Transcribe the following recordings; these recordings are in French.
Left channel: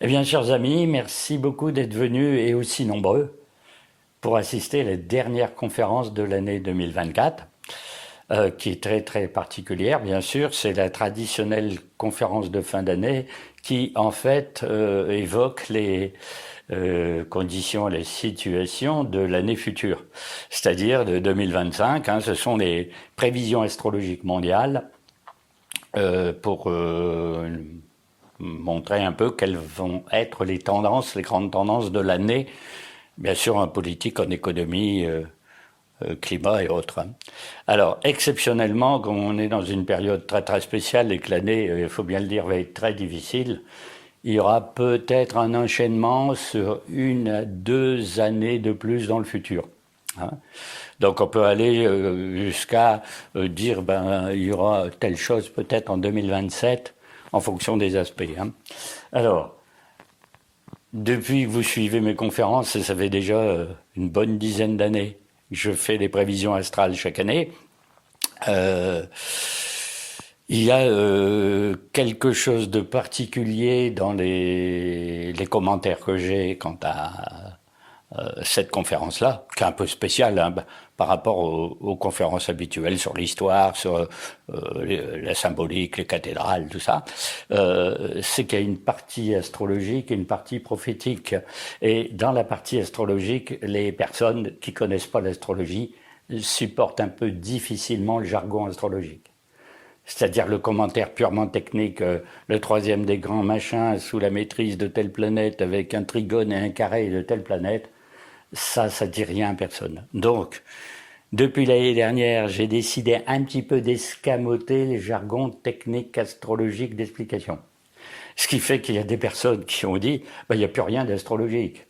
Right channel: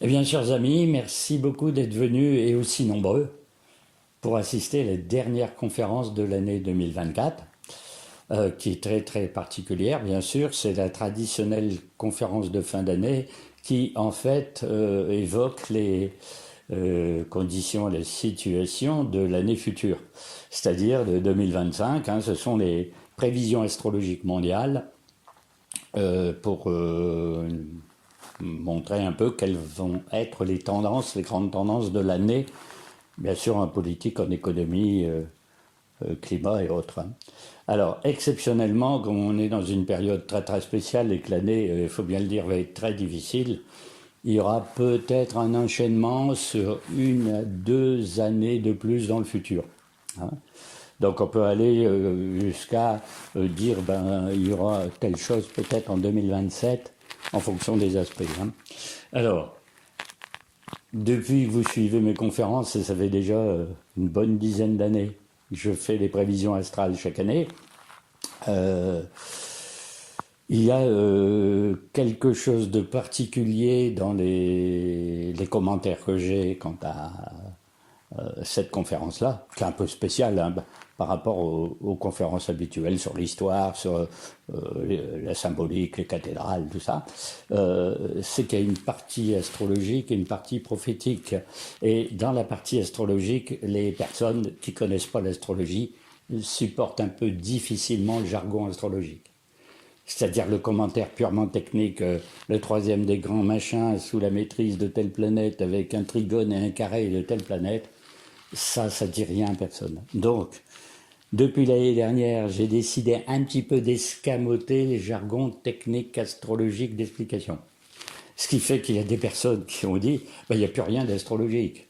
Eh bien, chers amis, merci beaucoup d'être venus et aussi nombreux pour assister à la dernière conférence de l'année 2024, qui est très très particulière, bien sûr. C'est la traditionnelle conférence de fin d'année qui, en fait, évoque les conditions, les situations de l'année future, c'est-à-dire de 2025. Ce sont les prévisions astrologiques mondiales pour montrer un peu quelles vont être les tendances, les grandes tendances de l'année, bien sûr en politique, en économie, climat et autres. Alors, exceptionnellement, comme on est dans une période très très spéciale et que l'année, il faut bien le dire, va être très difficile, il y aura peut-être un enchaînement sur 1 à 2 années de plus dans le futur. Donc on peut aller jusqu'à dire il y aura telle chose peut-être en 2027 en fonction des aspects. Alors, depuis que vous suivez mes conférences, et ça fait déjà une bonne dizaine d'années, je fais des prévisions astrales chaque année. Il y a quelque chose de particulier dans les commentaires que j'ai quant à cette conférence-là, qui est un peu spéciale par rapport aux conférences habituelles sur l'histoire, sur la symbolique, les cathédrales, tout ça. C'est qu'il y a une partie astrologique et une partie prophétique. Et dans la partie astrologique, les personnes qui connaissent pas l'astrologie supportent un peu difficilement le jargon astrologique. C'est-à-dire le commentaire purement technique, le troisième des grands machins sous la maîtrise de telle planète avec un trigone et un carré de telle planète, ça dit rien à personne. Donc, depuis l'année dernière, j'ai décidé un petit peu d'escamoter les jargons techniques astrologiques d'explication. Ce qui fait qu'il y a des personnes qui ont dit il n'y a plus rien d'astrologique.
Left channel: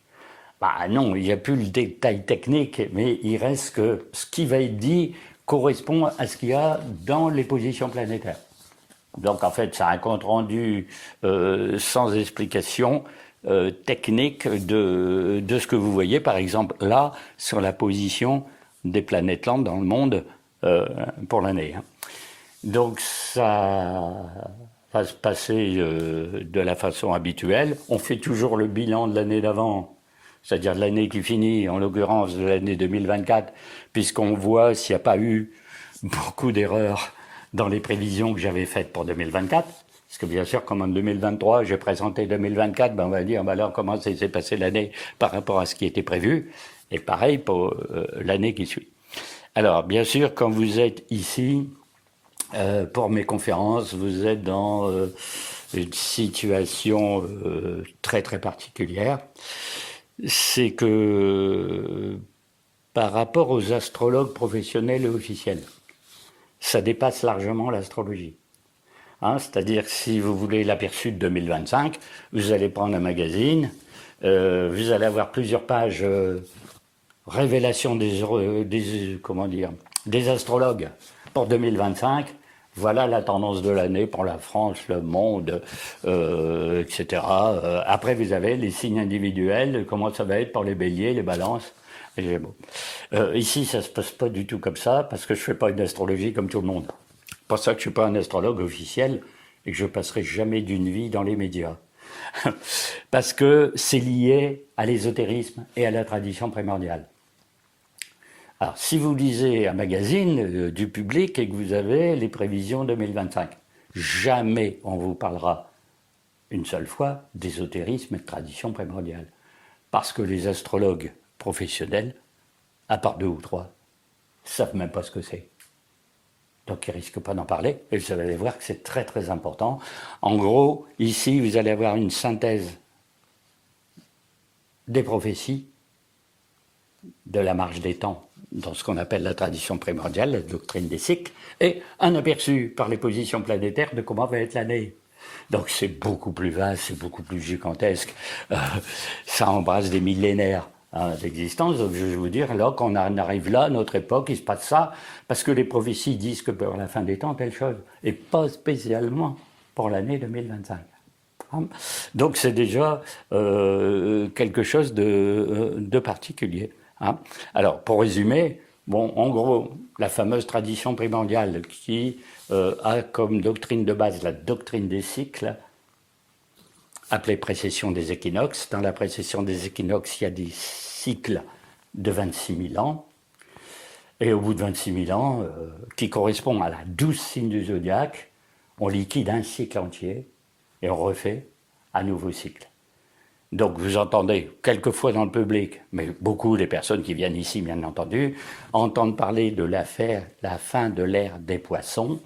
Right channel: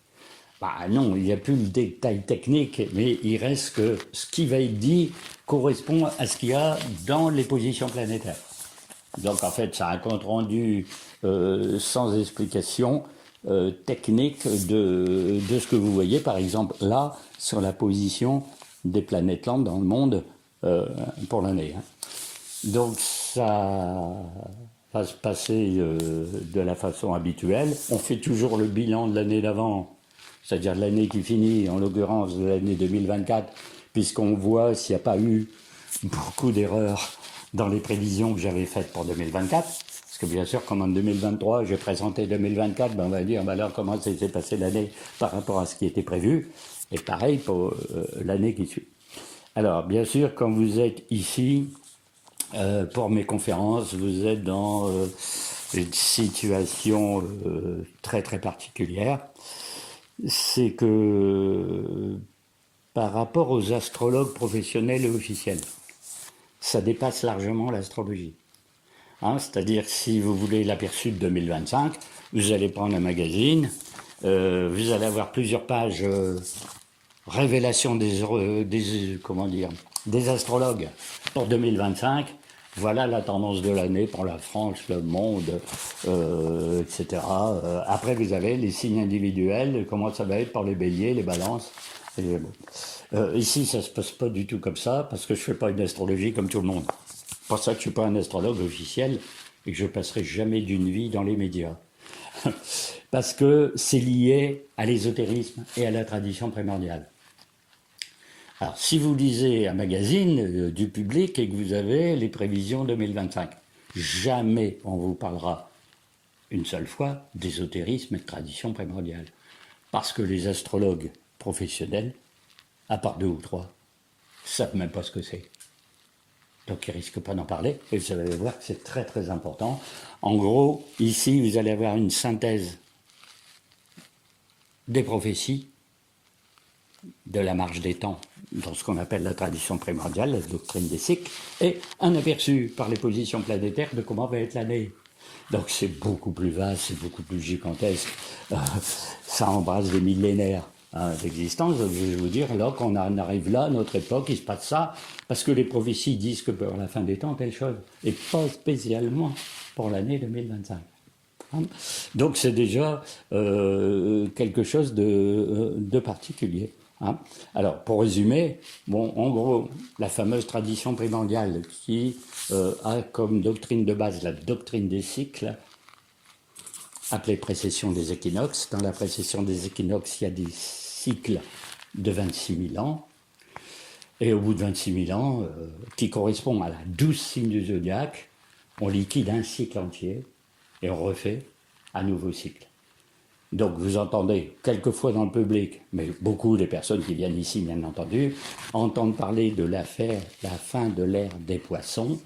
Non, il n'y a plus le détail technique, mais il reste que ce qui va être dit correspond à ce qu'il y a dans les positions planétaires. Donc en fait, c'est un compte rendu sans explication technique de ce que vous voyez, par exemple, là, sur la position des planètes lentes dans le monde pour l'année. Donc ça va se passer de la façon habituelle. On fait toujours le bilan de l'année d'avant, c'est-à-dire de l'année qui finit, en l'occurrence de l'année 2024, puisqu'on voit s'il n'y a pas eu beaucoup d'erreurs dans les prévisions que j'avais faites pour 2024. Parce que bien sûr, comme en 2023, j'ai présenté 2024, on va dire, alors comment s'est passé l'année par rapport à ce qui était prévu. Et pareil pour l'année qui suit. Alors, bien sûr, quand vous êtes ici, pour mes conférences, vous êtes dans une situation très très particulière. C'est que par rapport aux astrologues professionnels et officiels, ça dépasse largement l'astrologie. C'est-à-dire que si vous voulez l'aperçu de 2025, vous allez prendre un magazine, vous allez avoir plusieurs pages révélation des astrologues pour 2025. Voilà la tendance de l'année pour la France, le monde, etc. Après, vous avez les signes individuels, comment ça va être pour les béliers, les balances. Et bon. Ici, ça se passe pas du tout comme ça, parce que je fais pas une astrologie comme tout le monde. C'est pour ça que je suis pas un astrologue officiel et que je passerai jamais d'une vie dans les médias. Parce que c'est lié à l'ésotérisme et à la tradition primordiale. Alors, si vous lisez un magazine du public et que vous avez les prévisions 2025, jamais on vous parlera une seule fois d'ésotérisme et de tradition primordiale. Parce que les astrologues professionnels, à part 2 ou 3, savent même pas ce que c'est. Donc ils risquent pas d'en parler, et vous allez voir que c'est très très important. En gros, ici, vous allez avoir une synthèse des prophéties, de la marche des temps, dans ce qu'on appelle la tradition primordiale, la doctrine des cycles, et un aperçu par les positions planétaires de comment va être l'année. Donc c'est beaucoup plus vaste, c'est beaucoup plus gigantesque, ça embrasse des millénaires d'existence. Donc je vais vous dire, là, quand on arrive là, à notre époque, il se passe ça, parce que les prophéties disent que pour la fin des temps, telle chose, et pas spécialement pour l'année 2025. Donc c'est déjà quelque chose de particulier. Alors, pour résumer, en gros, la fameuse tradition primordiale qui a comme doctrine de base la doctrine des cycles, appelée précession des équinoxes. Dans la précession des équinoxes, il y a des cycles de 26 000 ans. Et au bout de 26 000 ans, qui correspond à la 12 signes du zodiaque, on liquide un cycle entier et on refait un nouveau cycle. Donc vous entendez quelquefois dans le public, mais beaucoup des personnes qui viennent ici, bien entendu, entendent parler de la fin de l'ère des poissons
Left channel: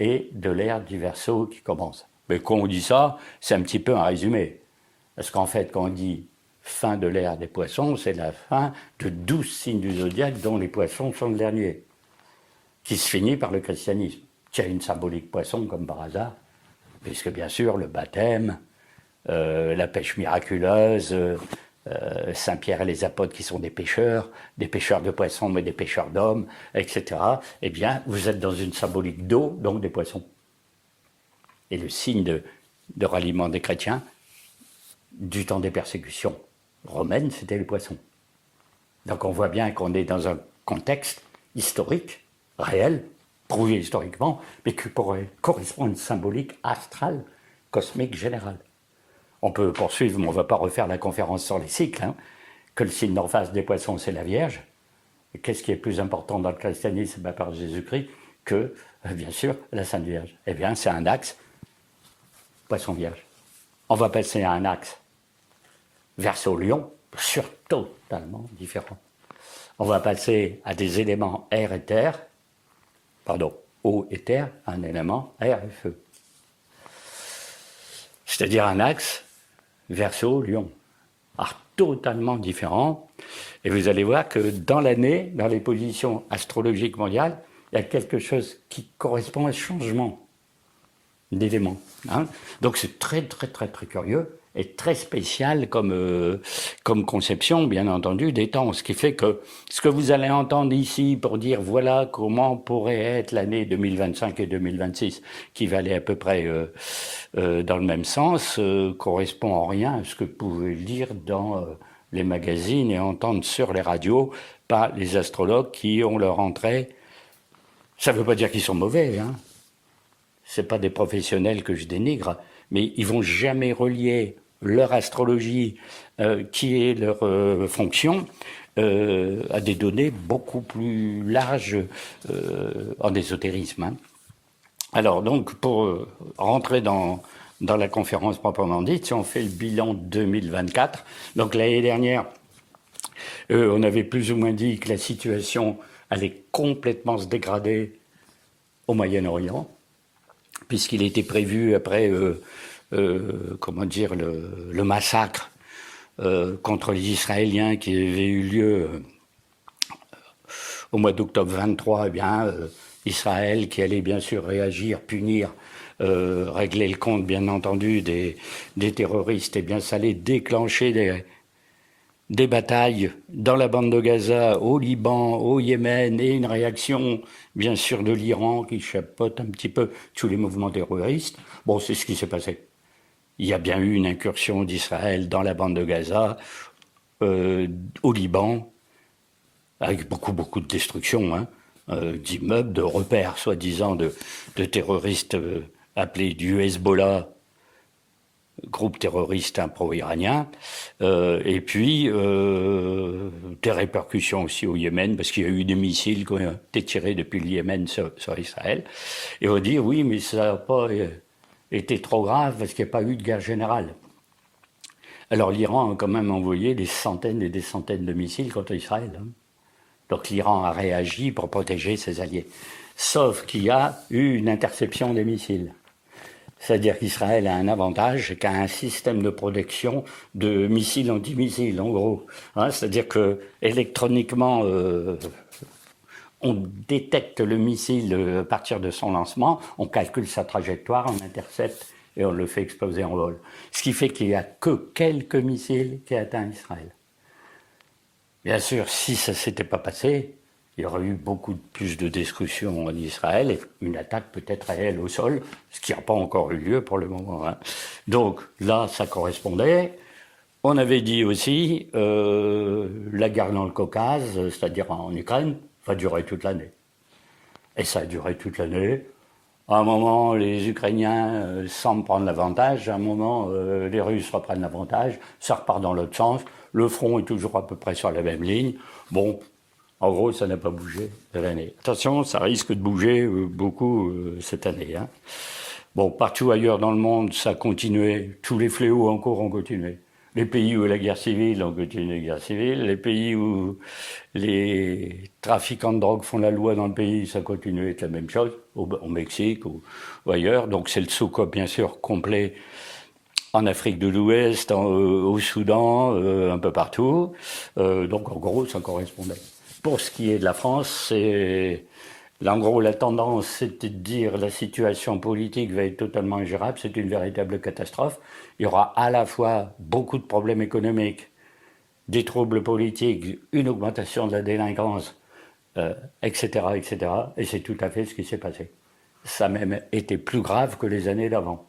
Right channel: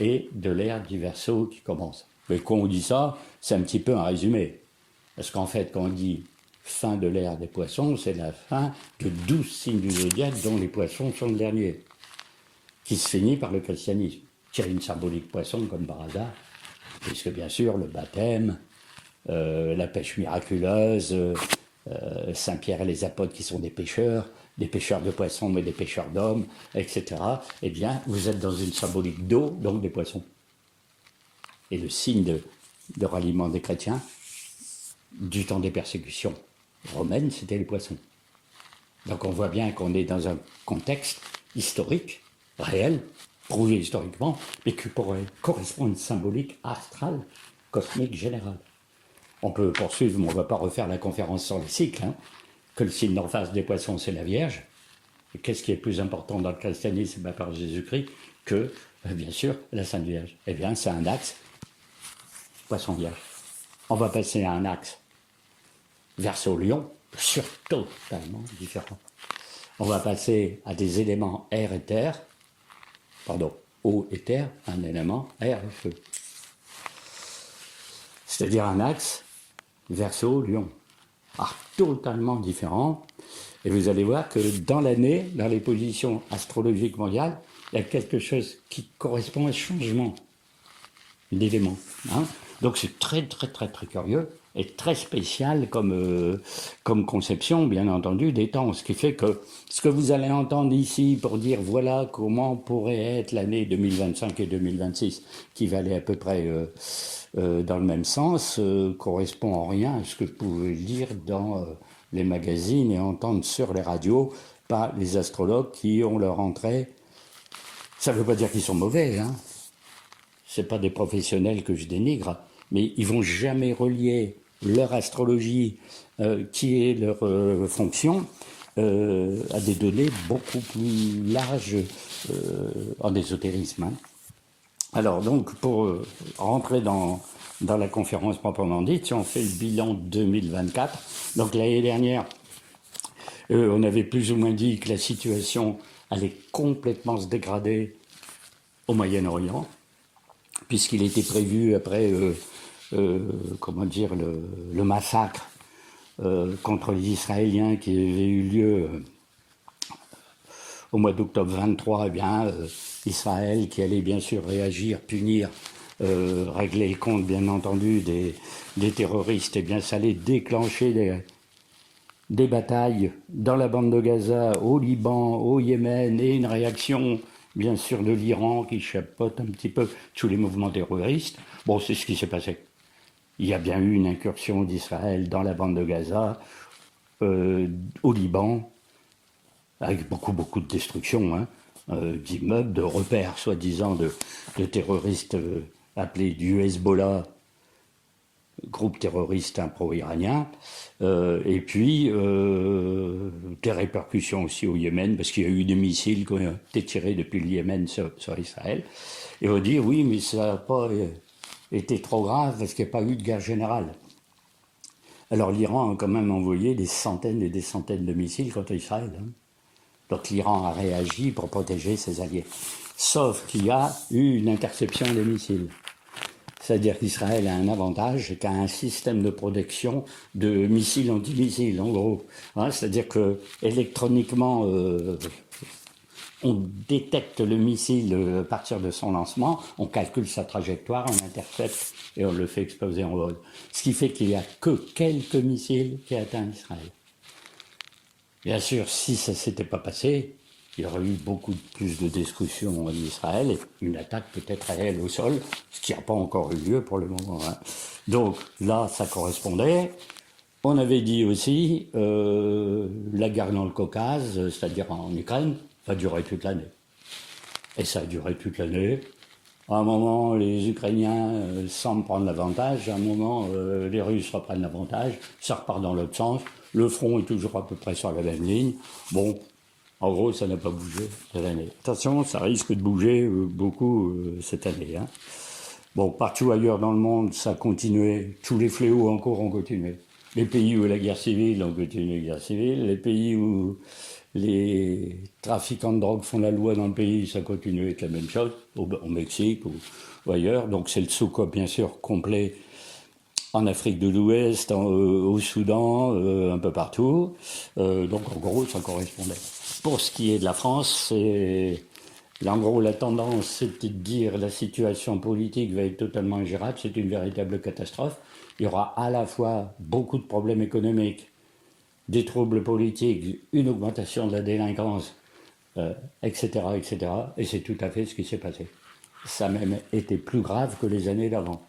et de l'ère du Verseau qui commence. Mais quand on dit ça, c'est un petit peu un résumé. Parce qu'en fait, quand on dit fin de l'ère des poissons, c'est la fin de 12 signes du zodiaque dont les poissons sont le dernier, qui se finit par le christianisme, qui a une symbolique poisson comme par hasard, puisque bien sûr le baptême, la pêche miraculeuse, Saint-Pierre et les apôtres qui sont des pêcheurs de poissons mais des pêcheurs d'hommes, etc. Eh bien, vous êtes dans une symbolique d'eau, donc des poissons. Et le signe de ralliement des chrétiens, du temps des persécutions romaines, c'était les poissons. Donc on voit bien qu'on est dans un contexte historique, réel, prouvé historiquement, mais qui correspond à une symbolique astrale, cosmique, générale. On peut poursuivre, mais on ne va pas refaire la conférence sur les cycles, que le signe d'en face des poissons, c'est la Vierge. Et qu'est-ce qui est plus important dans le christianisme par Jésus-Christ que, bien sûr, la Sainte Vierge? Eh bien, c'est un axe Poisson-Vierge. On va passer à un axe Verseau-Lion, totalement différent. On va passer à des éléments air et terre, eau et terre, un élément air et feu. C'est-à-dire un axe Verseau-Lion. Alors, totalement différent. Et vous allez voir que dans l'année, dans les positions astrologiques mondiales, il y a quelque chose qui correspond à ce changement d'éléments. Donc c'est très, très, très, très curieux et très spécial comme conception, bien entendu, des temps. Ce qui fait que ce que vous allez entendre ici pour dire voilà comment pourrait être l'année 2025 et 2026, qui va aller à peu près dans le même sens, correspond en rien à ce que vous pouvez lire dans les magazines et entendre sur les radios par les astrologues qui ont leur entrée. Ça ne veut pas dire qu'ils sont mauvais, c'est pas des professionnels que je dénigre, mais ils vont jamais relier leur astrologie, qui est leur fonction, à des données beaucoup plus larges en ésotérisme. Alors donc, pour rentrer dans la conférence proprement dite, si on fait le bilan 2024, donc l'année dernière, on avait plus ou moins dit que la situation allait complètement se dégrader au Moyen-Orient, puisqu'il était prévu après, le massacre contre les Israéliens qui avait eu lieu au mois d'octobre 23, Israël qui allait bien sûr réagir, punir, régler le compte bien entendu des terroristes, et bien ça allait déclencher des batailles dans la bande de Gaza, au Liban, au Yémen, et une réaction bien sûr de l'Iran qui chapeaute un petit peu tous les mouvements terroristes. Bon, c'est ce qui s'est passé. Il y a bien eu une incursion d'Israël dans la bande de Gaza, au Liban, avec beaucoup de destruction, d'immeubles, de repères soi-disant de terroristes appelés du Hezbollah, groupe terroriste pro-iranien, et puis des répercussions aussi au Yémen, parce qu'il y a eu des missiles qui ont été tirés depuis le Yémen sur Israël. Et on dit oui, mais ça n'a pas été trop grave parce qu'il n'y a pas eu de guerre générale. Alors l'Iran a quand même envoyé des centaines et des centaines de missiles contre Israël. Donc l'Iran a réagi pour protéger ses alliés. Sauf qu'il y a eu une interception des missiles. C'est-à-dire qu'Israël a un avantage, c'est qu'il a un système de protection de missiles anti-missiles, en gros. C'est-à-dire que électroniquement, on détecte le missile à partir de son lancement, on calcule sa trajectoire, on intercepte et on le fait exploser en vol. Ce qui fait qu'il n'y a que quelques missiles qui atteignent Israël. Bien sûr, si ça ne s'était pas passé, il y aurait eu beaucoup plus de destruction en Israël et une attaque peut-être réelle au sol, ce qui n'a pas encore eu lieu pour le moment. Donc là, ça correspondait. On avait dit aussi la guerre dans le Caucase, c'est-à-dire en Ukraine, va durer toute l'année. Et ça a duré toute l'année. À un moment, les Ukrainiens semblent prendre l'avantage. À un moment, les Russes reprennent l'avantage. Ça repart dans l'autre sens. Le front est toujours à peu près sur la même ligne. Bon, en gros, ça n'a pas bougé cette année. Attention, ça risque de bouger beaucoup cette année. Hein. Bon, partout ailleurs dans le monde, ça a continué. Tous les fléaux encore ont continué. Les pays où la guerre civile ont continué la guerre civile. Les pays où les trafiquants de drogue font la loi dans le pays, ça continue à être la même chose, au Mexique ou ailleurs. Donc c'est le SOCOP, bien sûr, complet en Afrique de l'Ouest, au Soudan, un peu partout. Donc en gros, ça correspondait. Pour ce qui est de la France, c'est... Là, en gros, la tendance, c'était de dire la situation politique va être totalement ingérable, c'est une véritable catastrophe. Il y aura à la fois beaucoup de problèmes économiques, des troubles politiques, une augmentation de la délinquance, etc., etc. Et c'est tout à fait ce qui s'est passé. Ça a même été plus grave que les années d'avant.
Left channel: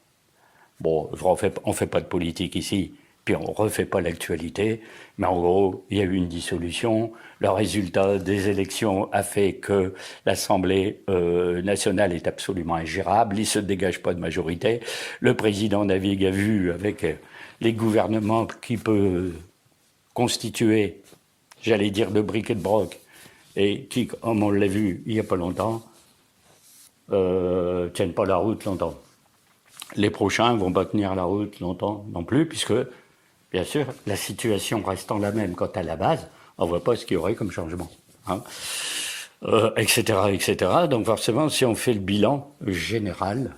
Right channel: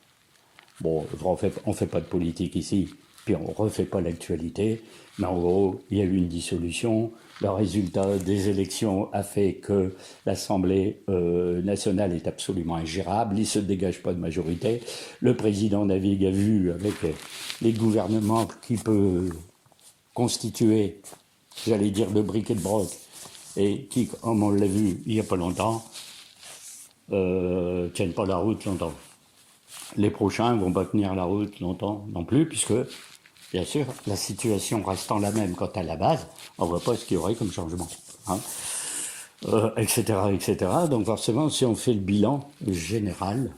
Bon, on fait pas de politique ici, puis on refait pas l'actualité, mais en gros, il y a eu une dissolution. Le résultat des élections a fait que l'Assemblée nationale est absolument ingérable. Il se dégage pas de majorité. Le président navigue à vue avec les gouvernements qui peut constituer, j'allais dire, de briques et de broc, et qui, comme on l'a vu il y a pas longtemps, tiennent pas la route longtemps. Les prochains ne vont pas tenir la route longtemps non plus, puisque, bien sûr, la situation restant la même quant à la base, on ne voit pas ce qu'il y aurait comme changement. Hein, etc., etc. Donc forcément, si on fait le bilan général,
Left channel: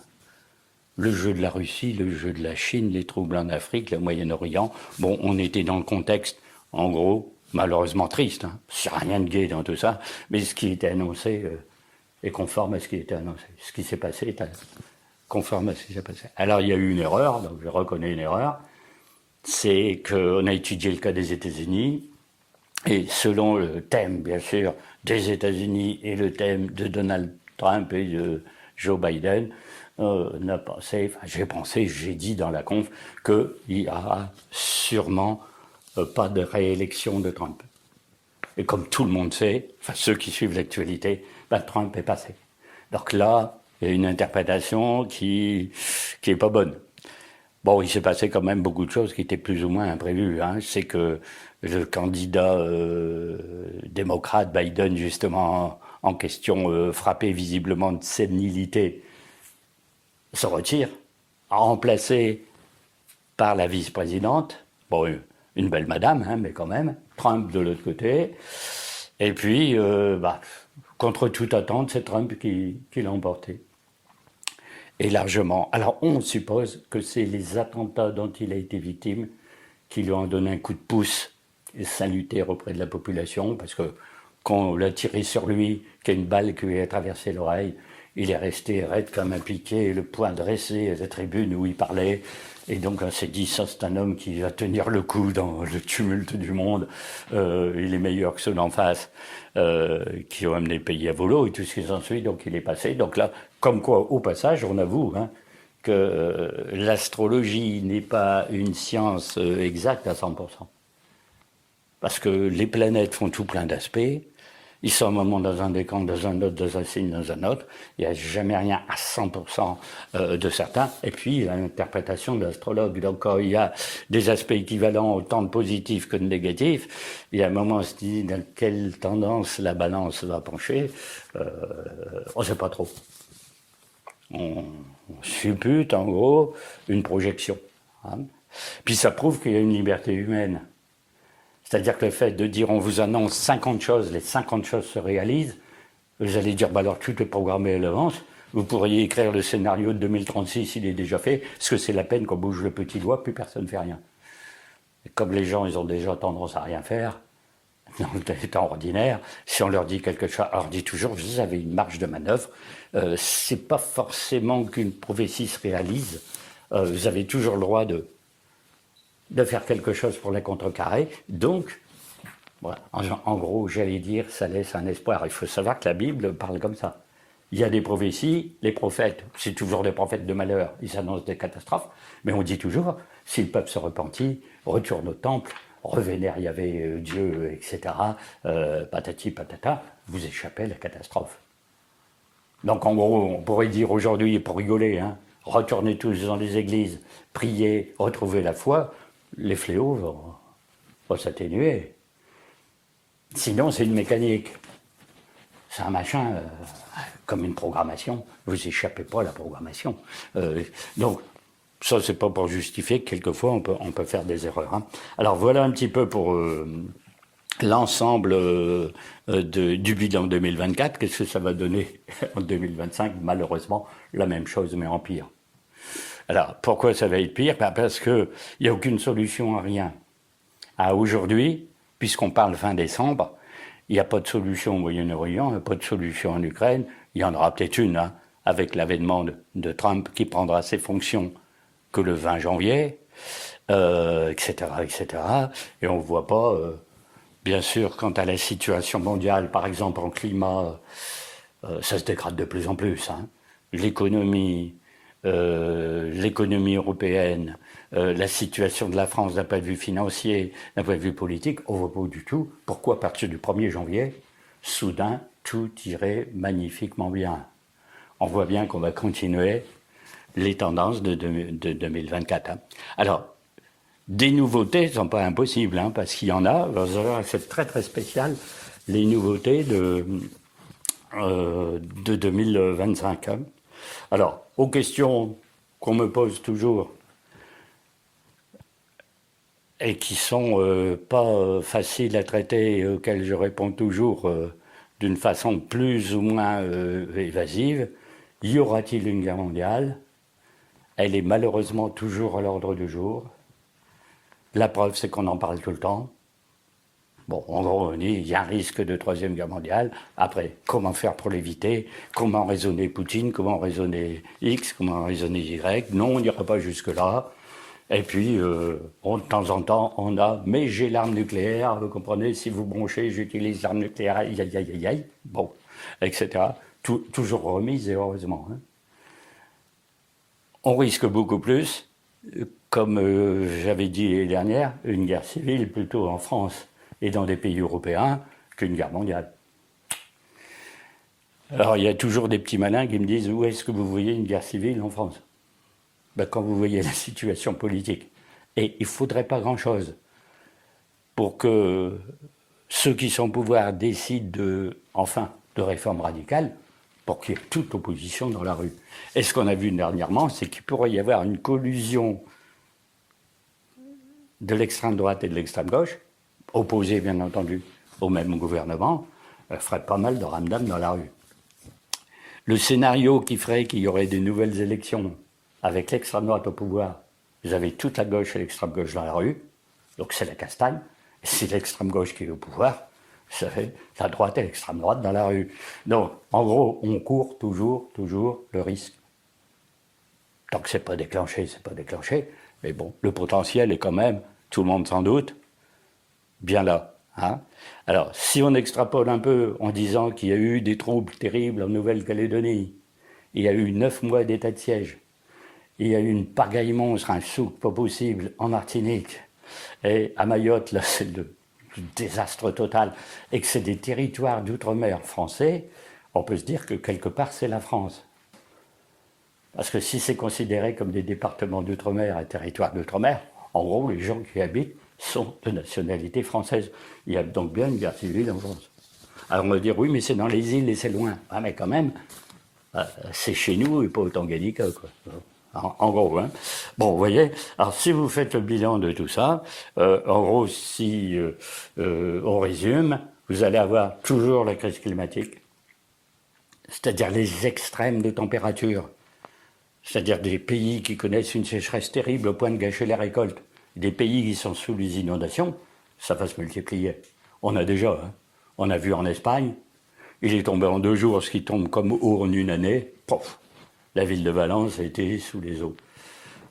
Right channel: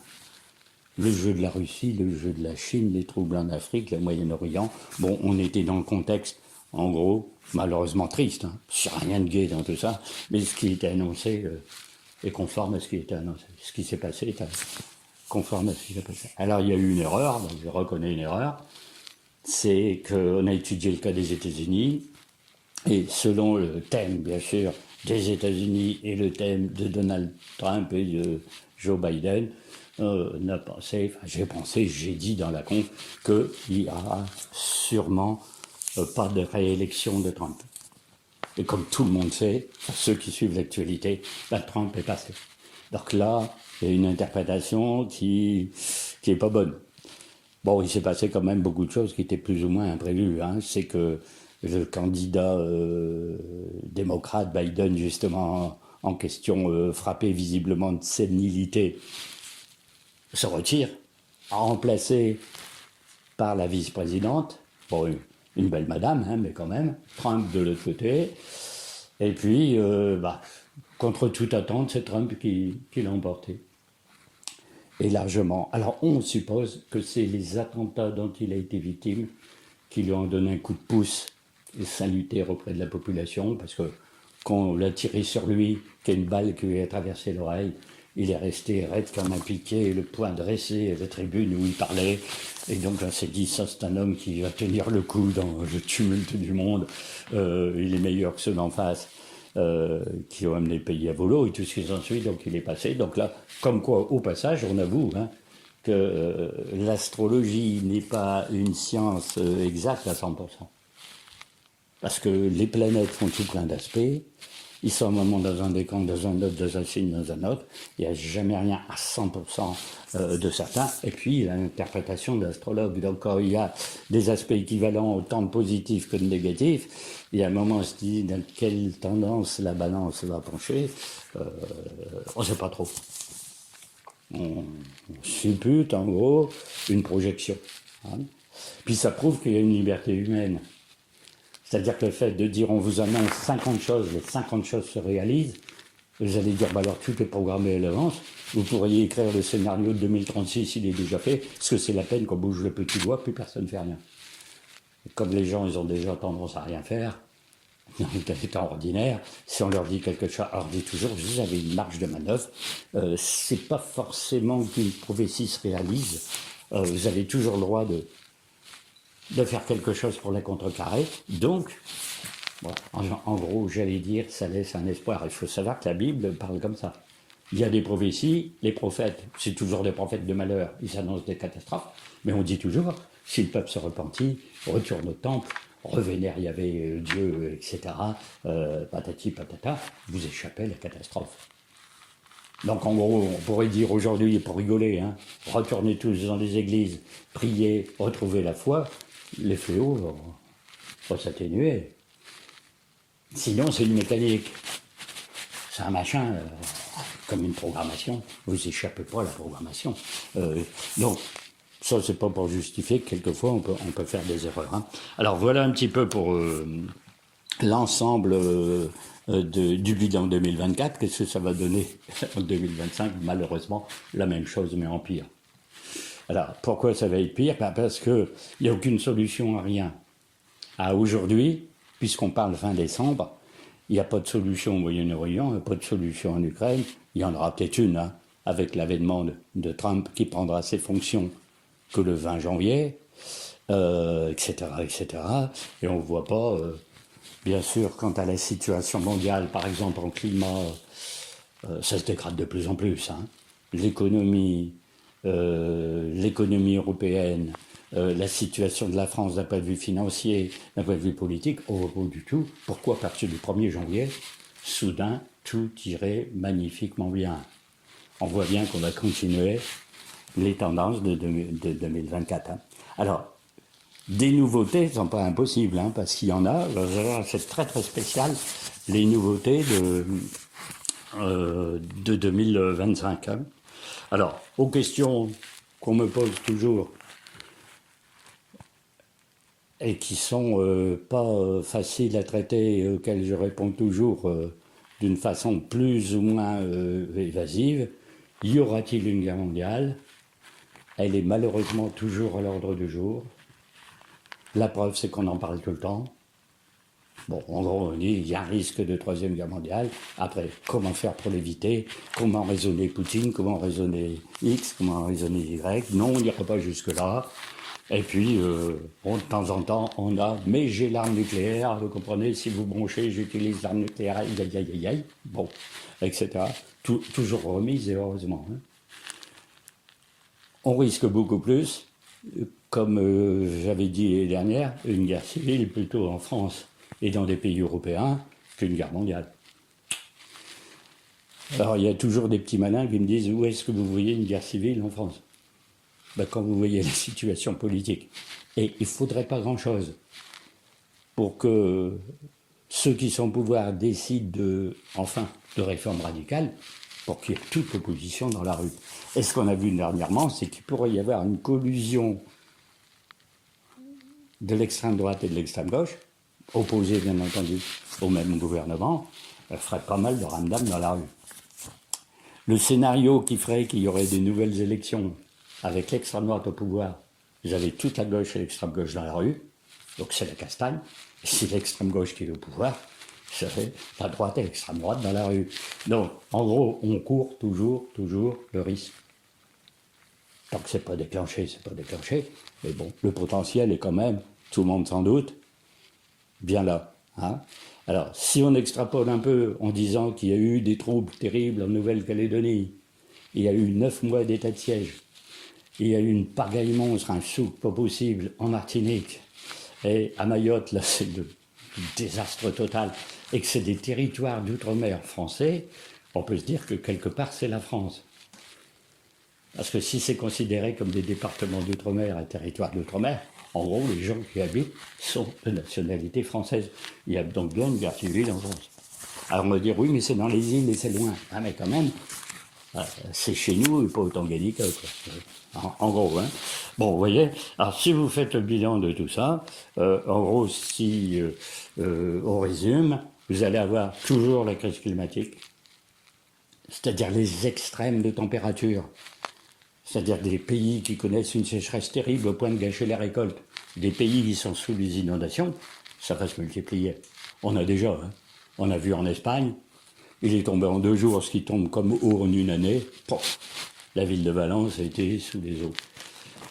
le jeu de la Russie, le jeu de la Chine, les troubles en Afrique, le Moyen-Orient, bon, on était dans le contexte, en gros, malheureusement triste. Hein. Il n'y a rien de gai dans tout ça, mais ce qui était annoncé est conforme à ce qui était annoncé. Ce qui s'est passé est conforme à ce qui s'est passé. Alors il y a eu une erreur, donc je reconnais une erreur, c'est qu'on a étudié le cas des États-Unis, et selon le thème, bien sûr, des États-Unis et le thème de Donald Trump et de Joe Biden, j'ai dit dans la conf qu'il n'y aura sûrement pas de réélection de Trump. Et comme tout le monde sait, ceux qui suivent l'actualité, Trump est passé. Donc là, il y a une interprétation qui est pas bonne. Bon, il s'est passé quand même beaucoup de choses qui étaient plus ou moins imprévues. Hein. C'est que le candidat démocrate Biden, justement en question, frappé visiblement de sénilité, se retire, remplacé par la vice-présidente, bon, une belle madame, hein, mais quand même, Trump de l'autre côté. Et puis, contre toute attente, c'est Trump qui l'a emporté. Et largement. Alors, on suppose que c'est les attentats dont il a été victime qui lui ont donné un coup de pouce salutaire auprès de la population, parce que quand on l'a tiré sur lui, qu'il y a une balle qui lui a traversé l'oreille, il est resté raide comme un piquet, le poing dressé à la tribune où il parlait. Et donc on s'est dit, ça c'est un homme qui va tenir le coup dans le tumulte du monde. Il est meilleur que ceux d'en face. Qui ont amené le pays à volo et tout ce qui s'ensuit, donc il est passé. Donc là, comme quoi, au passage, on avoue que l'astrologie n'est pas une science exacte à 100%. Parce que les planètes font tout plein d'aspects, ils sont un moment dans un décan, dans un autre, dans un signe, dans un autre, il n'y a jamais rien à 100% de certain, et puis il y a l'interprétation de l'astrologue. Donc quand il y a des aspects équivalents autant de positifs que de négatifs, il y a un moment où on se dit dans quelle tendance la balance va pencher, on ne sait pas trop. On suppute en gros une projection. Hein. Puis ça prouve qu'il y a une liberté humaine. C'est-à-dire que le fait de dire on vous annonce 50 choses, les 50 choses se réalisent, vous allez dire alors tout est programmé à l'avance, vous pourriez écrire le scénario de 2036, il est déjà fait, parce que c'est la peine qu'on bouge le petit doigt, plus personne ne fait rien. Et comme les gens ils ont déjà tendance à rien faire, dans le temps ordinaire, si on leur dit quelque chose, on leur dit toujours vous avez une marge de manœuvre, c'est pas forcément qu'une prophétie se réalise, vous avez toujours le droit de faire quelque chose pour la contrecarrer. Donc, voilà, en gros, j'allais dire, ça laisse un espoir. Il faut savoir que la Bible parle comme ça. Il y a des prophéties, les prophètes, c'est toujours des prophètes de malheur, ils annoncent des catastrophes, mais on dit toujours, si le peuple se repentit, retourne au temple, revénère Yahvé, Dieu, etc., patati patata, vous échappez à la catastrophe. Donc en gros, on pourrait dire aujourd'hui, pour rigoler, hein, retournez tous dans les églises, priez, retrouvez la foi, les fléaux vont s'atténuer. Sinon, c'est une mécanique. C'est un machin, comme une programmation. Vous échappez pas à la programmation. Donc, ça, c'est pas pour justifier que quelquefois, on peut faire des erreurs. Hein. Alors, voilà un petit peu pour l'ensemble du bilan 2024. Qu'est-ce que ça va donner en 2025? Malheureusement, la même chose, mais en pire. Alors, pourquoi ça va être pire? Parce qu'il n'y a aucune solution à rien. À aujourd'hui, puisqu'on parle fin décembre, il n'y a pas de solution au Moyen-Orient, il n'y a pas de solution en Ukraine. Il y en aura peut-être une, hein, avec l'avènement de Trump qui prendra ses fonctions que le 20 janvier, etc., etc. Et on ne voit pas, bien sûr, quant à la situation mondiale, par exemple en climat, ça se dégrade de plus en plus. Hein. L'économie européenne, la situation de la France d'un point de vue financier, d'un point de vue politique, on ne voit pas du tout pourquoi, à partir du 1er janvier, soudain, tout irait magnifiquement bien. On voit bien qu'on va continuer les tendances de 2024. Hein. Alors, des nouveautés ne sont pas impossibles, hein, parce qu'il y en a. C'est très très spécial, les nouveautés de 2025. Hein. Alors, aux questions qu'on me pose toujours, et qui sont pas faciles à traiter et auxquelles je réponds toujours d'une façon plus ou moins évasive. Y aura-t-il une guerre mondiale? Elle est malheureusement toujours à l'ordre du jour. La preuve, c'est qu'on en parle tout le temps. Bon, en gros, on dit qu'il y a un risque de troisième guerre mondiale. Après, comment faire pour l'éviter? Comment raisonner Poutine? Comment raisonner X? Comment raisonner Y? Non, on n'ira pas jusque-là. Et puis, de temps en temps, on a « mais j'ai l'arme nucléaire, vous comprenez, si vous bronchez, j'utilise l'arme nucléaire, aïe, aïe, aïe, aïe, aïe », bon, etc. Toujours remise, et heureusement. Hein. On risque beaucoup plus, comme j'avais dit l'année dernière, une guerre civile plutôt en France et dans des pays européens qu'une guerre mondiale. Alors, il y a toujours des petits malins qui me disent « où est-ce que vous voyez une guerre civile en France ?» Ben, quand vous voyez la situation politique. Et il ne faudrait pas grand-chose pour que ceux qui sont au pouvoir décident de réformes radicales pour qu'il y ait toute opposition dans la rue. Et ce qu'on a vu dernièrement, c'est qu'il pourrait y avoir une collusion de l'extrême droite et de l'extrême gauche, opposée bien entendu au même gouvernement, ferait pas mal de ramdam dans la rue. Le scénario qui ferait qu'il y aurait des nouvelles élections avec l'extrême droite au pouvoir, vous avez toute la gauche et l'extrême gauche dans la rue, donc c'est la castagne. Et c'est l'extrême gauche qui est au pouvoir, c'est la droite et l'extrême droite dans la rue. Donc, en gros, on court toujours le risque. Tant que c'est pas déclenché, c'est pas déclenché. Mais bon, le potentiel est quand même, tout le monde s'en doute, bien là. Hein. Alors, si on extrapole un peu en disant qu'il y a eu des troubles terribles en Nouvelle-Calédonie, il y a eu 9 mois d'état de siège, il y a eu une pagaille monstre, un souk pas possible en Martinique, et à Mayotte, là, c'est le désastre total, et que c'est des territoires d'outre-mer français, on peut se dire que quelque part, c'est la France. Parce que si c'est considéré comme des départements d'outre-mer, un territoire d'outre-mer, en gros, les gens qui y habitent sont de nationalité française. Il y a donc bien une guerre civile en France. Alors on va dire, oui, mais c'est dans les îles et c'est loin. Ah, mais quand même, c'est chez nous et pas au Tanganyika, quoi. En gros, hein. Bon, vous voyez, alors si vous faites le bilan de tout ça, en gros, si on résume, vous allez avoir toujours la crise climatique, c'est-à-dire les extrêmes de température, c'est-à-dire des pays qui connaissent une sécheresse terrible au point de gâcher les récoltes, des pays qui sont sous les inondations, ça va se multiplier. On a déjà, hein. On a vu en Espagne, il est tombé en 2 jours, ce qui tombe comme eau en une année. Pof, la ville de Valence a été sous les eaux.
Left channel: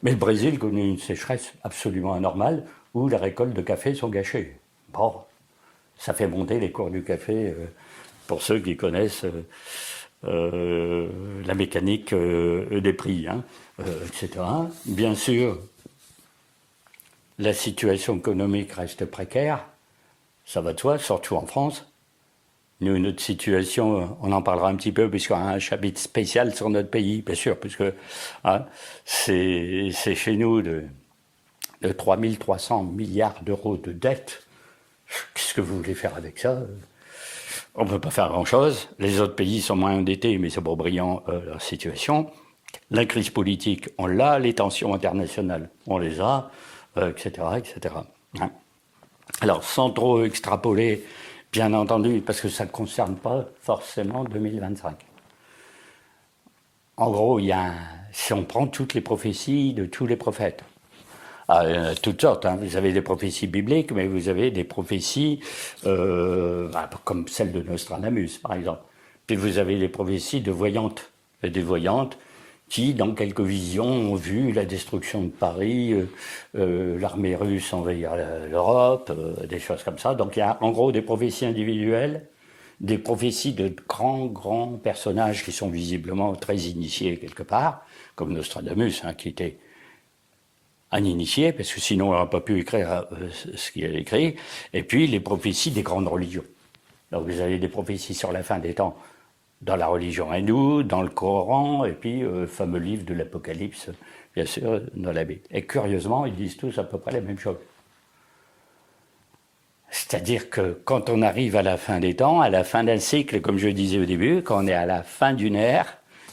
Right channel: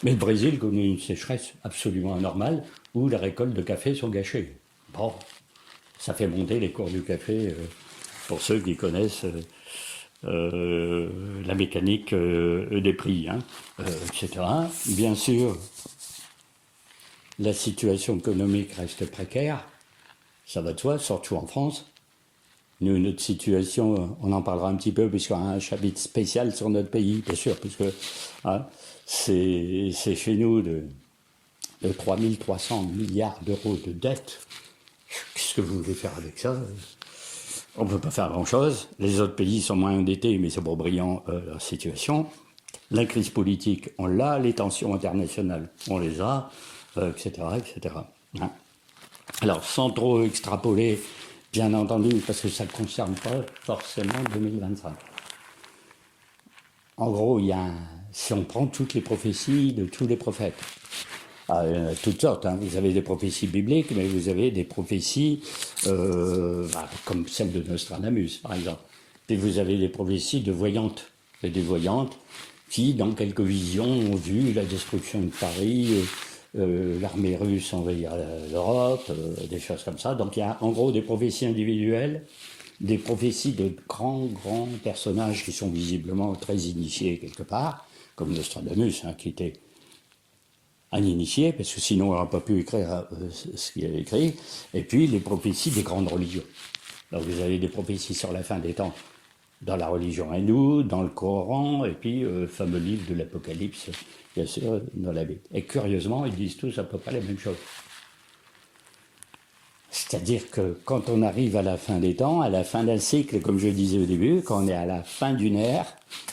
Mais le Brésil connaît une sécheresse absolument anormale où les récoltes de café sont gâchées. Bon, ça fait monter les cours du café pour ceux qui connaissent la mécanique des prix, hein, etc. Bien sûr, la situation économique reste précaire, ça va de soi, surtout en France. Nous, notre situation, on en parlera un petit peu, puisqu'on a un chapitre spécial sur notre pays, bien sûr, puisque hein, c'est chez nous de 3 300 milliards d'euros de dette. Qu'est-ce que vous voulez faire avec ça? On ne peut pas faire grand-chose. Les autres pays sont moins endettés, mais c'est pas brillant leur situation. La crise politique, on l'a. Les tensions internationales, on les a, etc., etc. Hein. Alors, sans trop extrapoler, bien entendu, parce que ça ne concerne pas forcément 2025. En gros, si on prend toutes les prophéties de tous les prophètes, toutes sortes, hein. Vous avez des prophéties bibliques, mais vous avez des prophéties comme celle de Nostradamus, par exemple. Puis vous avez des prophéties de voyantes, et des voyantes qui, dans quelques visions, ont vu la destruction de Paris, l'armée russe envahir l'Europe, des choses comme ça. Donc il y a en gros des prophéties individuelles, des prophéties de grands personnages qui sont visiblement très initiés quelque part, comme Nostradamus, hein, qui était un initié, parce que sinon on n'aurait pas pu écrire ce qu'il a écrit, et puis les prophéties des grandes religions. Donc vous avez des prophéties sur la fin des temps dans la religion hindoue, dans le Coran, et puis le fameux livre de l'Apocalypse, bien sûr, dans la Bible. Et curieusement, ils disent tous à peu près la même chose. C'est-à-dire que quand on arrive à la fin des temps, à la fin d'un cycle, comme je disais au début, quand on est à la fin d'une ère,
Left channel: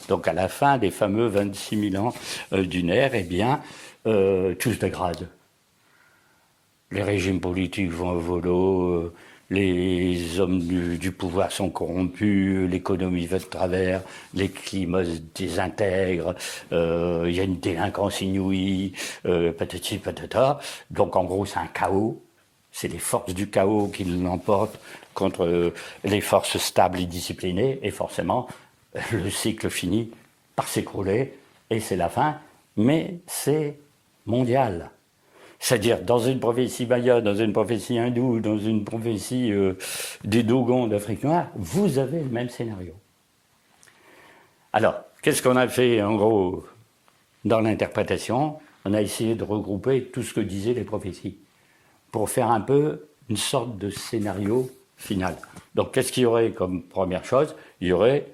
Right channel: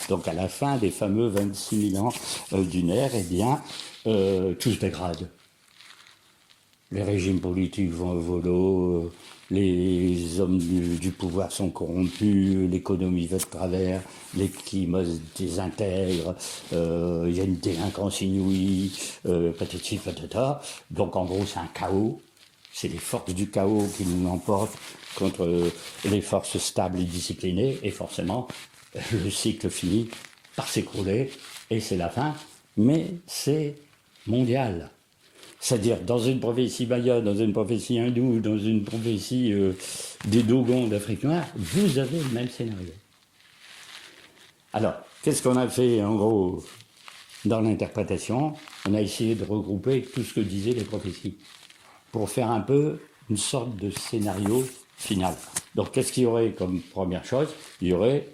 donc à la fin des fameux 26 000 ans d'une ère, eh bien, tout se dégrade. Les régimes politiques vont au volo, les hommes du pouvoir sont corrompus, l'économie va de travers, les climats se désintègrent, il y a une délinquance inouïe, patati patata. Donc en gros c'est un chaos, c'est les forces du chaos qui l'emportent contre les forces stables et disciplinées, et forcément le cycle finit par s'écrouler, et c'est la fin, mais c'est mondial. C'est-à-dire, dans une prophétie maya, dans une prophétie hindoue, dans une prophétie des Dogons d'Afrique noire, vous avez le même scénario. Alors, qu'est-ce qu'on a fait, en gros, dans l'interprétation? On a essayé de regrouper tout ce que disaient les prophéties, pour faire un peu une sorte de scénario final. Donc, qu'est-ce qu'il y aurait comme première chose? Il y aurait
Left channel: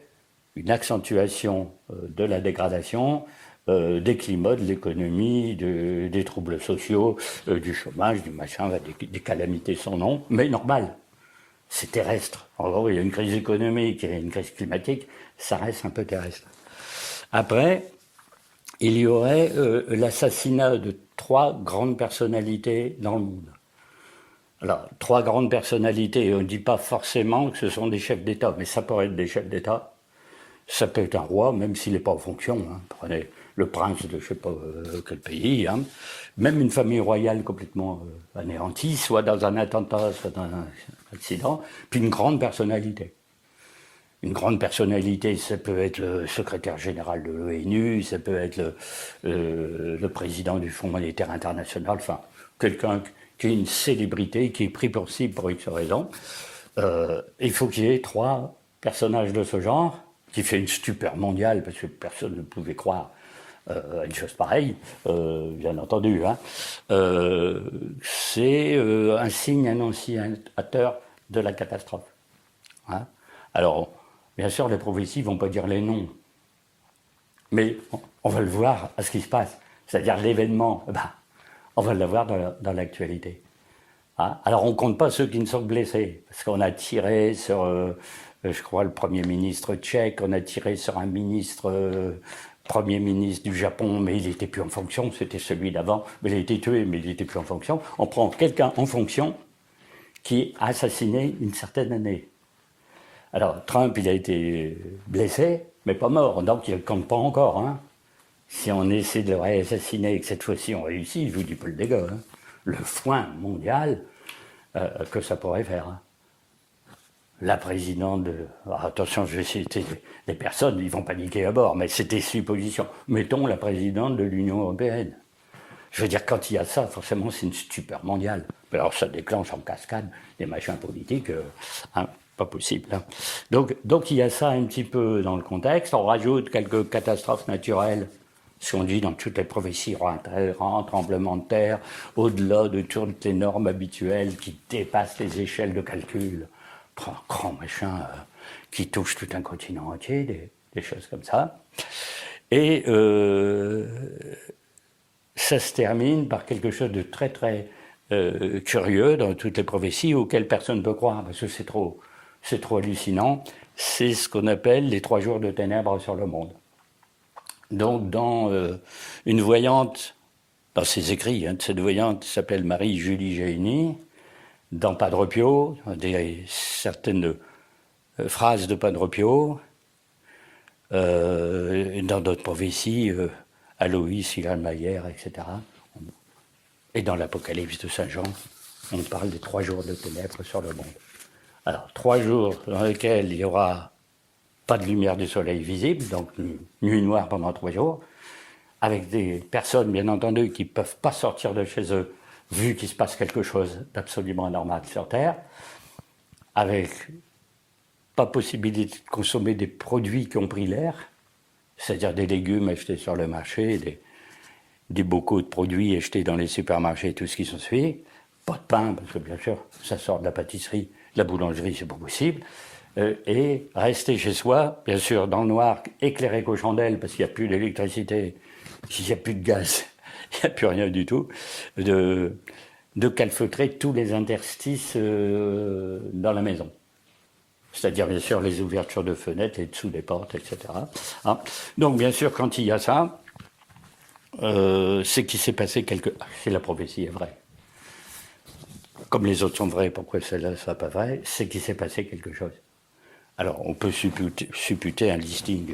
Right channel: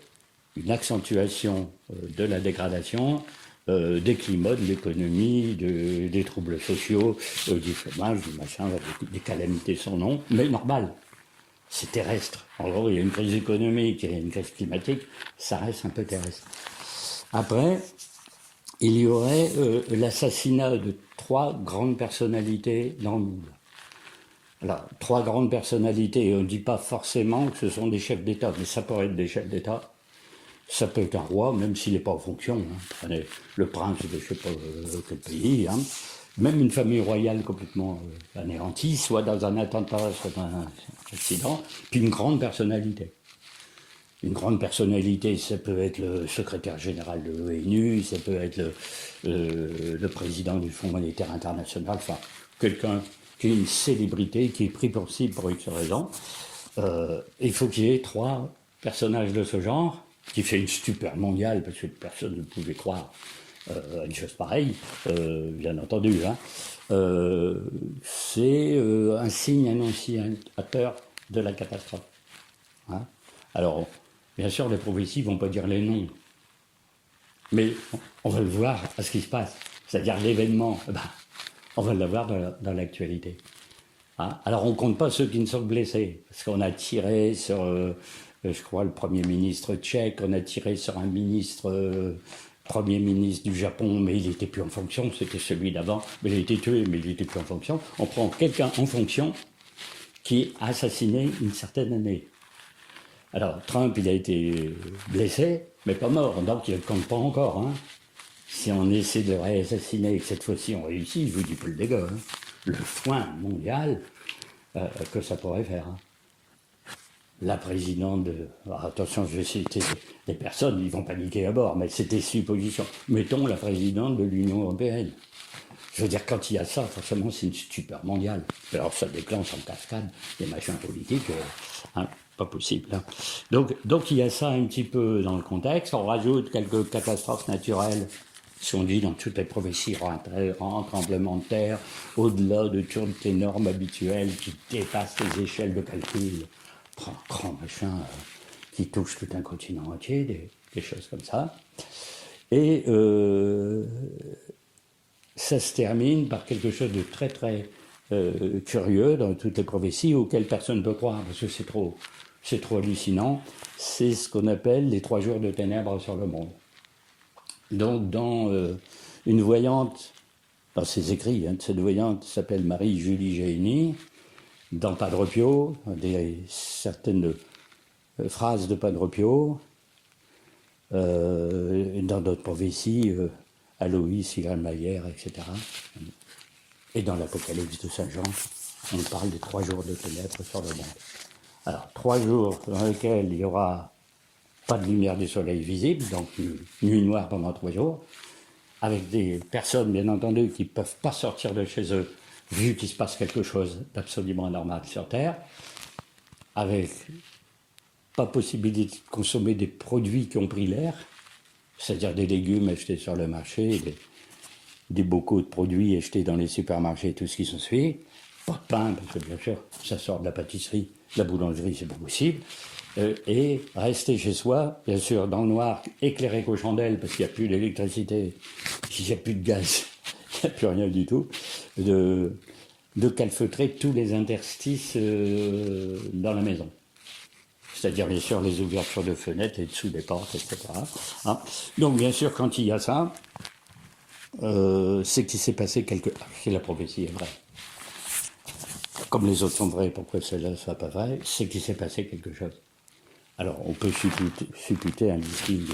une accentuation de la dégradation, des climats, de l'économie, des troubles sociaux, du chômage, du machin, des calamités sans nom, mais normal. C'est terrestre. En gros, il y a une crise économique, il y a une crise climatique, ça reste un peu terrestre. Après, il y aurait l'assassinat de 3 grandes personnalités dans le monde. Alors, 3 grandes personnalités, on ne dit pas forcément que ce sont des chefs d'État, mais ça pourrait être des chefs d'État. Ça peut être un roi, même s'il n'est pas en fonction. Hein. Prenez le prince de je ne sais pas quel pays. Hein. Même une famille royale complètement anéantie, soit dans un attentat, soit dans un accident. Puis une grande personnalité. Une grande personnalité, ça peut être le secrétaire général de l'ONU, ça peut être le président du Fonds monétaire international, enfin, quelqu'un qui est une célébrité, qui est pris pour cible pour X raison. Il faut qu'il y ait 3 personnages de ce genre, qui fait une stupeur mondiale, parce que personne ne pouvait croire à une chose pareille, bien entendu. Hein. C'est un signe annonciateur de la catastrophe. Hein. Alors, bien sûr, les prophéties ne vont pas dire les noms, mais on va le voir à ce qui se passe. C'est-à-dire l'événement, on va l'avoir dans l'actualité. Hein. Alors, on ne compte pas ceux qui ne sont blessés, parce qu'on a tiré sur... je crois, le Premier ministre tchèque, on a tiré sur un Premier ministre du Japon, mais il n'était plus en fonction, c'était celui d'avant. Il a été tué, mais il n'était plus en fonction. On prend quelqu'un en fonction qui a assassiné une certaine année. Alors, Trump, il a été blessé, mais pas mort, donc il ne compte pas encore. Hein. Si on essaie de le réassassiner et que cette fois-ci on réussit, je vous dis pas le dégât. Hein. Le foin mondial que ça pourrait faire. Hein. La présidente de... Alors, attention, je vais citer les personnes, ils vont paniquer à bord, mais c'est des suppositions. Mettons la présidente de l'Union européenne. Je veux dire, quand il y a ça, forcément, c'est une stupeur mondiale. Alors, ça déclenche en cascade des machins politiques, hein, pas possible. Hein. Donc, il y a ça un petit peu dans le contexte. On rajoute quelques catastrophes naturelles, si on dit dans toutes les prophéties, un tremblement de terre, au-delà de toutes les normes habituelles qui dépassent les échelles de calcul. prend un grand machin qui touche tout un continent entier, des choses comme ça. Et ça se termine par quelque chose de très très curieux dans toutes les prophéties auxquelles personne ne peut croire, parce que c'est trop hallucinant. C'est ce qu'on appelle les 3 jours de ténèbres sur le monde. Donc dans une voyante, dans ses écrits, cette voyante qui s'appelle Marie-Julie Génie, dans Padre Pio, certaines phrases de Padre Pio, dans d'autres prophéties, Aloïs, Mayer, etc. Et dans l'Apocalypse de Saint Jean, on parle des 3 jours de ténèbres sur le monde. Alors, 3 jours dans lesquels il n'y aura pas de lumière du soleil visible, donc nuit noire pendant 3 jours, avec des personnes, bien entendu, qui ne peuvent pas sortir de chez eux, vu qu'il se passe quelque chose d'absolument anormal sur Terre, avec pas possibilité de consommer des produits qui ont pris l'air, c'est-à-dire des légumes achetés sur le marché, des bocaux de produits achetés dans les supermarchés, tout ce qui s'ensuit. Pas de pain, parce que bien sûr, ça sort de la pâtisserie, de la boulangerie, c'est pas possible. Et rester chez soi, bien sûr, dans le noir, éclairé qu'aux chandelles, parce qu'il n'y a plus d'électricité, il n'y a plus de gaz, il n'y a plus rien du tout, de calfeutrer tous les interstices dans la maison. C'est-à-dire, bien sûr, les ouvertures de fenêtres et dessous des portes, etc. Hein. Donc, bien sûr, quand il y a ça, c'est qu'il s'est passé si la prophétie est vraie. Comme les autres sont vrais, pourquoi celle-là ne sera pas vraie? C'est qu'il s'est passé quelque chose. Alors, on peut supputer un listing,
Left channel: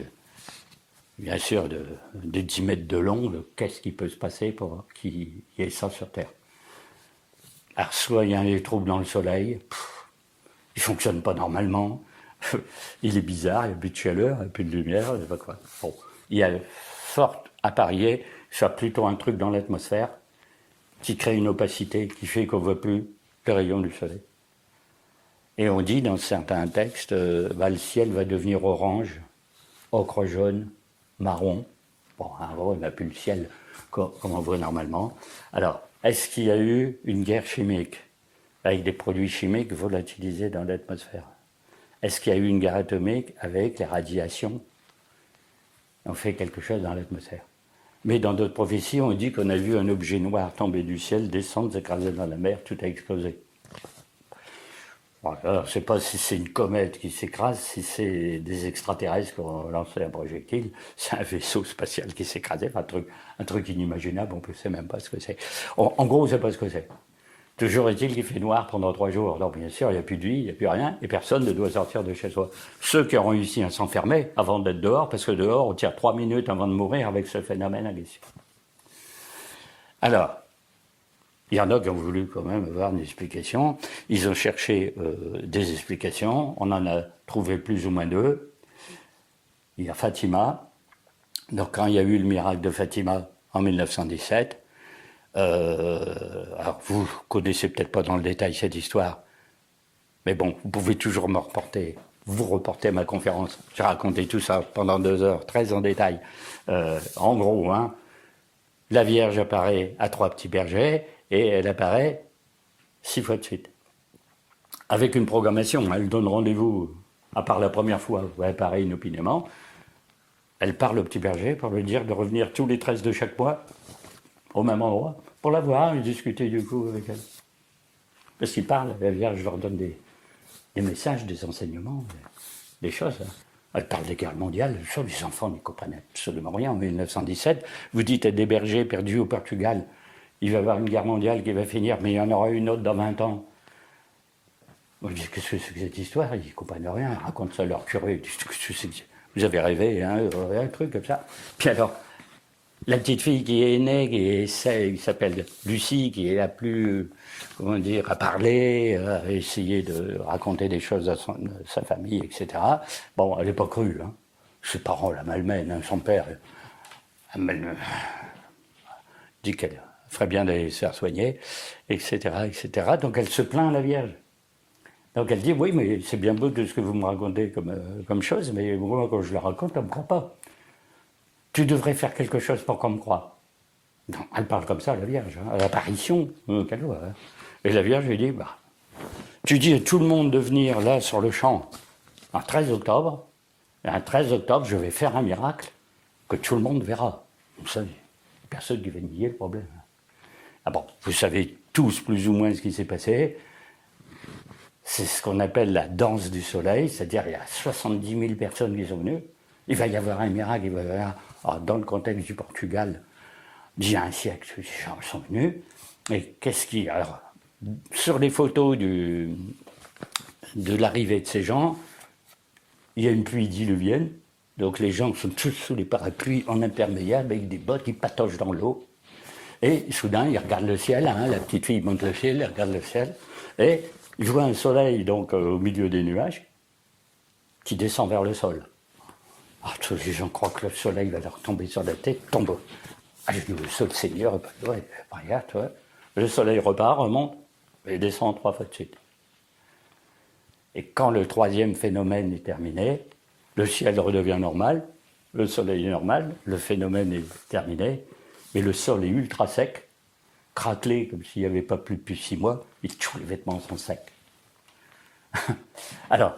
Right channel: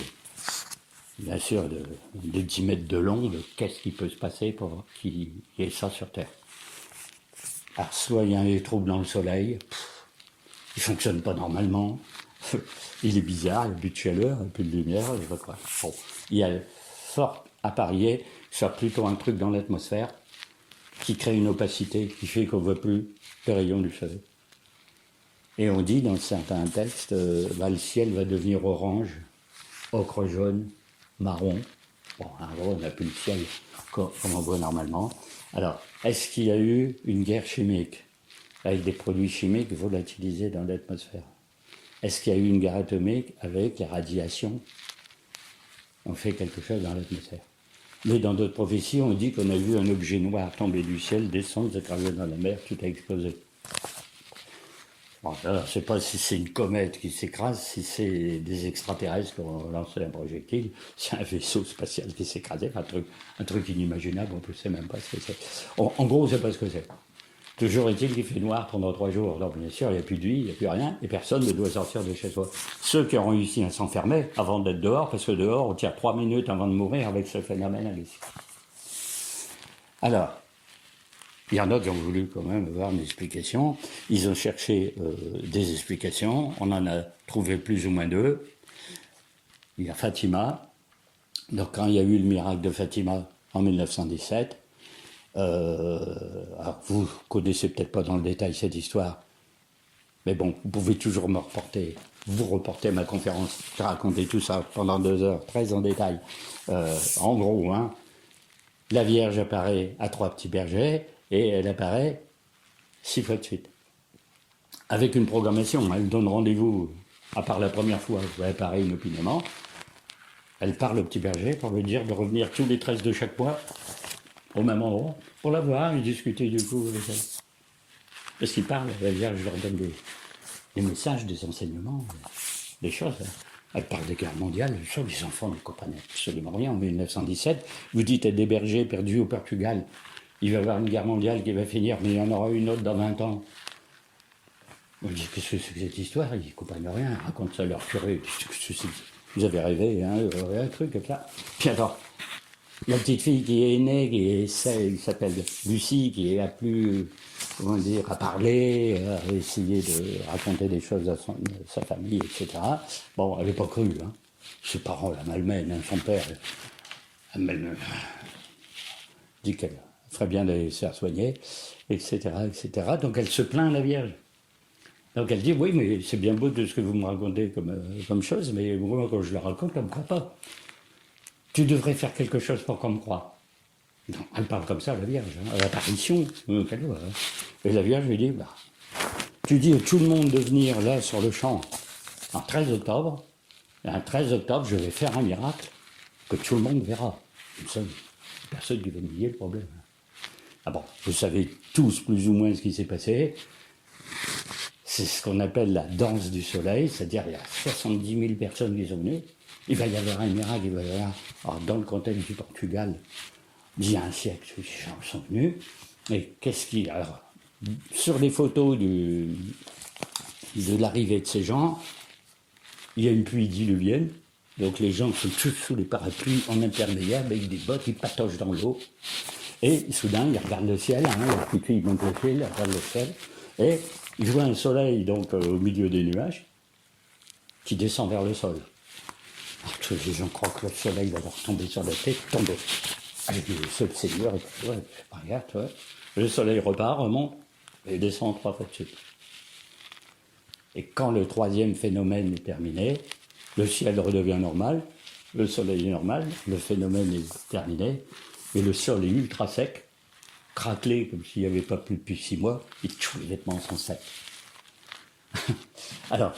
bien sûr, de 10 mètres de long, de qu'est-ce qui peut se passer pour qu'il y ait ça sur Terre. Alors, soit il y a des troubles dans le soleil, il ne fonctionne pas normalement, il est bizarre, il n'y a plus de chaleur, il n'y a plus de lumière, je ne sais pas quoi. Bon, il y a fort à parier que ce soit plutôt un truc dans l'atmosphère qui crée une opacité, qui fait qu'on ne voit plus les rayons du soleil. Et on dit dans certains textes, le ciel va devenir orange, ocre jaune, marron. Bon, en gros, on n'a plus le ciel comme on voit normalement. Alors, est-ce qu'il y a eu une guerre chimique avec des produits chimiques volatilisés dans l'atmosphère? Est-ce qu'il y a eu une guerre atomique avec les radiations? On fait quelque chose dans l'atmosphère. Mais dans d'autres prophéties, on dit qu'on a vu un objet noir tomber du ciel, descendre, s'écraser dans la mer, tout a explosé. Alors, je ne sais pas si c'est une comète qui s'écrase, si c'est des extraterrestres qui ont lancé un projectile, c'est un vaisseau spatial qui s'est écrasé, un truc inimaginable, on ne sait même pas ce que c'est. En gros, on ne sait pas ce que c'est. Toujours est-il qu'il fait noir pendant 3 jours. Donc, bien sûr, il n'y a plus de vie, il n'y a plus rien, et personne ne doit sortir de chez soi. Ceux qui ont réussi à s'enfermer avant d'être dehors, parce que dehors, on tire 3 minutes avant de mourir avec ce phénomène ici. Alors, il y en a qui ont voulu quand même avoir une explication. Ils ont cherché des explications. On en a trouvé plus ou moins 2. Il y a Fatima. Donc, quand il y a eu le miracle de Fatima en 1917, alors vous connaissez peut-être pas dans le détail cette histoire, mais bon, vous pouvez toujours vous reporter ma conférence. J'ai raconté tout ça pendant 2 heures, très en détail. En gros, la Vierge apparaît à 3 petits bergers et elle apparaît 6 fois de suite. Avec une programmation, elle donne rendez-vous, à part la première fois où elle apparaît inopinément, elle parle au petit berger pour lui dire de revenir tous les 13 de chaque mois au même endroit, pour la voir et discuter du coup avec elle. Parce qu'ils parlent, la Vierge leur donne des messages, des enseignements, des choses. Elle parle des guerres mondiales, sur les enfants ne comprennent absolument rien. En 1917, vous dites à des bergers perdus au Portugal, il va y avoir une guerre mondiale qui va finir, mais il y en aura une autre dans 20 ans. On dit, qu'est-ce que c'est que cette histoire? Ils ne comprennent rien, ils racontent ça à leur curé. Vous avez rêvé, un truc comme ça. Puis alors, la petite fille qui est née, qui s'appelle Lucie, qui est la plus, à parler, à essayer de raconter des choses à sa famille, etc. Bon, elle n'est pas crue. Ses parents la malmènent, son père dit qu'elle ferait bien d'aller se faire soigner, etc., etc. Donc elle se plaint à la Vierge. Donc elle dit, oui, mais c'est bien beau tout ce que vous me racontez comme chose, mais moi, quand je le raconte, elle ne me croit pas. Tu devrais faire quelque chose pour qu'on me croie. Non, elle parle comme ça, la Vierge, à l'apparition. Et la Vierge lui dit, Tu dis à tout le monde de venir là sur le champ un 13 octobre, et un 13 octobre, je vais faire un miracle que tout le monde verra. Comme ça, personne qui va nier le problème. Ah bon, vous savez tous plus ou moins ce qui s'est passé. C'est ce qu'on appelle la danse du soleil, c'est-à-dire il y a 70 000 personnes qui sont venues. Il va y avoir un miracle, il va y avoir, alors dans le contexte du Portugal, d'il y a un siècle, ces gens sont venus. Et qu'est-ce qui... Alors, sur les photos de l'arrivée de ces gens, il y a une pluie diluvienne, donc les gens sont tous sous les parapluies en imperméable avec des bottes, ils patochent dans l'eau. Et soudain, ils regardent le ciel, hein, la petite fille monte le ciel, elle regarde le ciel, et je vois un soleil donc au milieu des nuages qui descend vers le sol. Alors tous les gens croient que le soleil va leur tomber sur la tête, tombe. Ah, je dis, le Seigneur, ouais, regarde, toi. Le soleil repart, remonte, et descend 3 fois de suite. Et quand le 3e phénomène est terminé, le ciel redevient normal, le soleil est normal, le phénomène est terminé, et le sol est ultra sec, craquelé comme s'il n'y avait pas plus depuis 6 mois, et tous les vêtements sont secs. Alors,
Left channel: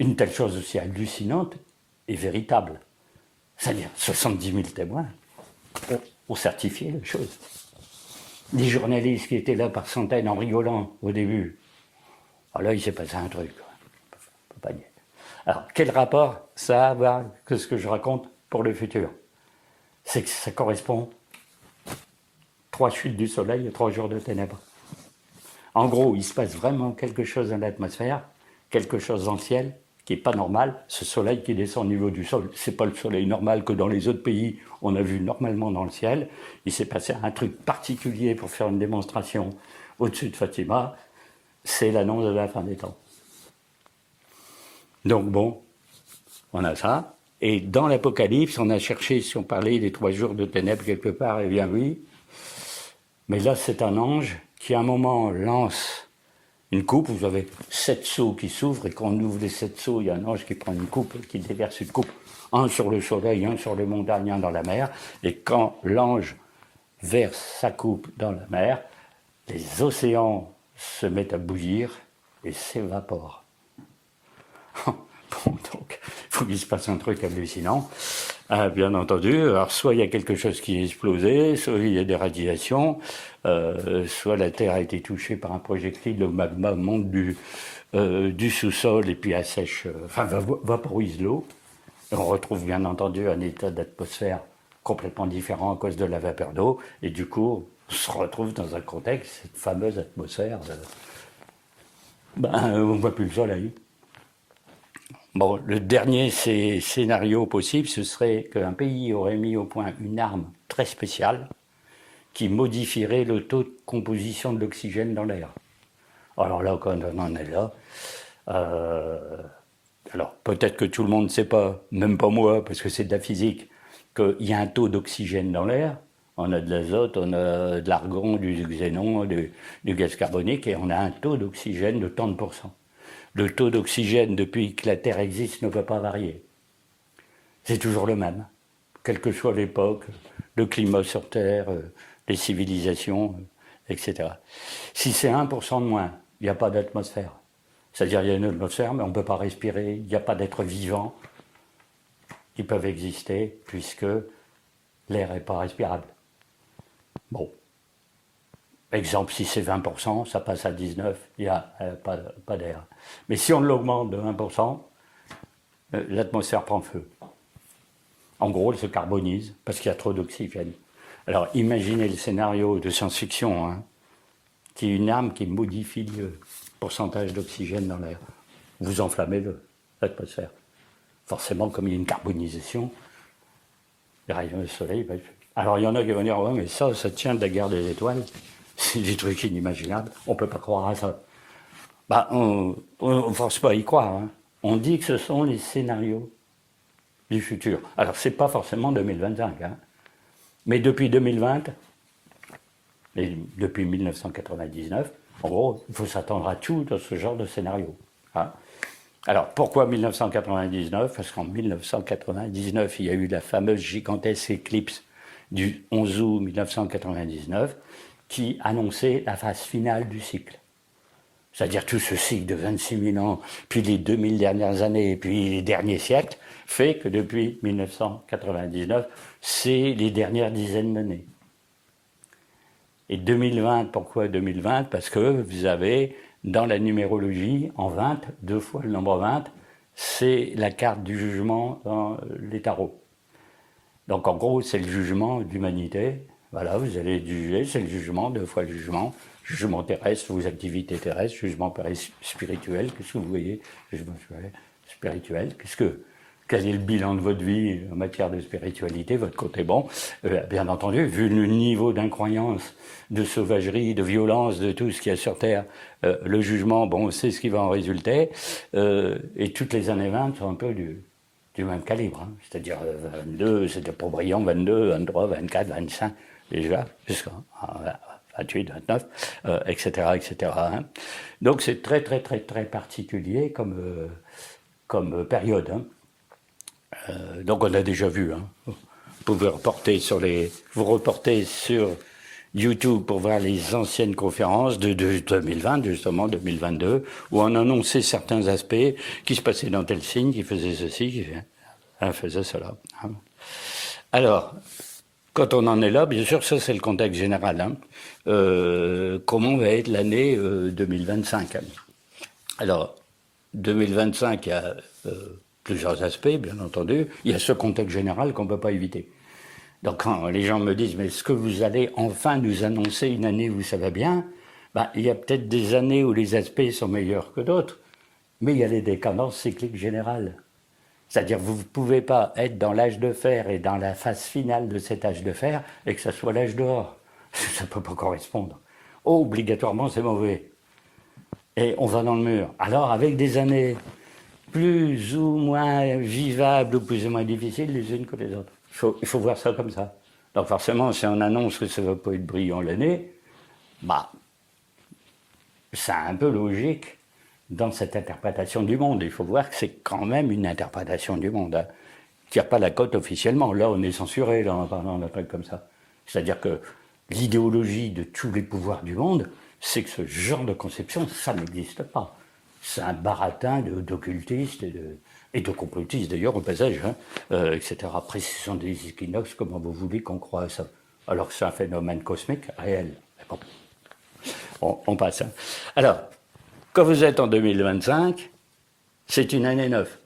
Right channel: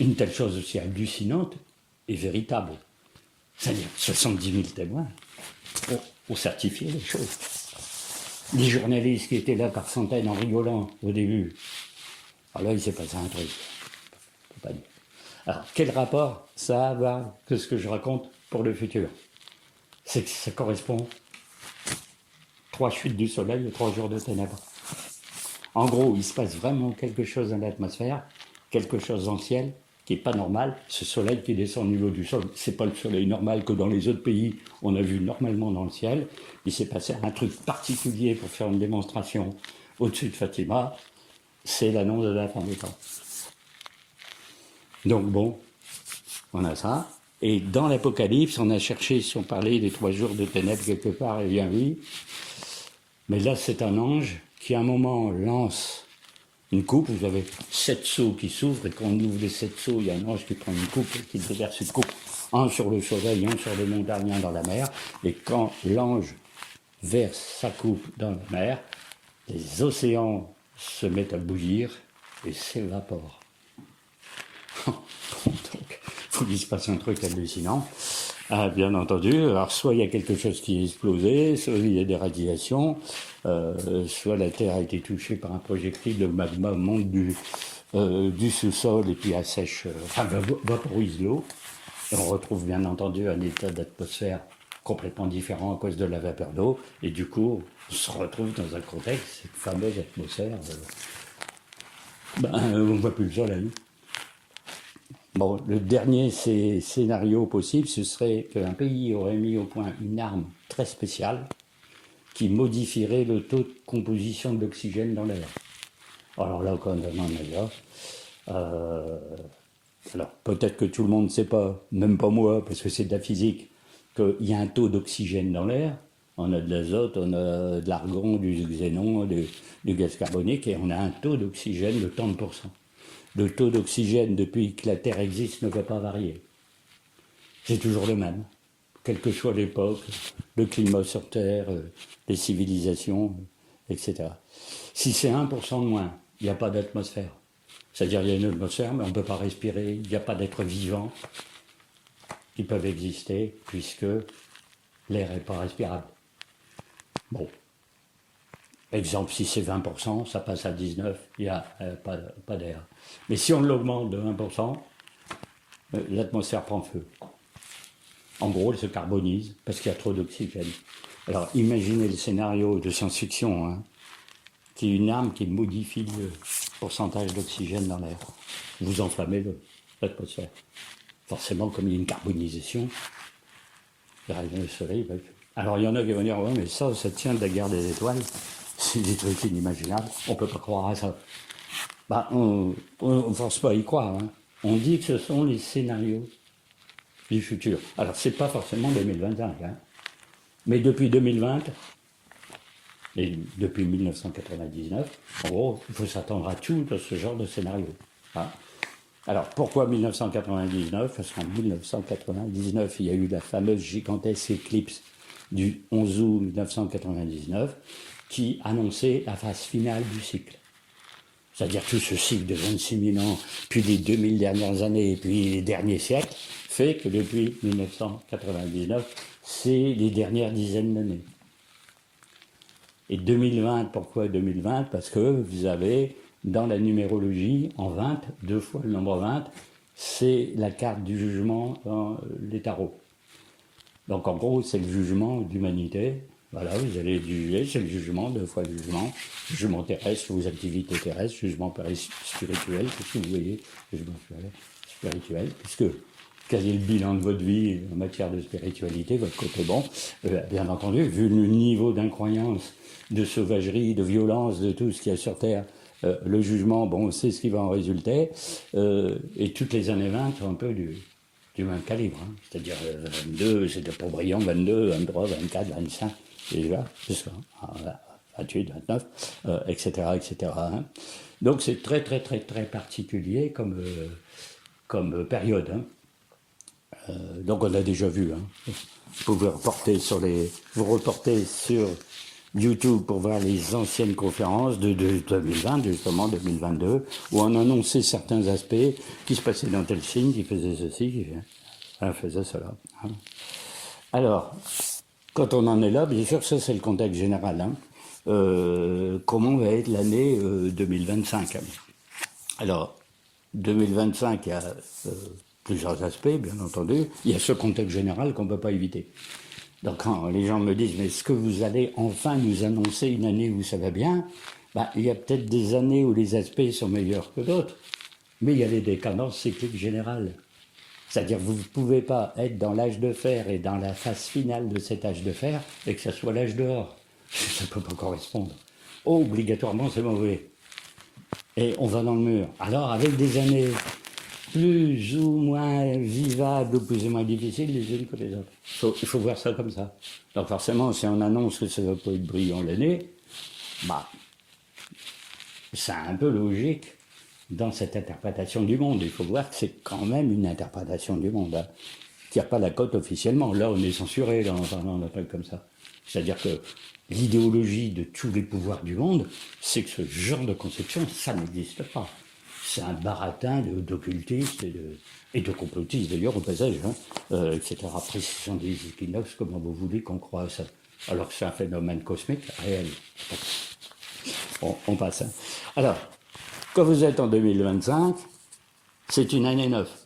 une telle chose aussi hallucinante est véritable. C'est-à-dire 70 000 témoins ont certifié les choses. Les journalistes qui étaient là par centaines en rigolant au début. Alors là, il s'est passé un truc. On peut pas dire. Alors, quel rapport ça a à voir que ce que je raconte pour le futur? C'est que ça correspond 3 chutes du soleil et 3 jours de ténèbres. En gros, il se passe vraiment quelque chose dans l'atmosphère, quelque chose dans le ciel qui n'est pas normal. Ce soleil qui descend au niveau du sol, ce n'est pas le soleil normal que dans les autres pays on a vu normalement dans le ciel. Il s'est passé un truc particulier pour faire une démonstration au-dessus de Fatima. C'est l'annonce de la fin des temps. Donc bon, on a ça. Et dans l'Apocalypse, on a cherché, si on parlait des 3 jours de ténèbres quelque part, eh bien oui. Mais là, c'est un ange qui, à un moment, lance une coupe. Vous avez 7 seaux qui s'ouvrent, et quand on ouvre les 7 seaux, il y a un ange qui prend une coupe et qui déverse une coupe. Un sur le soleil, un sur les montagnes, un dans la mer. Et quand l'ange verse sa coupe dans la mer, les océans se mettent à bouillir et s'évaporent. Bon, donc, il se passe un truc hallucinant, bien entendu. Alors, soit il y a quelque chose qui est explosé, soit il y a des radiations, soit la Terre a été touchée par un projectile, le magma monte du sous-sol et puis assèche, vaporise l'eau. Et on retrouve bien entendu un état d'atmosphère complètement différent à cause de la vapeur d'eau. Et du coup, on se retrouve dans un contexte, cette fameuse atmosphère, on ne voit plus le soleil. Bon, le dernier scénario possible, ce serait qu'un pays aurait mis au point une arme très spéciale qui modifierait le taux de composition de l'oxygène dans l'air. Alors là, quand on en est là, alors peut-être que tout le monde ne sait pas, même pas moi, parce que c'est de la physique, qu'il y a un taux d'oxygène dans l'air. On a de l'azote, on a de l'argon, du xénon, du gaz carbonique, et on a un taux d'oxygène de tant de pourcents. Le taux d'oxygène, depuis que la Terre existe, ne peut pas varier. C'est toujours le même, quelle que soit l'époque, le climat sur Terre, les civilisations, etc. Si c'est 1% de moins, il n'y a pas d'atmosphère. C'est-à-dire qu'il y a une atmosphère, mais on ne peut pas respirer, il n'y a pas d'êtres vivants qui peuvent exister, puisque l'air n'est pas respirable. Bon. Exemple, si c'est 20%, ça passe à 19%, il n'y a pas d'air. Mais si on l'augmente de 1%, l'atmosphère prend feu. En gros, elle se carbonise parce qu'il y a trop d'oxygène. Alors, imaginez le scénario de science-fiction, hein, qui est une arme qui modifie le pourcentage d'oxygène dans l'air. Vous enflammez l'atmosphère. Forcément, comme il y a une carbonisation, les rayons du soleil... Alors, il y en a qui vont dire, ouais, mais ça tient de la guerre des étoiles. C'est des trucs inimaginables. On ne peut pas croire à ça. On ne force pas à y croire. Hein. On dit que ce sont les scénarios du futur. Alors, ce n'est pas forcément 2025. Hein. Mais depuis 2020, et depuis 1999, en gros, il faut s'attendre à tout dans ce genre de scénario. Hein. Alors, pourquoi 1999? Parce qu'en 1999, il y a eu la fameuse gigantesque éclipse du 11 août 1999, qui annonçait la phase finale du cycle. c'est-à-dire tout ce cycle de 26 000 ans, puis les 2000 dernières années, et puis les derniers siècles, fait que depuis 1999, c'est les dernières dizaines d'années. Et 2020, pourquoi 2020 ? Parce que vous avez, dans la numérologie, en 20, 2 fois le nombre 20, c'est la carte du jugement dans les tarots. Donc en gros, c'est le jugement d'humanité. Voilà, vous allez juger, c'est le jugement, 2 fois le jugement terrestre, vos activités terrestres, jugement spirituel, qu'est-ce que vous voyez, jugement spirituel, quel est le bilan de votre vie en matière de spiritualité, votre côté bon. Bien entendu, vu le niveau d'incroyance, de sauvagerie, de violence, de tout ce qu'il y a sur Terre, le jugement, bon, c'est ce qui va en résulter. Et toutes les années 20 sont un peu du même calibre. Hein. C'est-à-dire 22, c'était pour brillant, 22, 23, 24, 25, déjà, jusqu'à 28, 29, etc. etc. Hein. Donc c'est très, très, très, très particulier comme période. Hein. Donc on a déjà vu. Hein. Vous pouvez vous reporter sur YouTube pour voir les anciennes conférences de 2020, justement 2022, où on annonçait certains aspects qui se passaient dans tel signe, qui faisait ceci, qui faisait cela. Hein. Alors, quand on en est là, bien sûr, ça c'est le contexte général. Hein. Comment va être l'année 2025 ? Alors, 2025, il y a plusieurs aspects, bien entendu. Il y a ce contexte général qu'on ne peut pas éviter. Donc quand les gens me disent « mais est-ce que vous allez enfin nous annoncer une année où ça va bien ?» Il y a peut-être des années où les aspects sont meilleurs que d'autres, mais il y a les décadences cycliques générales. C'est-à-dire que vous ne pouvez pas être dans l'âge de fer et dans la phase finale de cet âge de fer et que ça soit l'âge d'or. Ça ne peut pas correspondre. Obligatoirement, c'est mauvais. Et on va dans le mur. Alors, avec des années plus ou moins vivables ou plus ou moins difficiles les unes que les autres. Il faut voir ça comme ça. Donc forcément, si on annonce que ça ne va pas être brillant l'année, c'est un peu logique dans cette interprétation du monde. Il faut voir que c'est quand même une interprétation du monde, hein, qui n'a pas la cote officiellement. Là, on est censuré là, en parlant d'un truc comme ça. C'est-à-dire que l'idéologie de tous les pouvoirs du monde, c'est que ce genre de conception, ça n'existe pas. C'est un baratin d'occultistes et de complotistes, d'ailleurs, au passage, hein, etc. Après, ce sont des équinoxes, comment vous voulez qu'on croie à ça ? Alors que c'est un phénomène cosmique réel. On passe. Hein. Alors, quand vous êtes en 2025, c'est une année 9.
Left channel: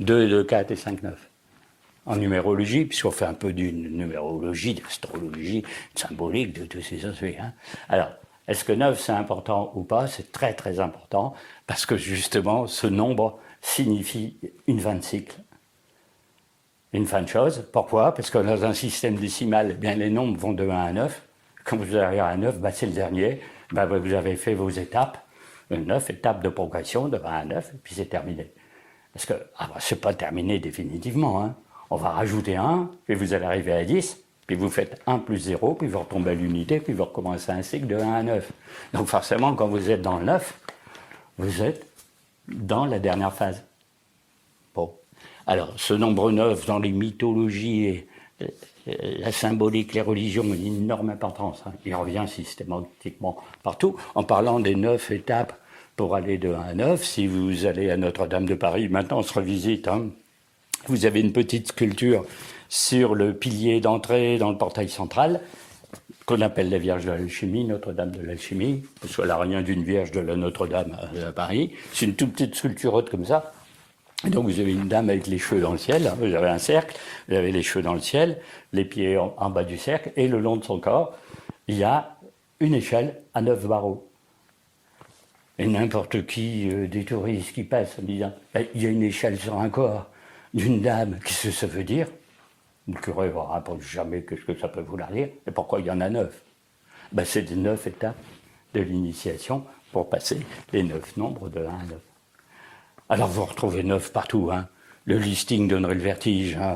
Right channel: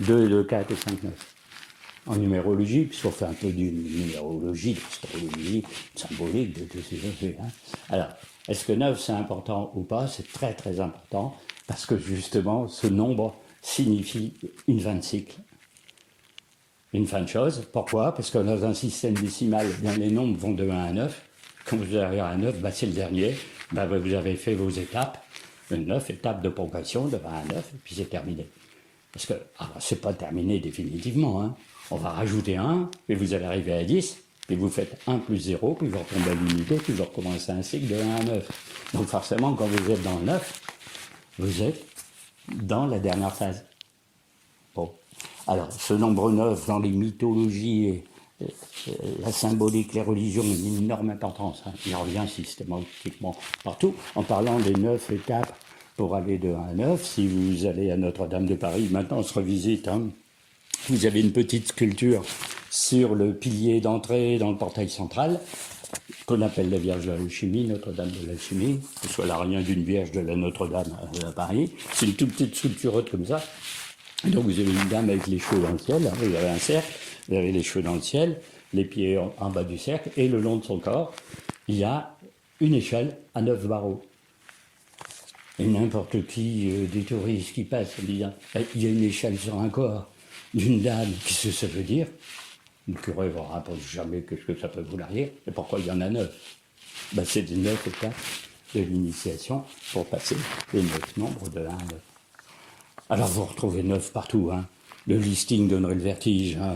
2, 2, 4 et 5, 9. En numérologie, puisqu'on fait un peu d'une numérologie, de l'astrologie, de symbolique, de tous ces aspects. Hein. Alors, est-ce que 9 c'est important ou pas ? C'est très très important, parce que justement, ce nombre signifie une fin de cycle, une fin de chose. Pourquoi ? Parce que dans un système décimal, bien, les nombres vont de 1 à 9. Quand vous arrivez à 9, c'est le dernier. Vous avez fait vos étapes, 9 étapes de progression de 1 à 9, et puis c'est terminé. Parce que c'est pas terminé définitivement. Hein. On va rajouter 1, et vous allez arriver à 10, puis vous faites 1 plus 0, puis vous retombez à l'unité, puis vous recommencez un cycle de 1 à 9. Donc forcément, quand vous êtes dans le 9, vous êtes dans la dernière phase. Bon. Alors, ce nombre 9, dans les mythologies et la symbolique, les religions, ont une énorme importance. Hein. Il revient systématiquement partout. En parlant des 9 étapes pour aller de 1 à 9, si vous allez à Notre-Dame de Paris, maintenant on se revisite, hein, vous avez une petite sculpture sur le pilier d'entrée dans le portail central, qu'on appelle la Vierge de l'Alchimie, Notre-Dame de l'Alchimie, soit l'arrière d'une Vierge de la Notre-Dame à Paris. C'est une toute petite sculpture comme ça. Et donc vous avez une dame avec les cheveux dans le ciel, hein, vous avez un cercle, vous avez les cheveux dans le ciel, les pieds en bas du cercle, et le long de son corps, il y a une échelle à 9 barreaux. Et n'importe qui, des touristes qui passent en disant il y a une échelle sur un corps d'une dame, qu'est-ce que ça veut dire ? Le curé ne vous rapporte jamais qu'est-ce que ça peut vouloir dire, et pourquoi il y en a 9 ? C'est les 9 étapes de l'initiation pour passer les 9 nombres de 1 à 9. Alors vous retrouvez 9 partout. Hein. Le listing donnerait le vertige. Hein.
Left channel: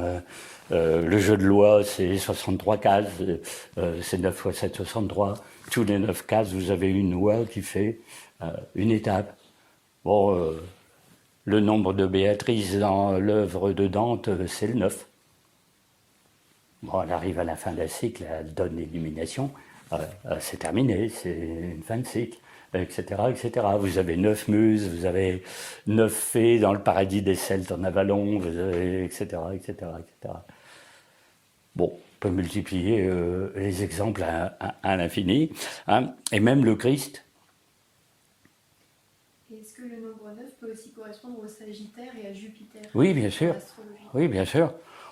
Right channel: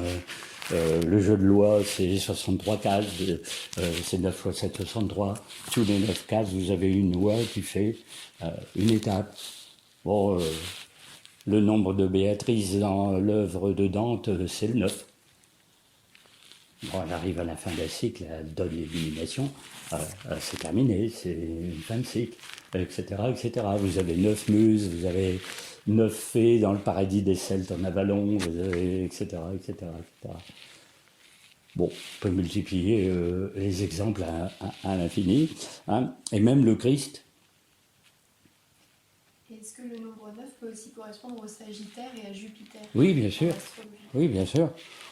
Le jeu de loi, c'est 63 cases. C'est 9 fois 7, 63. Tous les 9 cases, vous avez une loi qui fait une étape. Bon, le nombre de Béatrice dans l'œuvre de Dante, c'est le 9. Bon, elle arrive à la fin d'un cycle, elle donne l'élimination. c'est terminé, c'est une fin de cycle, etc., etc. Vous avez 9 muses, vous avez 9 fées dans le paradis des Celtes en Avalon, vous avez, etc., etc., etc. Bon, on peut multiplier les exemples à l'infini, hein. Et même le Christ. Est-ce que le nombre 9 peut aussi correspondre au Sagittaire et à Jupiter? Oui, bien sûr. Oui, bien sûr.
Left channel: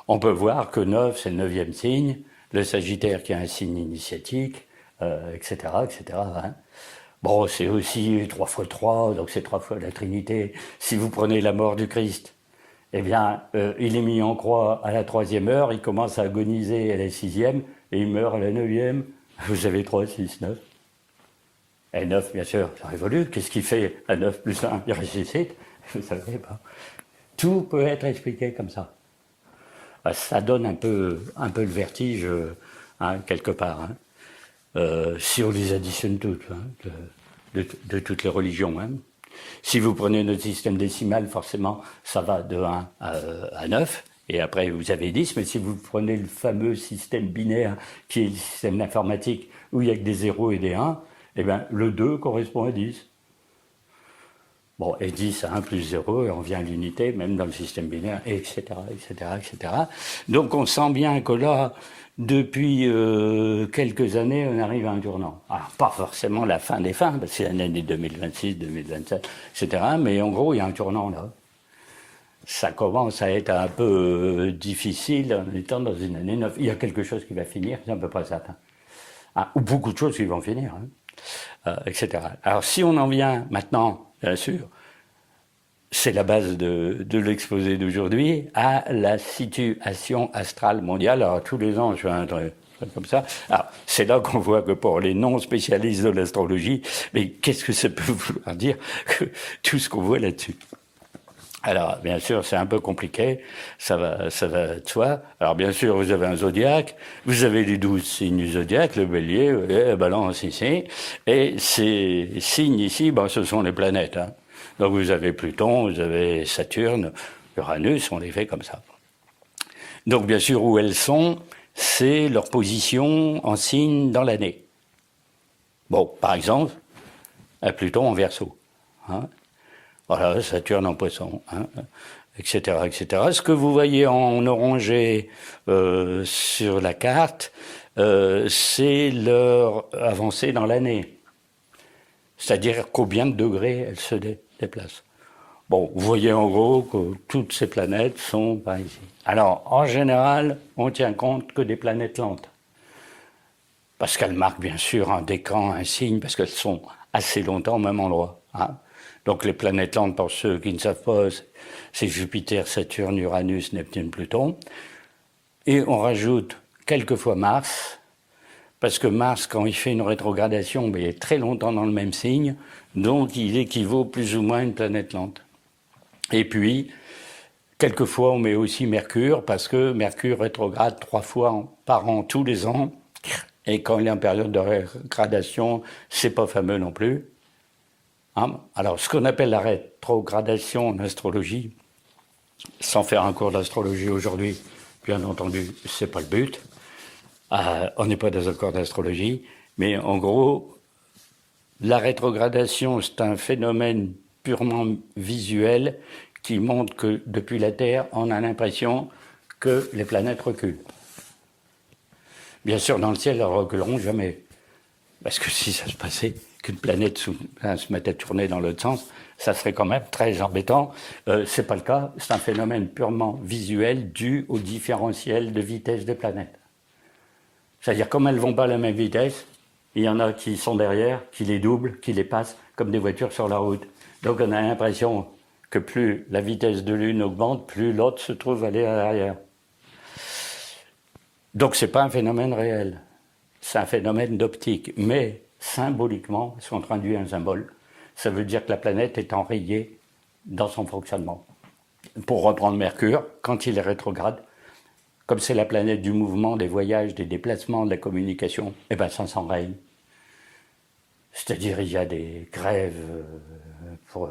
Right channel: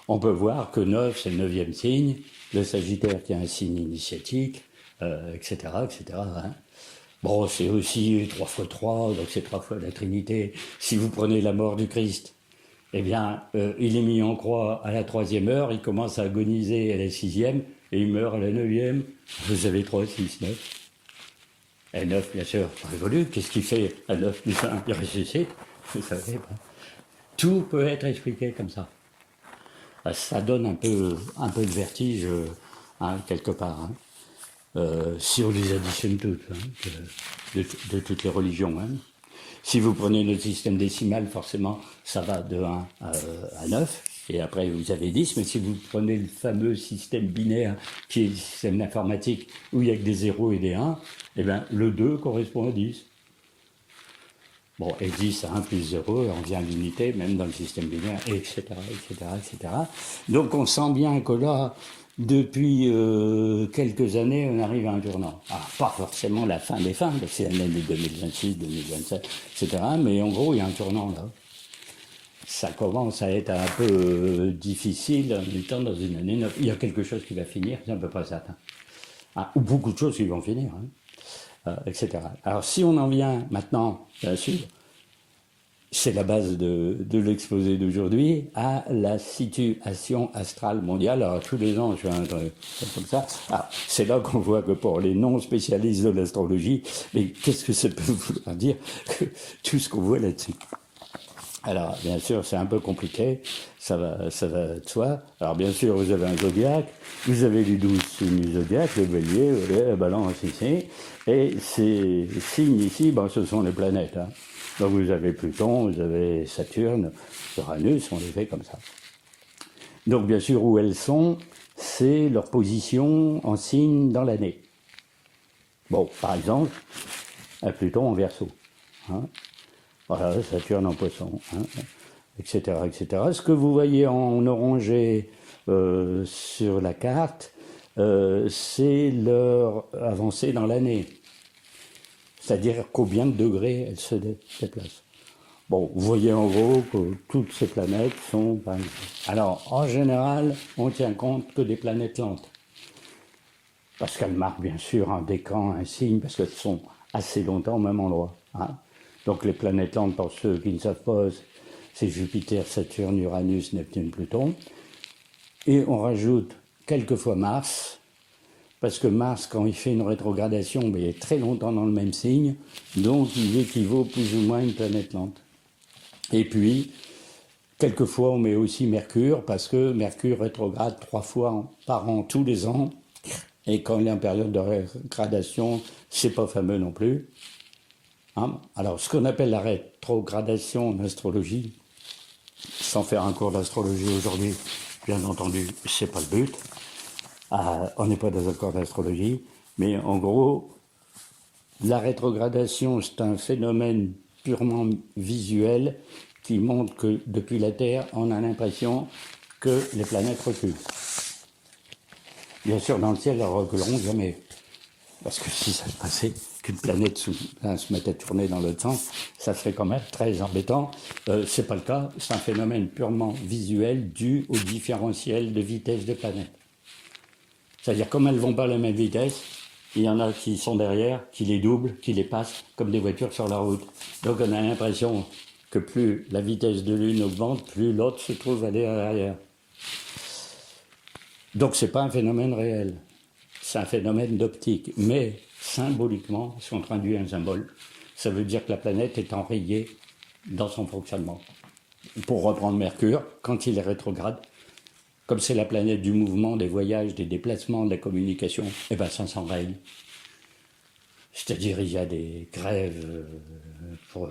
On peut voir que 9, c'est le 9e signe, le Sagittaire qui est un signe initiatique, etc., etc., hein. Bon, c'est aussi 3 fois 3, donc c'est 3 fois la Trinité. Si vous prenez la mort du Christ, eh bien, il est mis en croix à la 3e heure, il commence à agoniser à la 6e, et il meurt à la 9e. Vous avez 3, 6, 9. Et 9, bien sûr, ça révolue. Qu'est-ce qu'il fait à 9 plus 1? Il ressuscite. Vous ne savez pas. Tout peut être expliqué comme ça. Ça donne un peu le vertige, hein, quelque part, hein. Si on les additionne toutes, hein, de toutes les religions, hein. Si vous prenez notre système décimal, forcément, ça va de 1 à 9, et après vous avez 10, mais si vous prenez le fameux système binaire, qui est le système informatique, où il n'y a que des 0 et des 1, eh bien, le 2 correspond à 10. Bon, et 10 à 1 plus 0, et on vient à l'unité, même dans le système binaire, etc., etc., etc. Donc on sent bien que là, depuis quelques années, on arrive à un tournant. Alors, pas forcément la fin des fins, parce que c'est l'année 2026, 2027, etc., mais en gros, il y a un tournant là. Ça commence à être un peu difficile en étant dans une année neuve. Il y a quelque chose qui va finir, c'est un peu pas ça. Ah, ou beaucoup de choses qui vont finir, hein, etc. Alors si on en vient maintenant, bien sûr, c'est la base de l'exposé d'aujourd'hui, à la situation astrale mondiale. Alors tous les ans, je fais un truc comme ça. Alors, c'est là qu'on voit que pour les non-spécialistes de l'astrologie, mais qu'est-ce que ça peut vouloir dire que tout ce qu'on voit là-dessus? Alors, bien sûr, c'est un peu compliqué, ça va de soi. Alors, bien sûr, vous avez un zodiaque, vous avez les 12 signes du zodiaque, le bélier, le balance ici, et ces signes ici, ben, ce sont les planètes, hein. Donc, vous avez Pluton, vous avez Saturne, Uranus, on les fait comme ça. Donc, bien sûr, où elles sont, c'est leur position en signe dans l'année. Bon, par exemple, à Pluton en Verseau, hein. Voilà, Saturne en Poisson, hein, etc., etc. Ce que vous voyez en orangé sur la carte, c'est leur avancée dans l'année. C'est-à-dire combien de degrés elles se déplacent. Bon, vous voyez en gros que toutes ces planètes sont par ici. Alors, en général, on tient compte que des planètes lentes. Parce qu'elles marquent bien sûr un décan, un signe, parce qu'elles sont assez longtemps au même endroit, hein. Donc les planètes lentes, pour ceux qui ne savent pas, c'est Jupiter, Saturne, Uranus, Neptune, Pluton. Et on rajoute quelquefois Mars, parce que Mars, quand il fait une rétrogradation, il est très longtemps dans le même signe, donc il équivaut plus ou moins à une planète lente. Et puis, quelquefois, on met aussi Mercure, parce que Mercure rétrograde 3 fois par an, tous les ans, et quand il est en période de rétrogradation, c'est pas fameux non plus. Hein? Alors, ce qu'on appelle la rétrogradation en astrologie, sans faire un cours d'astrologie aujourd'hui, bien entendu, c'est pas le but. On n'est pas dans un cours d'astrologie, mais en gros, la rétrogradation, c'est un phénomène purement visuel qui montre que depuis la Terre, on a l'impression que les planètes reculent. Bien sûr, dans le ciel, elles ne reculeront jamais. Parce que si ça se passait, qu'une planète se mettait à tourner dans l'autre sens, ça serait quand même très embêtant. C'est pas le cas, c'est un phénomène purement visuel dû au différentiel de vitesse des planètes. C'est-à-dire, comme elles vont pas à la même vitesse, il y en a qui sont derrière, qui les doublent, qui les passent, comme des voitures sur la route. Donc on a l'impression que plus la vitesse de l'une augmente, plus l'autre se trouve aller à l'arrière. Donc c'est pas un phénomène réel. C'est un phénomène d'optique, mais symboliquement, si on traduit un symbole, ça veut dire que la planète est enrayée dans son fonctionnement. Pour reprendre Mercure, quand il est rétrograde, comme c'est la planète du mouvement, des voyages, des déplacements, de la communication, eh ben ça s'enraye. C'est-à-dire il y a des grèves pour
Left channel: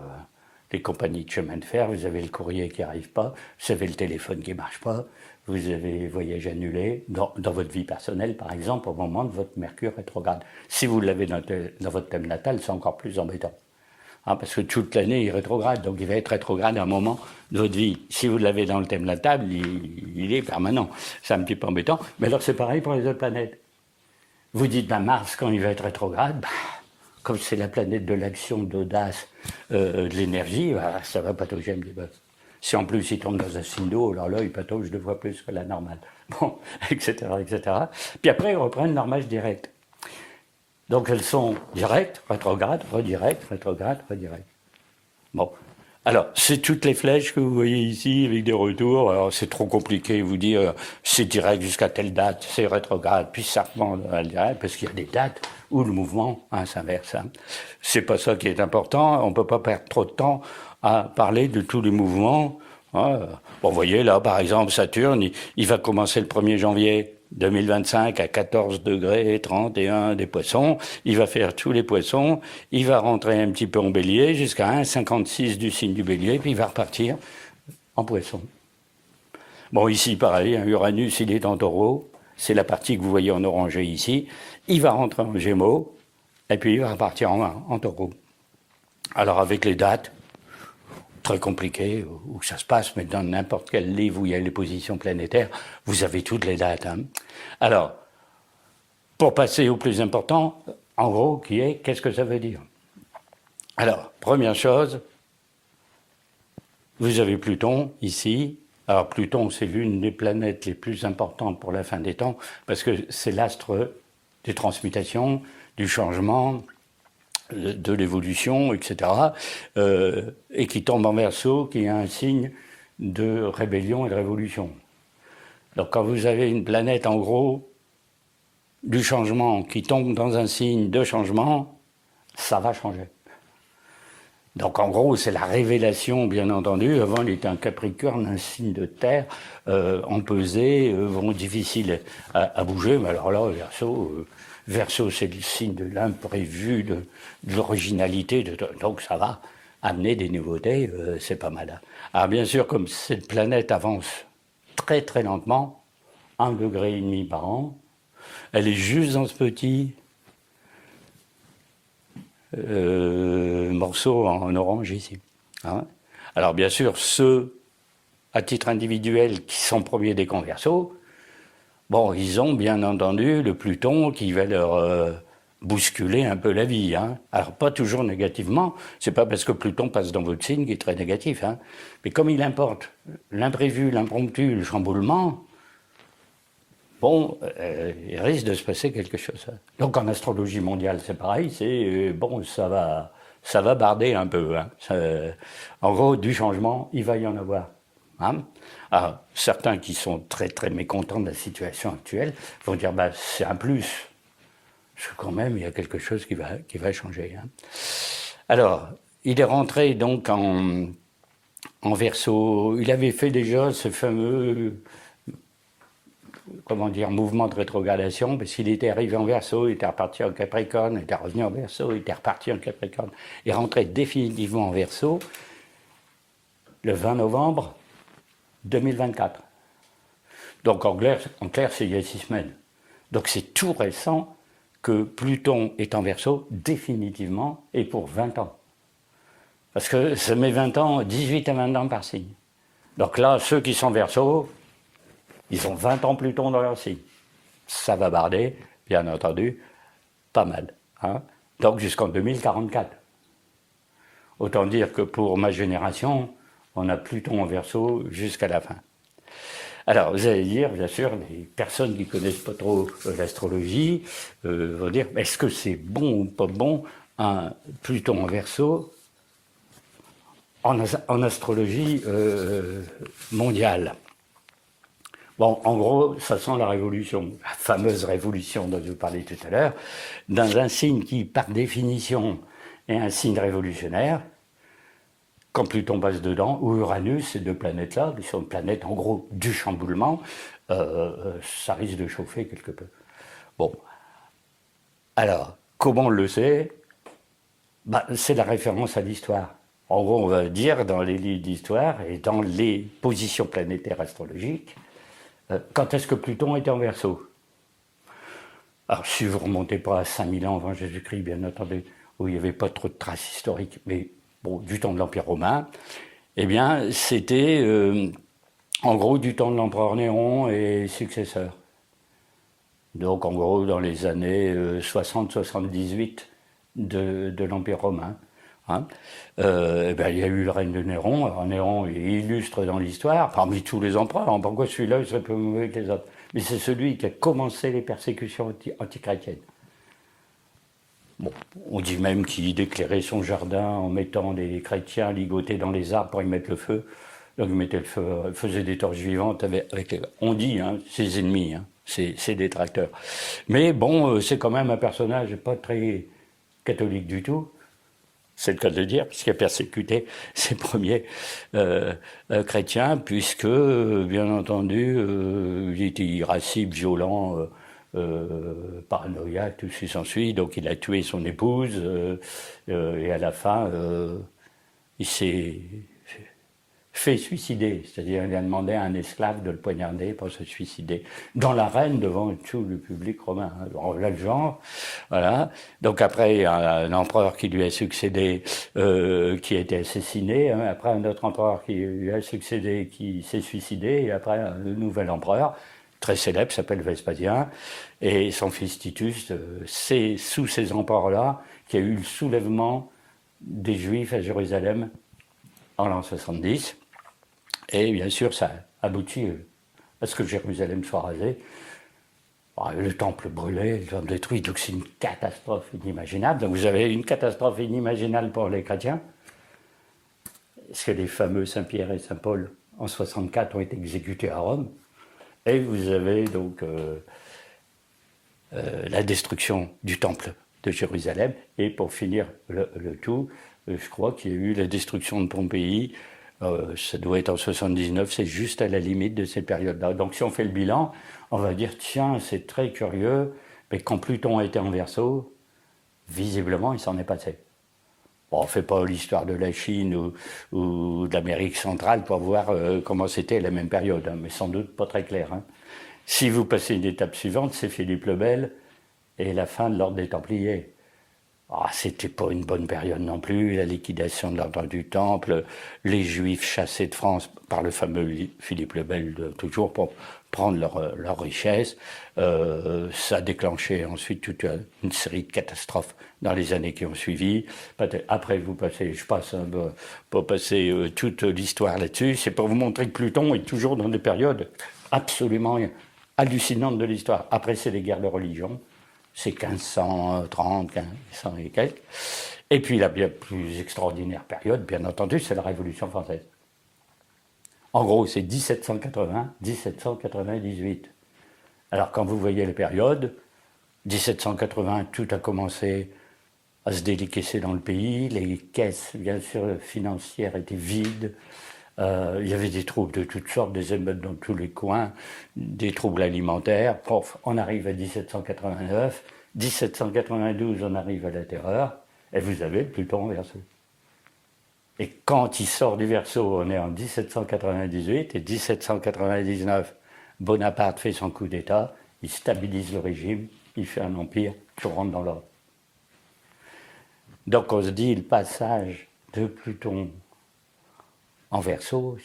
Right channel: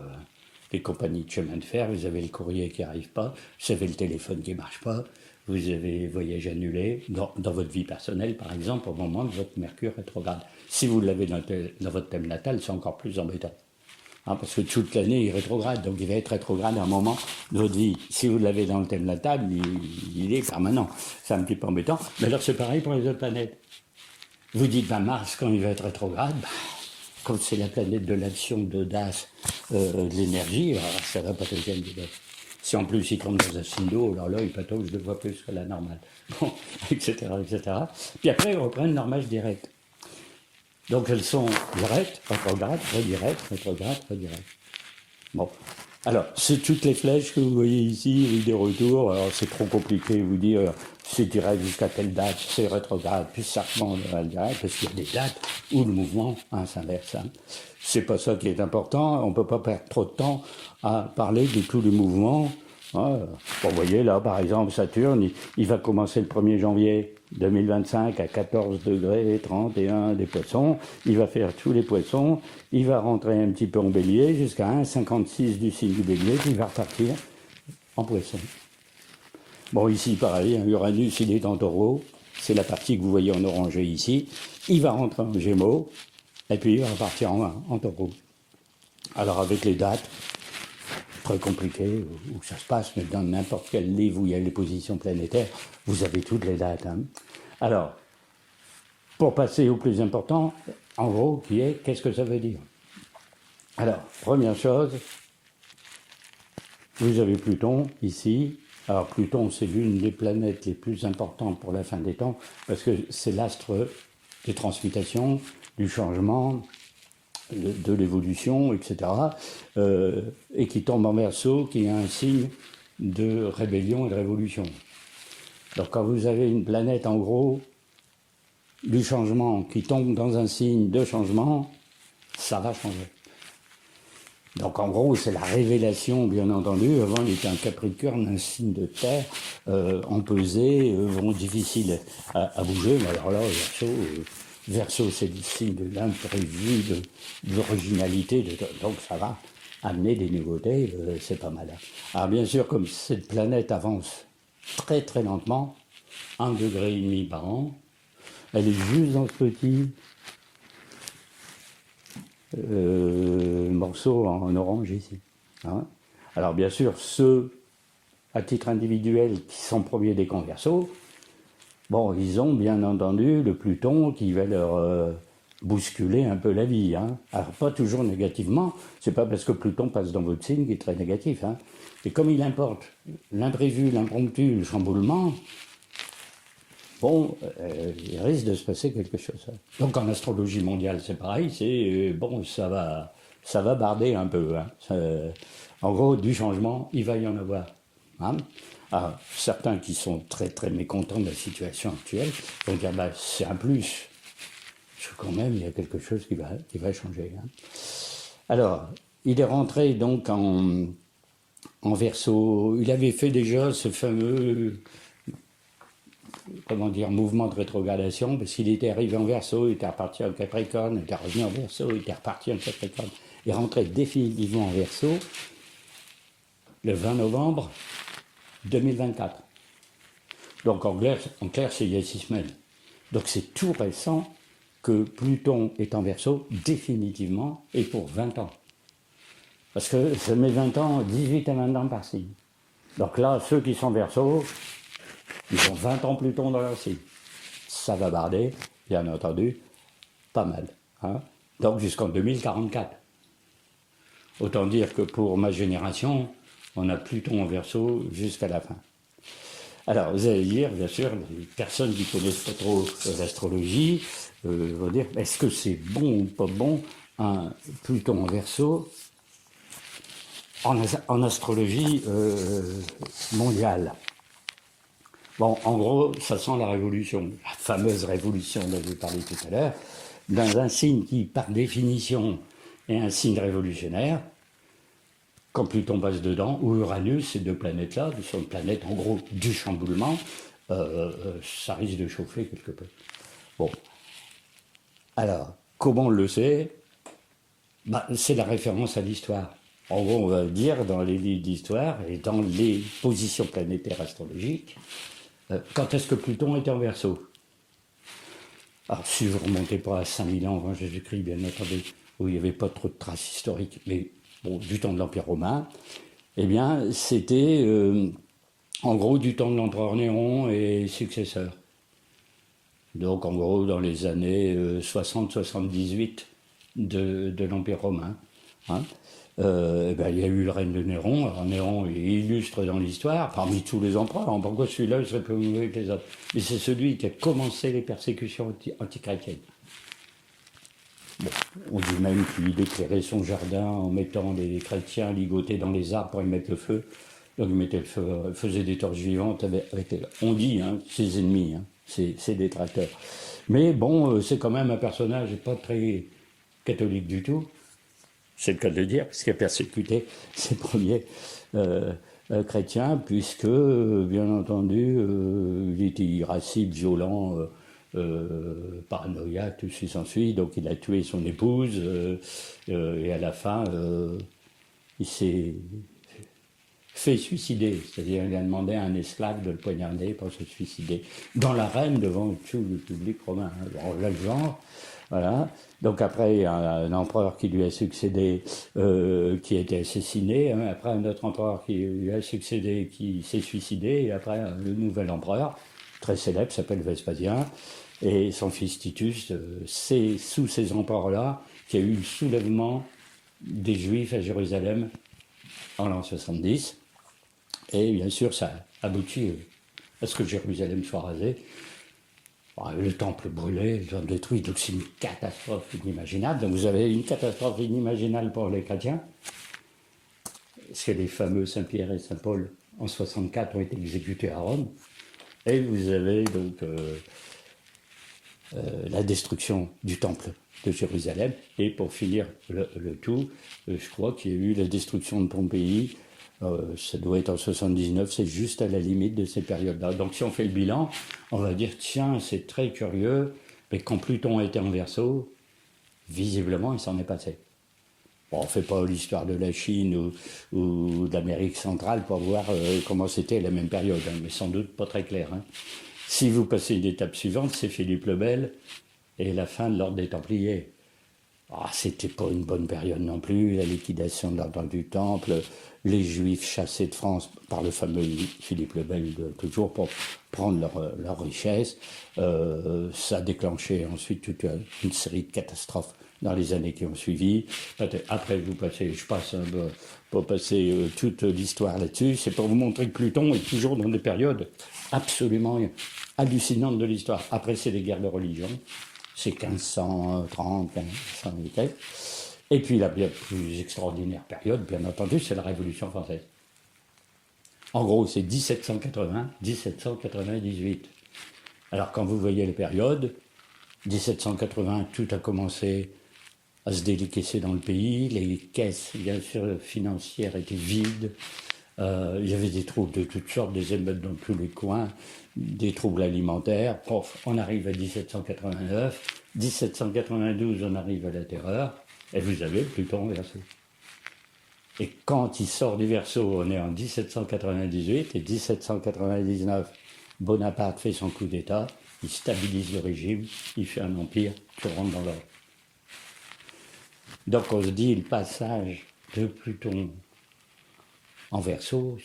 les compagnies de chemin de fer, vous avez le courrier qui n'arrive pas, vous avez le téléphone qui ne marche pas, vous avez voyage annulé dans votre vie personnelle, par exemple, au moment de votre Mercure rétrograde. Si vous l'avez dans votre thème natal, c'est encore plus embêtant. Hein, parce que toute l'année, il est rétrograde, donc il va être rétrograde à un moment de votre vie. Si vous l'avez dans le thème natal, il est permanent. C'est un petit peu embêtant. Mais alors, c'est pareil pour les autres planètes. Vous dites, Mars, quand il va être rétrograde, comme c'est la planète de l'action, d'audace, de l'énergie, ça va patauger un petit peu. Si en plus il tombe dans un signe d'eau, alors là, il patauge 2 fois plus que la normale. Bon, etc., etc. Puis après, ils reprennent leur marche directe. Donc elles sont directes, rétrogrades, redirectes, rétrogrades, redirectes. Bon. Alors, c'est toutes les flèches que vous voyez ici avec des retours. Alors, c'est trop compliqué vous dire c'est direct jusqu'à telle date, c'est rétrograde, puis ça remonte à direct, parce qu'il y a des dates où le mouvement s'inverse. C'est pas ça qui est important. On peut pas perdre trop de temps à parler de tous les mouvements. Bon, vous voyez là, par exemple, Saturne, il va commencer le 1er janvier 2025 à 14 degrés 31 des poissons. Il va faire tous les poissons. Il va rentrer un petit peu en bélier jusqu'à 1,56 du signe du bélier, puis il va repartir en poisson. Bon, ici, pareil, Uranus, il est en taureau. C'est la partie que vous voyez en orangé ici. Il va rentrer en gémeaux, et puis il va repartir en taureau. Alors, avec les dates, très compliqué où ça se passe, mais dans n'importe quel livre où il y a les positions planétaires, vous avez toutes les dates. Hein. Alors, pour passer au plus important, en gros, qui est, qu'est-ce que ça veut dire? Alors, première chose, vous avez Pluton ici. Alors, Pluton, c'est l'une des planètes les plus importantes pour la fin des temps, parce que c'est l'astre des transmutations, du changement, de l'évolution, etc., et qui tombe en Verseau, qui est un signe de rébellion et de révolution. Donc quand vous avez une planète, en gros, du changement, qui tombe dans un signe de changement, ça va changer. Donc en gros, c'est la révélation, bien entendu. Avant, il était un Capricorne, un signe de terre, empesé, difficile à bouger, mais alors là, Verseau, c'est le signe de l'imprévu, de l'originalité, donc ça va amener des nouveautés, c'est pas mal. Alors bien sûr, comme cette planète avance très très lentement, 1,5 degré par an, elle est juste dans ce petit morceau en orange ici. Hein. Alors bien sûr, ceux, à titre individuel, qui sont premiers décan Verseau, bon, ils ont bien entendu le Pluton qui va leur bousculer un peu la vie. Hein. Alors, pas toujours négativement, c'est pas parce que Pluton passe dans votre signe qu'il est très négatif. Hein. Mais comme il importe l'imprévu, l'impromptu, le chamboulement, bon, il risque de se passer quelque chose. Hein. Donc, en astrologie mondiale, c'est pareil, c'est bon, ça va barder un peu. Hein. En gros, du changement, il va y en avoir. Hein. Alors, certains qui sont très très mécontents de la situation actuelle vont dire c'est un plus, parce que quand même il y a quelque chose qui va changer. Hein. Alors, il est rentré donc en Verseau. Il avait fait déjà ce fameux mouvement de rétrogradation, parce qu'il était arrivé en Verseau, il était reparti en Capricorne, il était revenu en Verseau, il était reparti en Capricorne. Il est rentré définitivement en Verseau le 20 novembre 2024. Donc en clair, c'est il y a 6 semaines. Donc c'est tout récent que Pluton est en Verseau définitivement et pour 20 ans. Parce que ça met 20 ans, 18 à 20 ans par signe. Donc là, ceux qui sont Verseau, ils ont 20 ans Pluton dans leur signe. Ça va barder, bien entendu, pas mal. Hein. Donc jusqu'en 2044. Autant dire que pour ma génération, on a Pluton en Verseau jusqu'à la fin. Alors, vous allez dire, bien sûr, les personnes qui ne connaissent pas trop l'astrologie vont dire, est-ce que c'est bon ou pas bon un Pluton en Verseau en astrologie mondiale? Bon, en gros, ça sent la révolution, la fameuse révolution dont je vous parlais tout à l'heure, dans un signe qui, par définition, est un signe révolutionnaire. Quand Pluton passe dedans, ou Uranus, ces 2 planètes-là, qui sont des planètes, en gros, du chamboulement, ça risque de chauffer quelque peu. Bon. Alors, comment on le sait? C'est la référence à l'histoire. En gros, on va dire, dans les livres d'histoire et dans les positions planétaires astrologiques, Quand est-ce que Pluton était en Verseau? Alors, si vous remontez pas à 5000 ans avant Jésus-Christ, bien entendu, où il n'y avait pas trop de traces historiques, mais bon, du temps de l'Empire romain, eh bien, c'était en gros du temps de l'empereur Néron et successeurs. Donc, en gros, dans les années 60-78 de l'Empire romain. Hein. Ben, il y a eu le règne de Néron. Alors, Néron est illustre dans l'histoire, parmi tous les empereurs. Pourquoi celui-là serait plus mauvais que les autres? Mais c'est celui qui a commencé les persécutions antichrétiennes. Bon, on dit même qu'il éclairait son jardin en mettant des chrétiens ligotés dans les arbres pour y mettre le feu. Donc il mettait le feu, faisait des torches vivantes avec on dit, hein, ses ennemis, hein, ses détracteurs. Mais bon, c'est quand même un personnage pas très catholique du tout. C'est le cas de le dire, puisqu'il a persécuté ses premiers chrétiens, puisque, bien entendu, il était irascible, violent, paranoïaque, tout ce qui s'ensuit. Donc il a tué son épouse, et à la fin, il s'est fait suicider. C'est-à-dire il a demandé à un esclave de le poignarder pour se suicider. Dans l'arène, devant tout le public romain. Alors là, le genre, voilà. Donc après, il y a un empereur qui lui a succédé, qui a été assassiné. Hein. Après, un autre empereur qui lui a succédé, qui s'est suicidé. Et après, le nouvel empereur, très célèbre, s'appelle Vespasien. Et son fils Titus, c'est sous ces empereurs-là qu'il y a eu le soulèvement des Juifs à Jérusalem en l'an 70. Et bien sûr, ça aboutit à ce que Jérusalem soit rasée. Le temple brûlé, le temple détruit, donc c'est une catastrophe inimaginable. Donc vous avez une catastrophe inimaginable pour les chrétiens, parce que les fameux Saint-Pierre et Saint-Paul, en 64, ont été exécutés à Rome. Et vous avez donc la destruction du temple de Jérusalem. Et pour finir le tout, je crois qu'il y a eu la destruction de Pompéi. Ça doit être en 79, c'est juste à la limite de cette période-là. Donc si on fait le bilan, on va dire, tiens, c'est très curieux, mais quand Pluton était en Verseau, visiblement, il s'en est passé. Bon, on ne fait pas l'histoire de la Chine ou de l'Amérique centrale pour voir comment c'était à la même période, hein, mais sans doute pas très clair. Hein. Si vous passez une étape suivante, c'est Philippe le Bel et la fin de l'ordre des Templiers. C'était pas une bonne période non plus, la liquidation de l'ordre du Temple, les Juifs chassés de France par le fameux Philippe le Bel, toujours pour prendre leur richesse. Ça a déclenché ensuite toute une série de catastrophes dans les années qui ont suivi. Après, je passe pour passer toute l'histoire là-dessus. C'est pour vous montrer que Pluton est toujours dans des périodes absolument hallucinantes de l'histoire. Après, c'est les guerres de religion. C'est 1530, 1500 et quelques. Et puis la bien plus extraordinaire période, bien entendu, c'est la Révolution française. En gros, c'est 1780-1798. Alors quand vous voyez les périodes, 1780, tout a commencé à se déliquescer dans le pays, les caisses, bien sûr, financières étaient vides. Il y avait des troubles de toutes sortes, des émeutes dans tous les coins, des troubles alimentaires. On arrive à 1789, 1792, on arrive à la Terreur, et vous avez Pluton en Verseau. Et quand il sort du Verseau, on est en 1798, et 1799, Bonaparte fait son coup d'État, il stabilise le régime, il fait un empire, tout rentre dans l'ordre. Donc on se dit, le passage de Pluton en Verseau,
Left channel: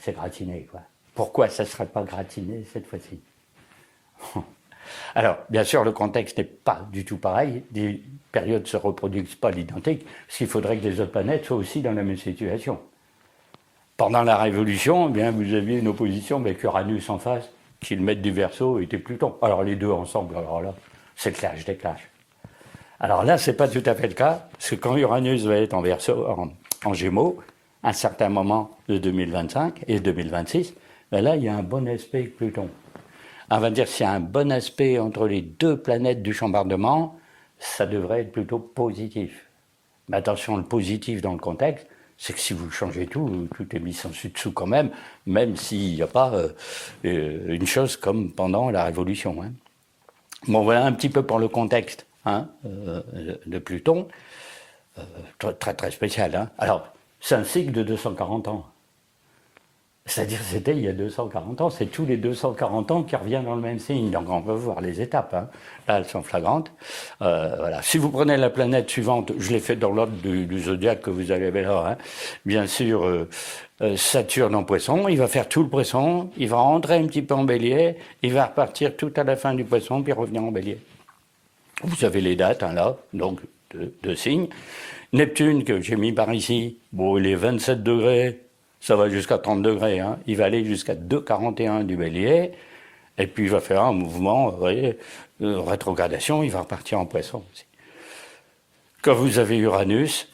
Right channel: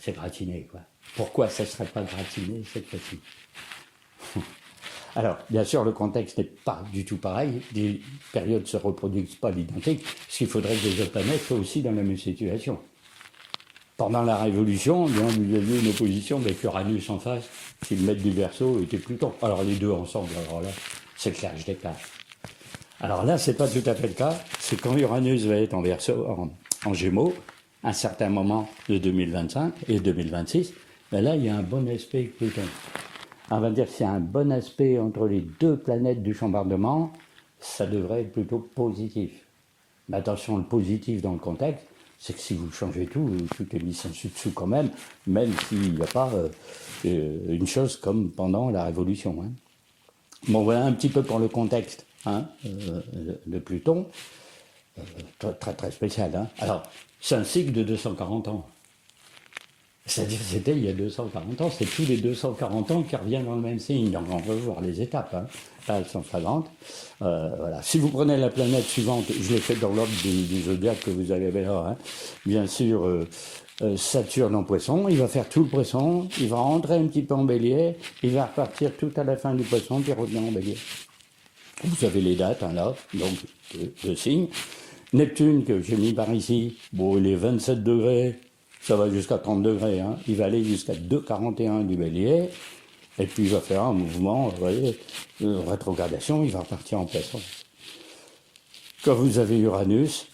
c'est gratiné, quoi. Pourquoi ça ne sera pas gratiné cette fois-ci? Alors, bien sûr, le contexte n'est pas du tout pareil. Les périodes ne se reproduisent pas à l'identique, parce qu'il faudrait que les autres planètes soient aussi dans la même situation. Pendant la Révolution, eh bien, vous aviez une opposition avec Uranus en face, qui le maître du Verseau était Pluton. Alors les deux ensemble, alors là, c'est clash des clashs. Alors là, c'est pas tout à fait le cas, parce que quand Uranus va être en Verseau, en Gémeaux, à un certain moment de 2025 et 2026, ben là, il y a un bon aspect Pluton. On va dire s'il y a un bon aspect entre les deux planètes du chambardement, ça devrait être plutôt positif. Mais attention, le positif dans le contexte, c'est que si vous changez tout est mis en dessous quand même s'il n'y a pas une chose comme pendant la Révolution. Hein. Bon, voilà un petit peu pour le contexte de Pluton. Très, très spécial. Hein. Alors, c'est un cycle de 240 ans. C'est-à-dire c'était il y a 240 ans, c'est tous les 240 ans qui revient dans le même signe. Donc on peut voir les étapes, hein. Là elles sont flagrantes. Voilà. Si vous prenez la planète suivante, je l'ai fait dans l'ordre du zodiaque que vous avez là, hein. Bien sûr, Saturne en Poisson, il va faire tout le Poisson, il va rentrer un petit peu en Bélier, il va repartir tout à la fin du Poisson, puis revenir en Bélier. Vous avez les dates, hein, là, donc de signes. Neptune, que j'ai mis par ici, bon, il est 27 degrés, ça va jusqu'à 30 degrés, hein. Il va aller jusqu'à 2,41 du Bélier, et puis il va faire un mouvement, vous voyez, de rétrogradation, il va repartir en Poisson. Quand vous avez Uranus,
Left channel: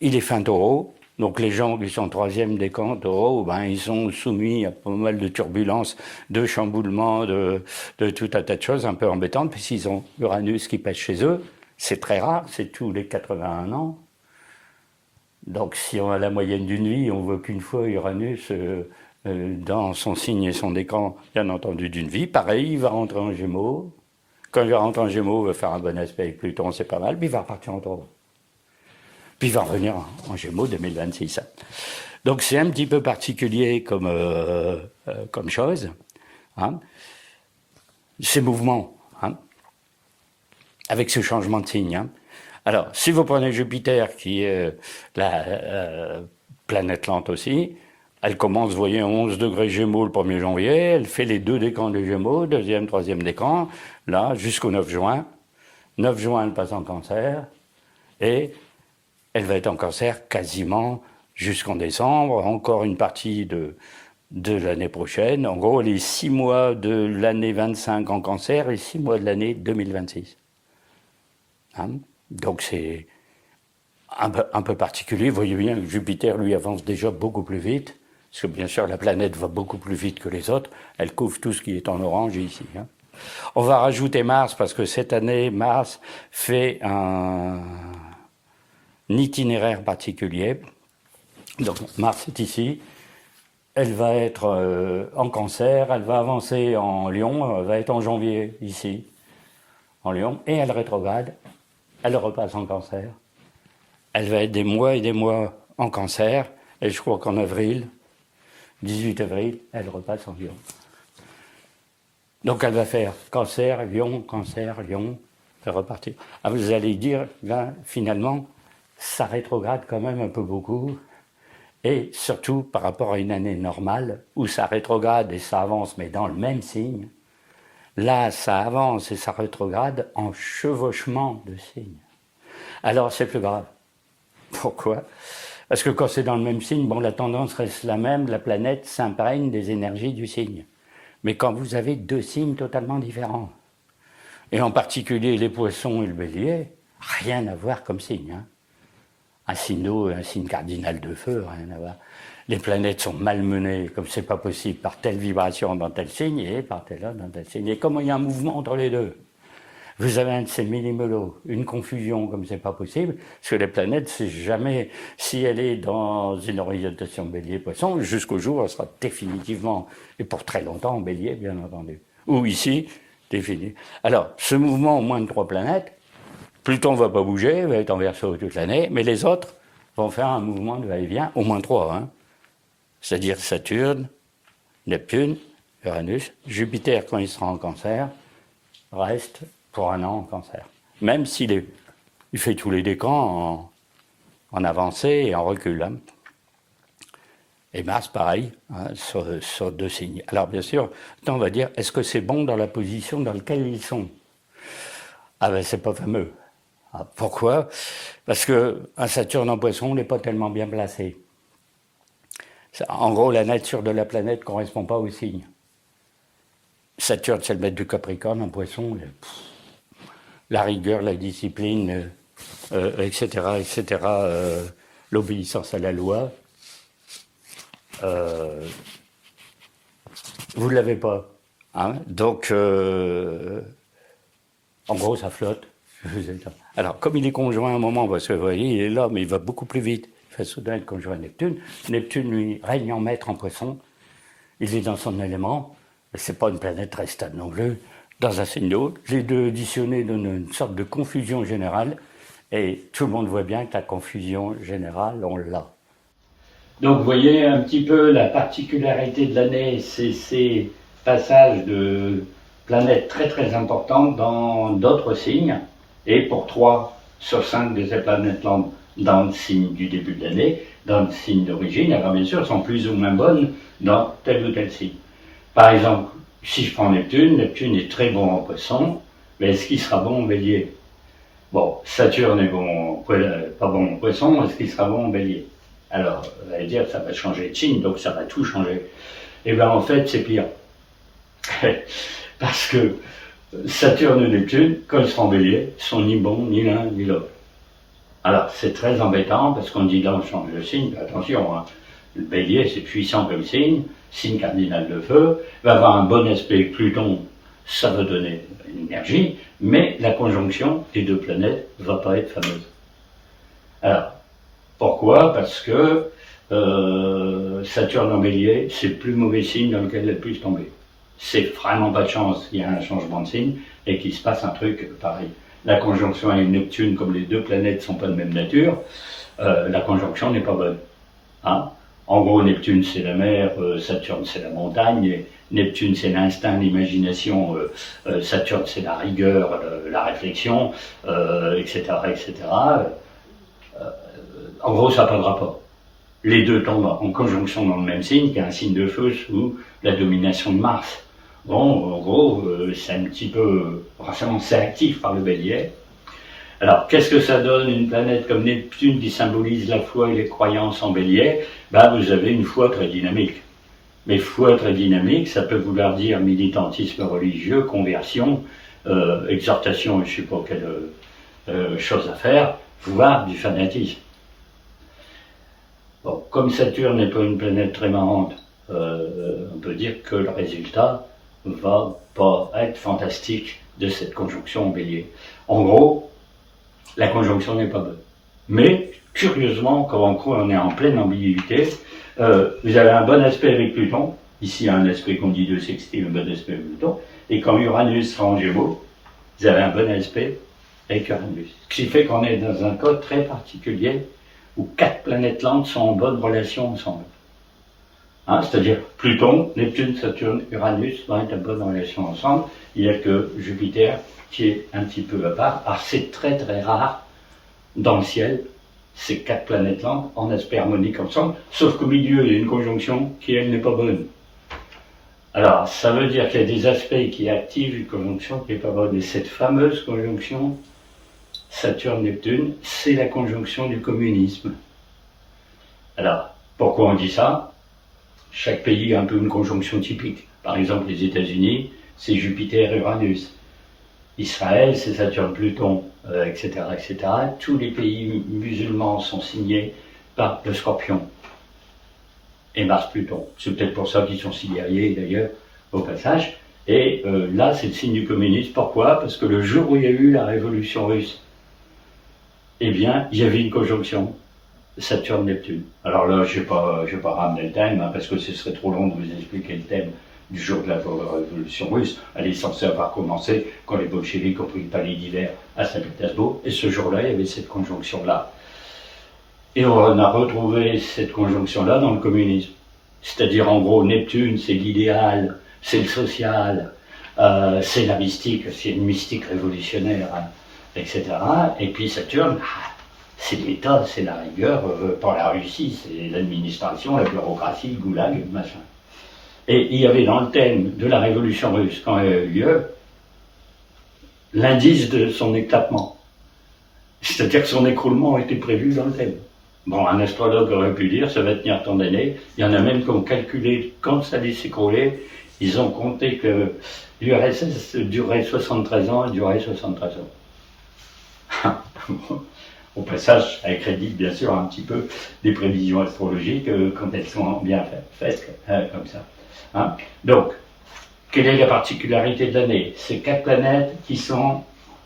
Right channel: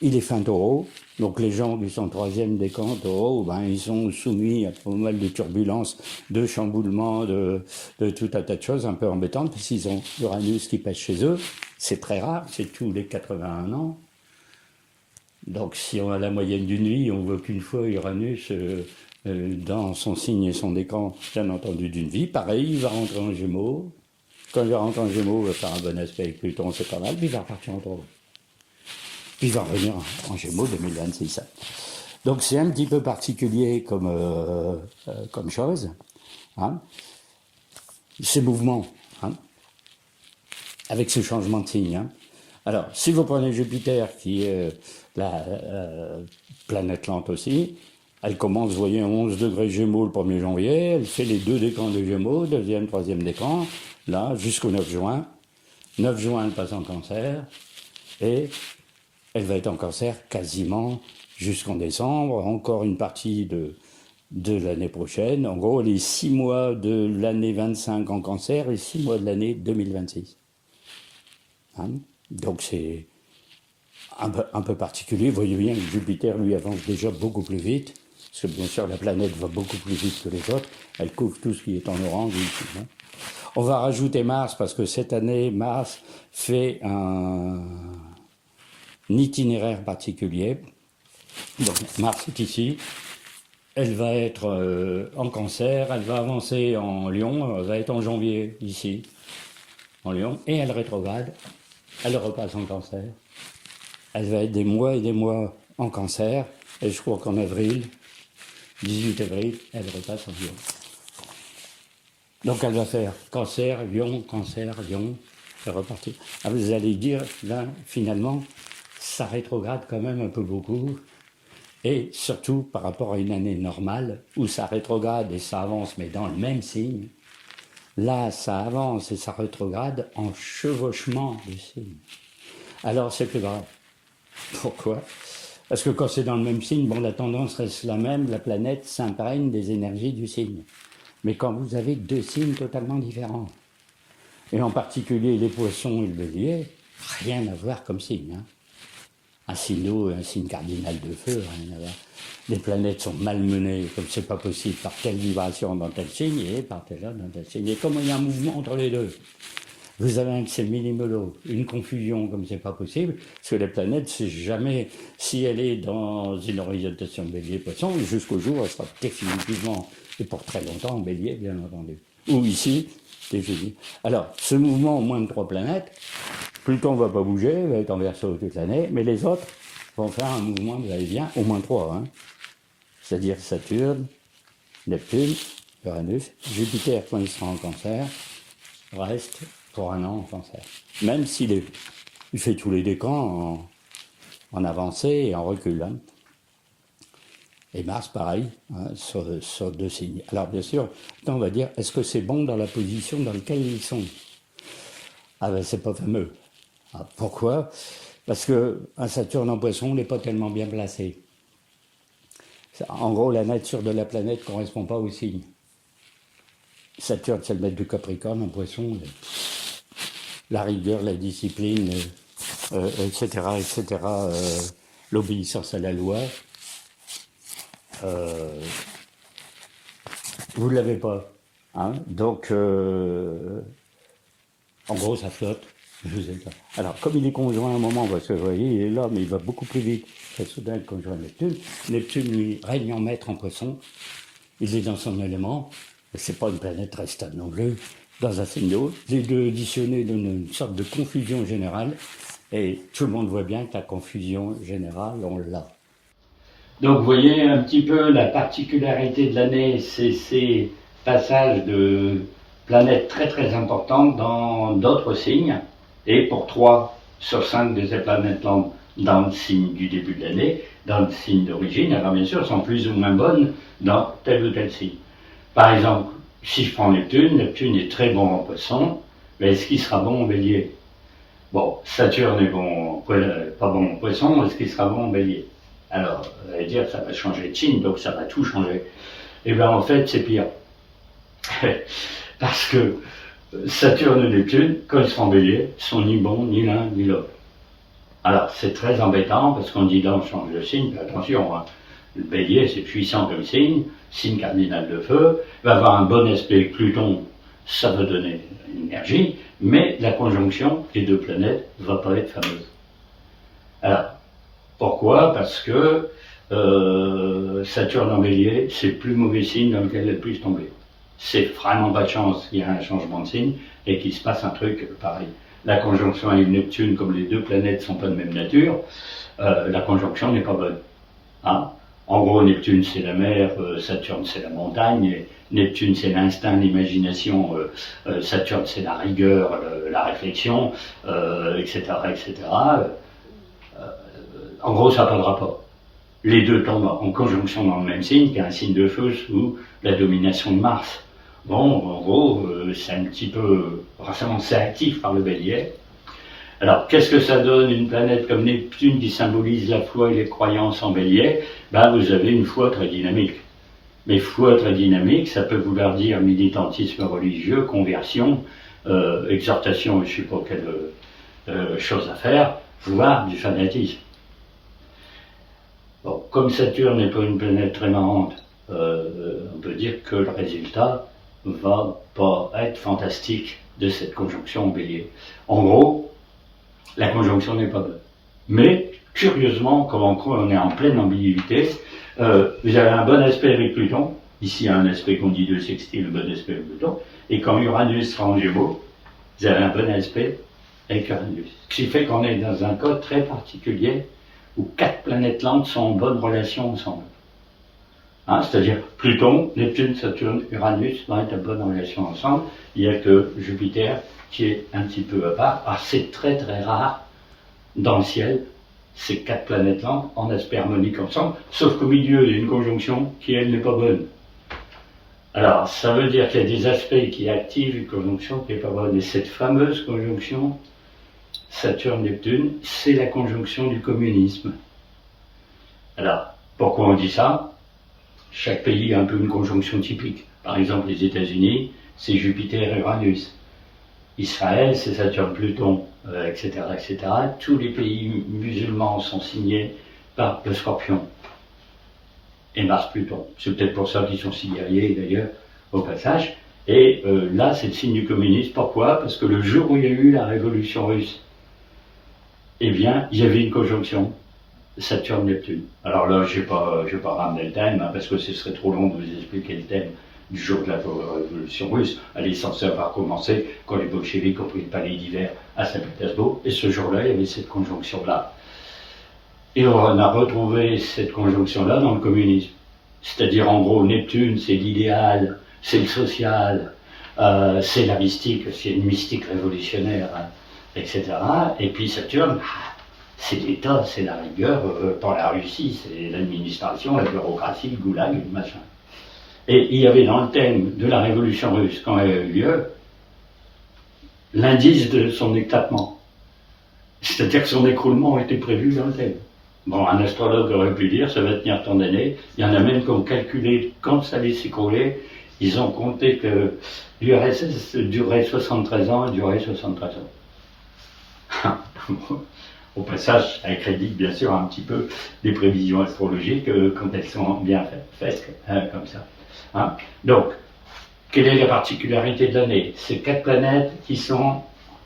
il est fin Taureau, donc les gens qui sont troisième décan Taureau, ben, ils sont soumis à pas mal de turbulences, de chamboulements, de tout un tas de choses un peu embêtantes, puisqu'ils ont Uranus qui passe chez eux. C'est très rare, c'est tous les 81 ans. Donc si on a la moyenne d'une vie, on voit qu'une fois Uranus dans son signe et son décan, bien entendu, d'une vie. Pareil, il va rentrer en Gémeaux. Quand il va rentrer en Gémeaux, il va faire un bon aspect avec Pluton, c'est pas mal, puis il va repartir en Taureau. Puis il va revenir en Gémeaux 2026. Donc c'est un petit peu particulier comme chose, hein. Ces mouvements, hein, avec ce changement de signe, hein. Alors, si vous prenez Jupiter, qui est la planète lente aussi, elle commence, vous voyez, 11 degrés Gémeaux le 1er janvier, elle fait les 2 décans des Gémeaux, 2e, 3e décan, là, jusqu'au 9 juin. 9 juin, elle passe en Cancer, et elle va être en Cancer quasiment jusqu'en décembre, encore une partie de l'année prochaine. En gros, les 6 mois de l'année 25 en Cancer et 6 mois de l'année 2026. Hein? Donc c'est un peu particulier. Vous voyez bien, Jupiter, lui, avance déjà beaucoup plus vite, parce que bien sûr, la planète va beaucoup plus vite que les autres. Elle couvre tout ce qui est en orange ici, hein. On va rajouter Mars, parce que cette année, Mars fait un itinéraire particulier. Donc Mars est ici, elle va être en Cancer, elle va avancer en Lion, elle va être en janvier ici, en Lion, et elle rétrograde, elle repasse en Cancer. Elle va être des mois et des mois en Cancer, et je crois qu'en avril, 18 avril, elle repasse en Lion. Donc elle va faire Cancer, Lion, elle repartir. Ah, vous allez dire, là, finalement, ça rétrograde quand même un peu beaucoup, et surtout par rapport à une année normale, où ça rétrograde et ça avance, mais dans le même signe. Là, ça avance et ça rétrograde en chevauchement de signes. Alors c'est plus grave. Pourquoi ? Parce que quand c'est dans le même signe, bon, la tendance reste la même, la planète s'imprègne des énergies du signe. Mais quand vous avez 2 signes totalement différents, et en particulier les Poissons et le Bélier, rien à voir comme signe, hein. Un signe d'eau et un signe cardinal de feu, rien à voir. Les planètes sont malmenées, comme c'est pas possible, par telle vibration dans tel signe et par telle autre dans tel signe. Et comme il y a un mouvement entre les deux, vous avez un de ces mini-melos, une confusion comme c'est pas possible, parce que les planètes, c'est jamais, si elle est dans une orientation Bélier-Poisson, jusqu'au jour où elle sera définitivement, et pour très longtemps, en Bélier, bien entendu. Ou ici, défini. Alors, ce mouvement au moins de 3 planètes, Pluton ne va pas bouger, va être en Verseau toute l'année, mais les autres vont faire un mouvement de va-et-vient, au moins 3, hein. C'est-à-dire Saturne, Neptune, Uranus, Jupiter, quand il sera en Cancer, reste pour 1 an en Cancer. Même s'il fait tous les décans en avancée et en recul, hein. Et Mars, pareil, hein, sur 2 signes. Alors bien sûr, on va dire, est-ce que c'est bon dans la position dans laquelle ils sont ? Ah ben c'est pas fameux. Ah, pourquoi ? Parce qu'un Saturne en Poisson n'est pas tellement bien placé. En gros, la nature de la planète ne correspond pas au signe. Saturne, c'est le maître du Capricorne, en Poisson, la rigueur, la discipline, etc., etc., l'obéissance à la loi. Vous ne l'avez pas, hein. Donc, en gros, ça flotte. Alors, comme il est conjoint à un moment, parce que vous voyez, il est là, mais il va beaucoup plus vite. Très soudain, être conjoint à Neptune. Neptune, lui, règne en maître en Poisson. Il est dans son élément. C'est pas une planète très stable non plus. Dans un signe d'eau, les deux additionnés donnent une sorte de confusion générale. Et tout le monde voit bien que la confusion générale, on l'a. Donc vous voyez un petit peu la particularité de l'année, c'est ces passages de planètes très très importantes dans d'autres signes, et pour 3 sur 5 de ces planètes-là dans le signe du début de l'année, dans le signe d'origine, alors bien sûr sont plus ou moins bonnes dans tel ou tel signe. Par exemple, si je prends Neptune, Neptune est très bon en poisson, mais est-ce qu'il sera bon en bélier? Bon, Saturne est bon, pas bon en poisson, est-ce qu'il sera bon en bélier? Alors, vous allez dire, ça va changer de signe, donc ça va tout changer. Eh bien, en fait, c'est pire. Parce que Saturne et Neptune, quand ils seront en bélier, sont ni bons, ni l'un, ni l'autre. Alors, c'est très embêtant, parce qu'on dit là, on change de signe, attention, hein, le bélier, c'est puissant comme signe cardinal de feu, va avoir un bon aspect avec Pluton, ça va donner une énergie, mais la conjonction des deux planètes ne va pas être fameuse. Alors, pourquoi? Parce que Saturne en bélier, c'est le plus mauvais signe dans lequel elle puisse tomber. C'est vraiment pas de chance qu'il y ait un changement de signe et qu'il se passe un truc pareil. La conjonction avec Neptune, comme les deux planètes ne sont pas de même nature, la conjonction n'est pas bonne. Hein? En gros, Neptune c'est la mer, Saturne c'est la montagne, et Neptune c'est l'instinct, l'imagination, Saturne c'est la rigueur, la réflexion, etc., etc. En gros, ça n'a pas de rapport. Les deux tombent en conjonction dans le même signe, qui est un signe de feu sous la domination de Mars. Bon, en gros, c'est un petit peu c'est actif par le bélier. Alors, qu'est-ce que ça donne une planète comme Neptune qui symbolise la foi et les croyances en bélier? Ben, vous avez une foi très dynamique. Mais foi très dynamique, ça peut vouloir dire militantisme religieux, conversion, exhortation, je ne sais pas quelle chose à faire, voire du fanatisme. Bon, comme Saturne n'est pas une planète très marrante, on peut dire que le résultat va pas être fantastique de cette conjonction en bélier. En gros, la conjonction n'est pas bonne. Mais, curieusement, quand on est en pleine ambiguïté, vous avez un bon aspect avec Pluton, ici un aspect qu'on dit de sextile, un bon aspect avec Pluton, et quand Uranus sera en Gémeaux, vous avez un bon aspect avec Uranus. Ce qui fait qu'on est dans un cas très particulier, où 4 planètes lentes sont en bonne relation ensemble. Hein, c'est-à-dire Pluton, Neptune, Saturne, Uranus vont être en bonne relation ensemble. Il n'y a que Jupiter qui est un petit peu à part. Alors c'est très très rare dans le ciel, ces 4 planètes lentes en aspect harmonique ensemble, sauf qu'au milieu il y a une conjonction qui elle n'est pas bonne. Alors ça veut dire qu'il y a des aspects qui activent une conjonction qui n'est pas bonne. Et cette fameuse conjonction Saturne-Neptune, c'est la conjonction du communisme. Alors, pourquoi on dit ça? Chaque pays a un peu une conjonction typique. Par exemple, les États-Unis, c'est Jupiter-Uranus. Israël, c'est Saturne-Pluton, etc., etc. Tous les pays musulmans sont signés par le Scorpion et Mars-Pluton. C'est peut-être pour ça qu'ils sont si guerriers, d'ailleurs, au passage. Et là, c'est le signe du communisme. Pourquoi? Parce que le jour où il y a eu la révolution russe, eh bien, il y avait une conjonction Saturne-Neptune. Alors là, je ne vais pas ramener le thème, hein, parce que ce serait trop long de vous expliquer le thème du jour de la révolution russe. Elle est censée avoir commencé quand les bolcheviks ont pris le palais d'hiver à Saint-Pétersbourg, et ce jour-là, il y avait cette conjonction-là. Et on a retrouvé cette conjonction-là dans le communisme. C'est-à-dire, en gros, Neptune, c'est l'idéal, c'est le social, c'est la mystique, c'est une mystique révolutionnaire, hein, etc. Et puis Saturne, c'est l'État, c'est la rigueur, pour la Russie, c'est l'administration, la bureaucratie, le goulag, le machin. Et il y avait dans le thème de la révolution russe, quand elle a eu lieu, l'indice de son éclatement. C'est-à-dire que son écroulement était prévu dans le thème. Bon, un astrologue aurait pu dire, ça va tenir tant d'années. Il y en a même qui ont calculé quand ça allait s'écrouler. Ils ont compté que l'URSS durait 73 ans et durait 73 ans. Au passage, elle crédite bien sûr un petit peu des prévisions astrologiques quand elles sont bien faites comme ça. Hein? Donc, quelle est la particularité de l'année? C'est 4 planètes qui sont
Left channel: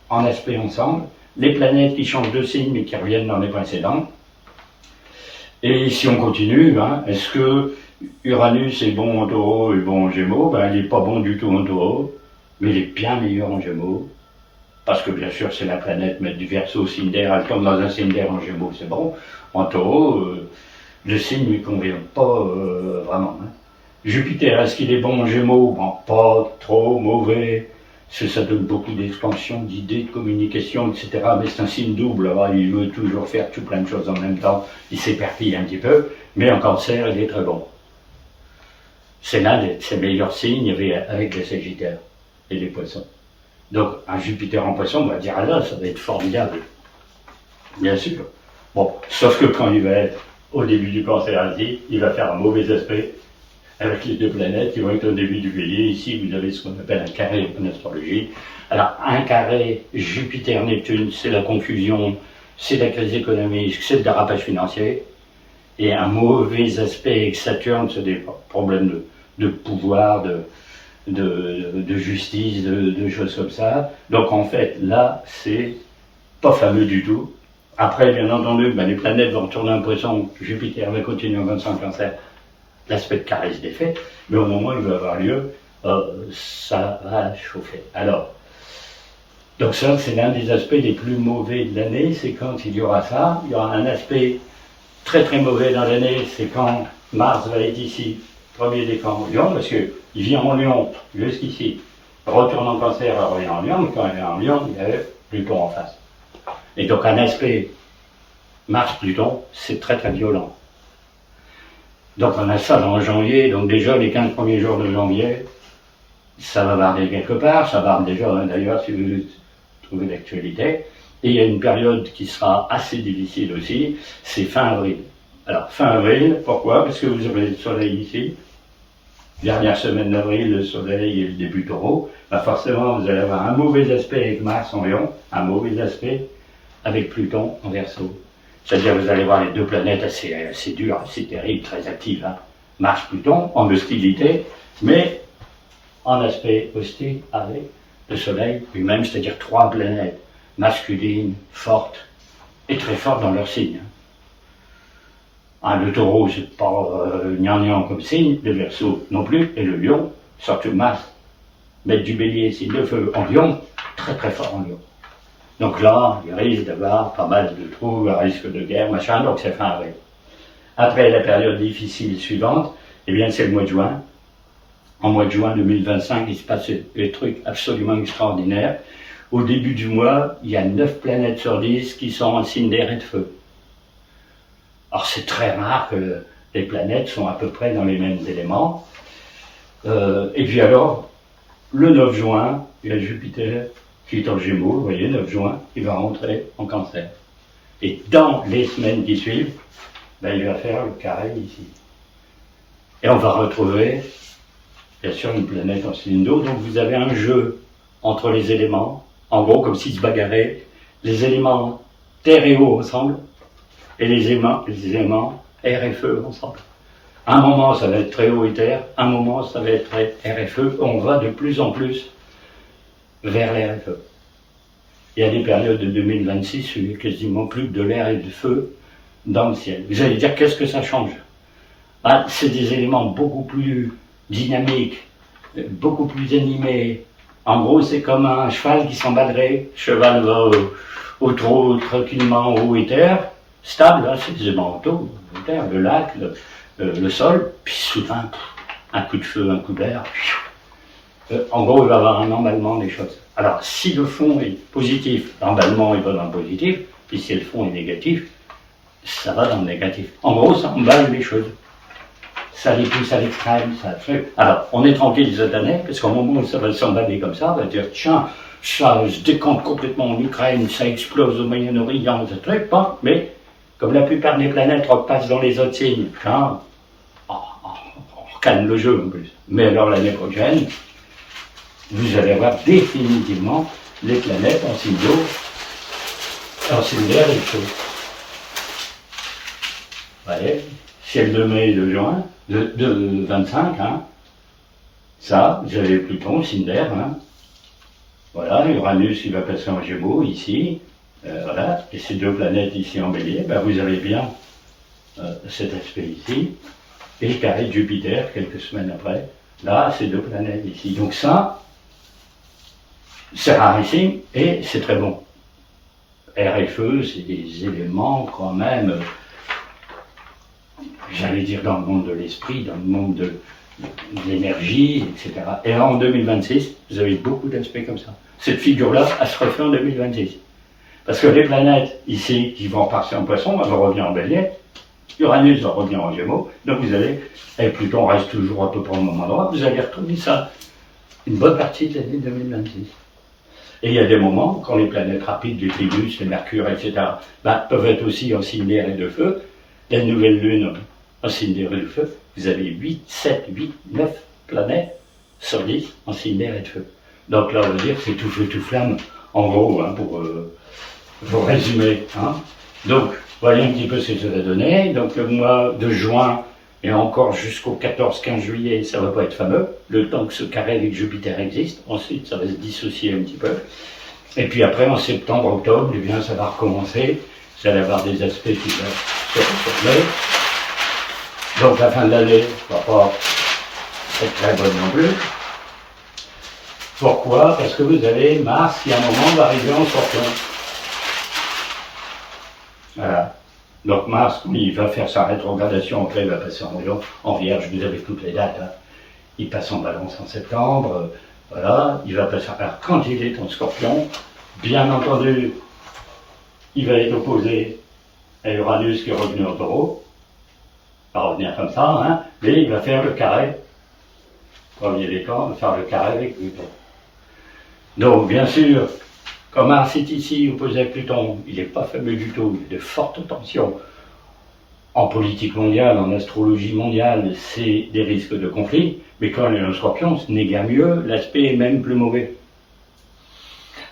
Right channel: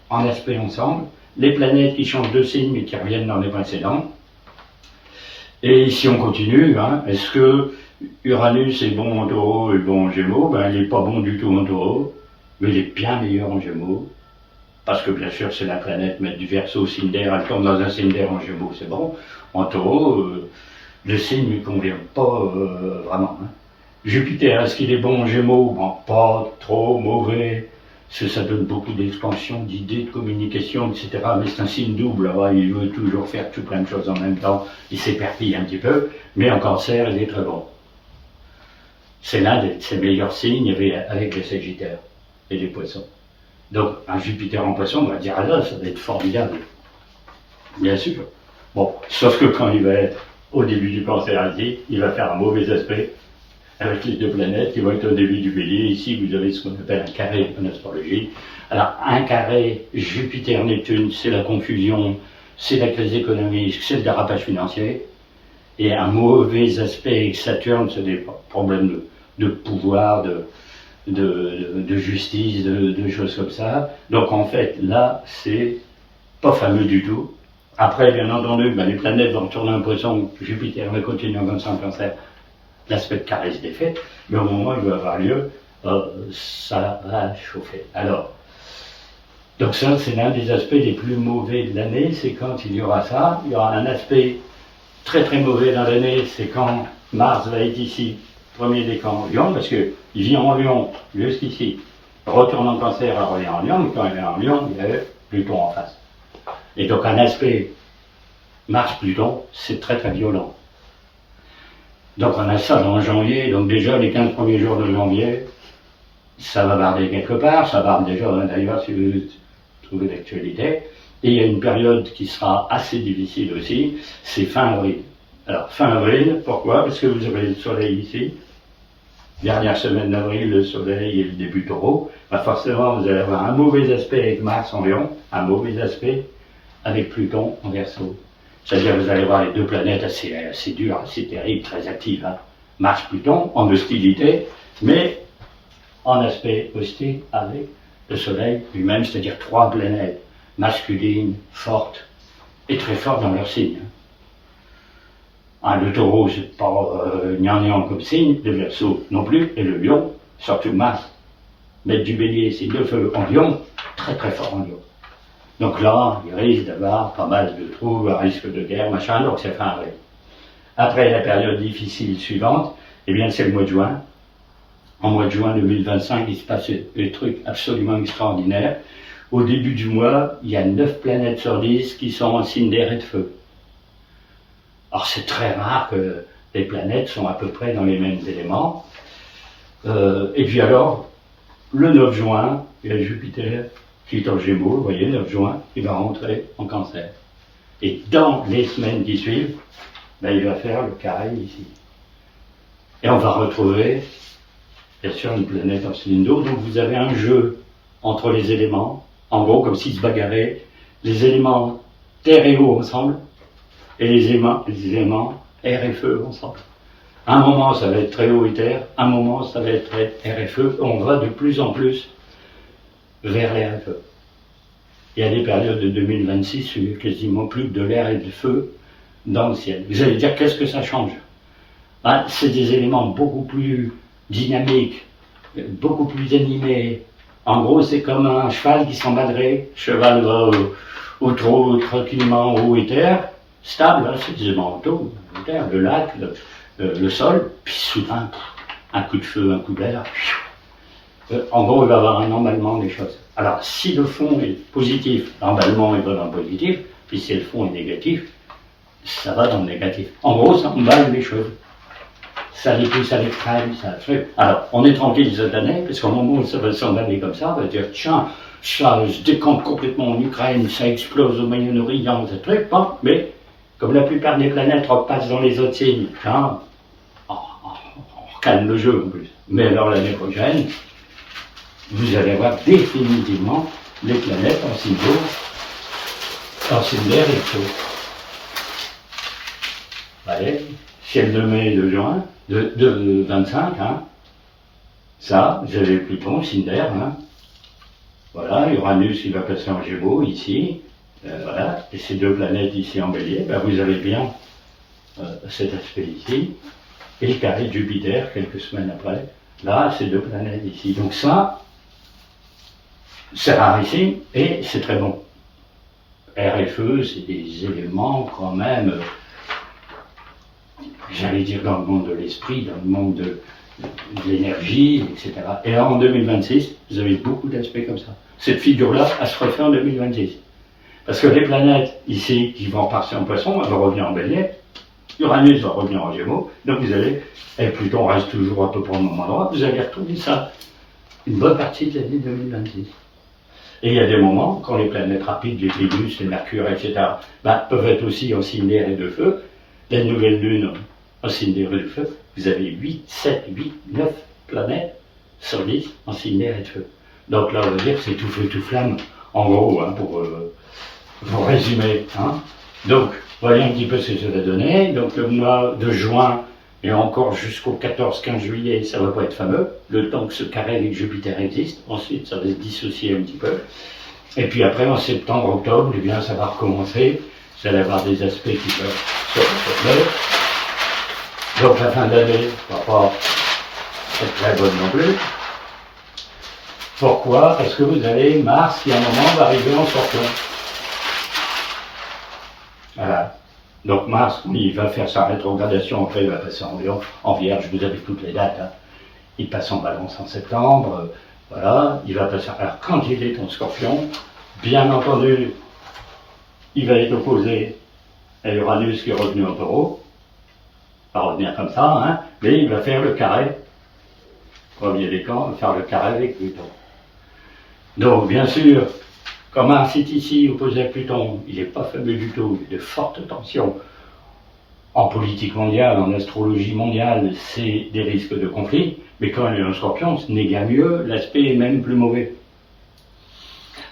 en aspect ensemble, les planètes qui changent de signe mais qui reviennent dans les précédents. Et si on continue, hein, est-ce que Uranus est bon en taureau et bon en gémeaux? Ben, il n'est pas bon du tout en taureau, mais il est bien meilleur en gémeaux. Parce que bien sûr, c'est la planète maître du Verseau, signe d'air, elle tombe dans un signe d'air en gémeaux, c'est bon. En taureau, le signe ne lui convient pas vraiment. Hein. Jupiter, est-ce qu'il est bon en Gémeaux? Bon, pas trop mauvais. Ça donne beaucoup d'expansion, d'idées, de communication, etc. Mais c'est un signe double. Alors, il veut toujours faire tout plein de choses en même temps. Il s'éperpille un petit peu. Mais en Cancer, il est très bon. C'est l'un de ses meilleurs signes avec les Sagittaires et les Poissons. Donc, un Jupiter en Poisson, on va dire, ah là, ça va être formidable. Bien sûr. Bon, sauf que quand il va être au début du Cancer ici, il va faire un mauvais aspect avec les deux planètes qui vont être au début du Bélier. Ici, vous avez ce qu'on appelle un carré en astrologie. Alors, un carré Jupiter-Neptune, c'est la confusion, c'est la crise économique, c'est le dérapage financier. Et un mauvais aspect avec Saturne, c'est des problèmes de pouvoir, de justice, de choses comme ça. Donc, en fait, là, c'est pas fameux du tout. Après, bien entendu, les planètes vont retourner en Poisson, Jupiter va continuer en Cancer, l'aspect de carré se défait, mais au moment où il va avoir lieu, ça va chauffer. Alors, donc ça, c'est l'un des aspects les plus mauvais de l'année, c'est quand il y aura ça. Il y aura un aspect très très mauvais dans l'année, c'est quand Mars va être ici, premier décan Lion, parce qu'il vient en Lion jusqu'ici, retourne en Cancer, il revient en Lion, mais quand il est en Lion, il y a Pluton en face. Et donc un aspect Mars-Pluton, c'est très très violent. Donc on a ça dans janvier, donc déjà les 15 premiers jours de janvier, ça va barder quelque part, ça barde déjà d'ailleurs si vous trouvez l'actualité. Et il y a une période qui sera assez difficile aussi, c'est fin avril. Alors fin avril, pourquoi? Parce que vous avez le soleil ici, dernière semaine d'avril, le soleil et le début taureau, forcément vous allez avoir un mauvais aspect avec Mars en Lion, un mauvais aspect avec Pluton en Verseau. C'est-à-dire vous allez voir les deux planètes assez dures, assez terribles, très actives. Hein. Mars-Pluton en hostilité, mais en aspect hostile avec le Soleil lui-même, c'est-à-dire trois planètes masculines, fortes, et très fortes dans leur signe. Hein, le Taureau, c'est pas gnangnan comme signe, le Verseau non plus, et le Lion, surtout Mars, mettre du Bélier, signe de feu en Lion, très très fort en Lion. Donc là, il risque d'avoir pas mal de trous, un risque de guerre, machin, donc c'est fin avril. Après la période difficile suivante, eh bien c'est le mois de juin. En mois de juin 2025, il se passe des trucs absolument extraordinaires. Au début du mois, il y a 9 planètes sur 10 qui sont en signe d'air et de feu. Alors c'est très rare que les planètes sont à peu près dans les mêmes éléments. Et puis alors, le 9 juin, il y a Jupiter qui est en Gémeaux, vous voyez, 9 juin, il va rentrer en Cancer. Et dans les semaines qui suivent, il va faire le carré ici. Et on va retrouver, bien sûr, une planète en signe d'eau. Donc vous avez un jeu entre les éléments, en gros comme s'ils se bagarraient, les éléments terre et eau ensemble, et les éléments air et feu ensemble. Un moment, ça va être très eau et terre, un moment, ça va être très air et feu. On va de plus en plus vers l'air et le feu. Il y a des périodes de 2026 où il n'y a quasiment plus que de l'air et du feu dans le ciel. Vous allez dire, qu'est-ce que ça change? C'est des éléments beaucoup plus dynamiques, beaucoup plus animés. En gros, c'est comme un cheval qui s'emballerait. Le cheval va au trot tranquillement en haut et terre, stable, hein, c'est des éléments auto, terre, le lac, le sol, puis soudain, un coup de feu, un coup d'air. En gros, il va y avoir un emballement des choses. Alors, si le fond est positif, l'emballement il va dans le positif, puis si le fond est négatif, ça va dans le négatif. En gros, ça emballe les choses. Ça les pousse à l'extrême, ça fait. Alors, on est tranquille cette année, parce qu'au moment où ça va s'emballer comme ça, on va dire, tiens, ça se décante complètement en Ukraine, ça explose au Moyen-Orient, ce truc, bon, mais comme la plupart des planètes repassent dans les autres signes, tiens, on calme le jeu en plus. Mais alors l'année prochaine, vous allez avoir définitivement les planètes en signe d'eau, en signe d'air et de feu. Voyez, ciel de mai et de juin, de 25, hein. Ça, vous avez Pluton, signe d'air, hein. Voilà, Uranus, il va passer en Gémeaux, ici, voilà, et ces deux planètes ici en Bélier, vous avez bien cet aspect ici, et le carré de Jupiter, quelques semaines après, là, ces deux planètes ici. Donc ça, c'est rarissime, et c'est très bon. Air et feu, c'est des éléments quand même j'allais dire dans le monde de l'esprit, dans le monde de l'énergie, etc. Et là, en 2026, vous avez beaucoup d'aspects comme ça. Cette figure-là, elle se refait en 2026. Parce que les planètes, ici, qui vont passer en poisson, elles vont revenir en bélier. Uranus va revenir en gémeaux. Donc vous allez, et Pluton reste toujours un peu pour le même endroit, vous allez retrouver ça une bonne partie de l'année 2026. Et il y a des moments, quand les planètes rapides, les Vénus, les Mercure, etc., peuvent être aussi en signe d'air et de feu. La nouvelle lune en signe d'air et de feu, vous avez 8, 7, 8, 9 planètes sur 10 en signe d'air et de feu. Donc là, on va dire, c'est tout feu, tout flamme, en gros, hein, pour résumer. Hein. Donc, voyez un petit peu ce que ça va donner. Donc le mois de juin, et encore jusqu'au 14-15 juillet, ça ne va pas être fameux, le temps que ce carré avec Jupiter existe. Ensuite, ça va se dissocier un petit peu. Et puis après, en septembre, octobre, eh bien, ça va recommencer. Vous allez avoir des aspects qui vont se reformer. Donc la fin de l'année ne va pas être très bonne non plus. Pourquoi? Parce que vous avez Mars qui, à un moment, va arriver en Scorpion. Voilà. Donc Mars, il va faire sa rétrogradation, après il va passer en Lion, en Vierge, vous avez toutes les dates. Hein. Il passe en Balance en septembre, voilà, il va passer. Alors quand il est en Scorpion, bien entendu, il va être opposé à Uranus qui est revenu en Taureau, il va revenir comme ça, hein, mais il va faire le carré, premier décan, il va faire le carré avec Pluton. Donc bien sûr, quand Mars est ici opposé à Pluton, il n'est pas fameux du tout, il y a de fortes tensions. En politique mondiale, en astrologie mondiale, c'est des risques de conflit, mais quand il est en Scorpion, ce n'est guère mieux, l'aspect est même plus mauvais.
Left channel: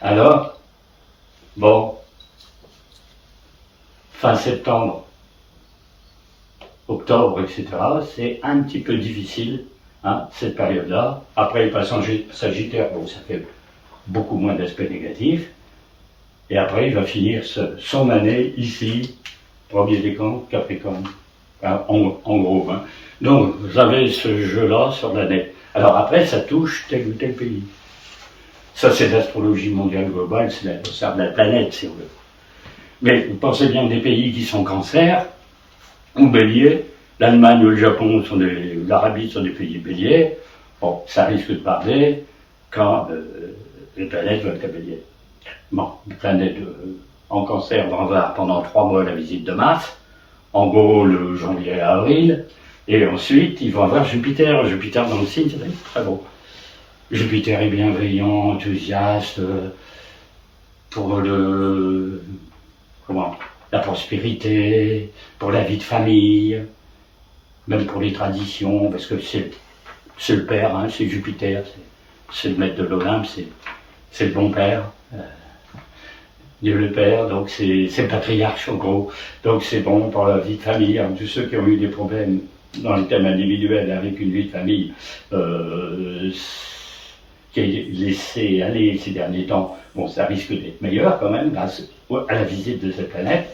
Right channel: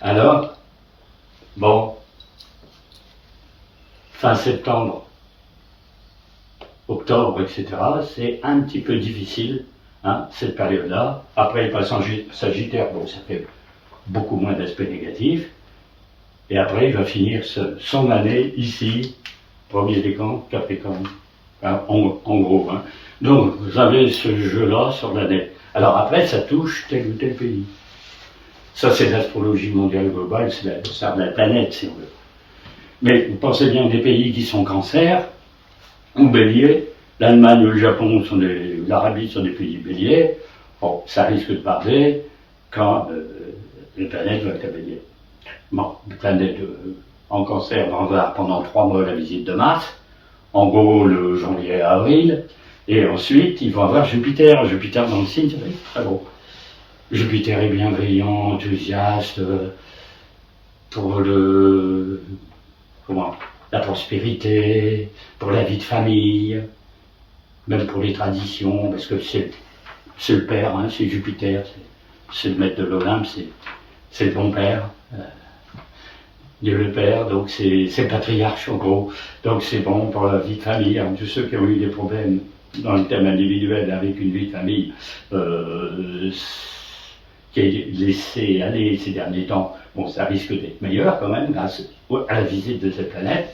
Alors, bon, fin septembre, octobre, etc., c'est un petit peu difficile, hein, cette période-là. Après, il passe en Sagittaire, bon, ça fait beaucoup moins d'aspects négatifs. Et après, il va finir son année ici, premier décan, Capricorne, hein, en gros. Hein. Donc, vous avez ce jeu-là sur l'année. Alors après, ça touche tel ou tel pays. Ça, c'est l'astrologie mondiale globale, c'est la planète, si on veut. Mais vous pensez bien que des pays qui sont Cancer, ou Bélier, l'Allemagne ou le Japon, l'Arabie sont des pays Bélier, bon, ça risque de parler quand les planètes vont être à Bélier. Bon, les planètes en Cancer vont avoir pendant 3 mois la visite de Mars, en gros le janvier à avril, et ensuite ils vont avoir Jupiter dans le signe, c'est très beau. Jupiter est bienveillant, enthousiaste, pour la prospérité, pour la vie de famille, même pour les traditions, parce que c'est le père, hein, c'est Jupiter, c'est le maître de l'Olympe, c'est le bon père. Dieu le Père, donc c'est le patriarche en gros, donc c'est bon pour la vie de famille. Hein. Tous ceux qui ont eu des problèmes dans le thème individuel avec une vie de famille qui est laissé aller ces derniers temps, bon, ça risque d'être meilleur quand même grâce à la visite de cette planète.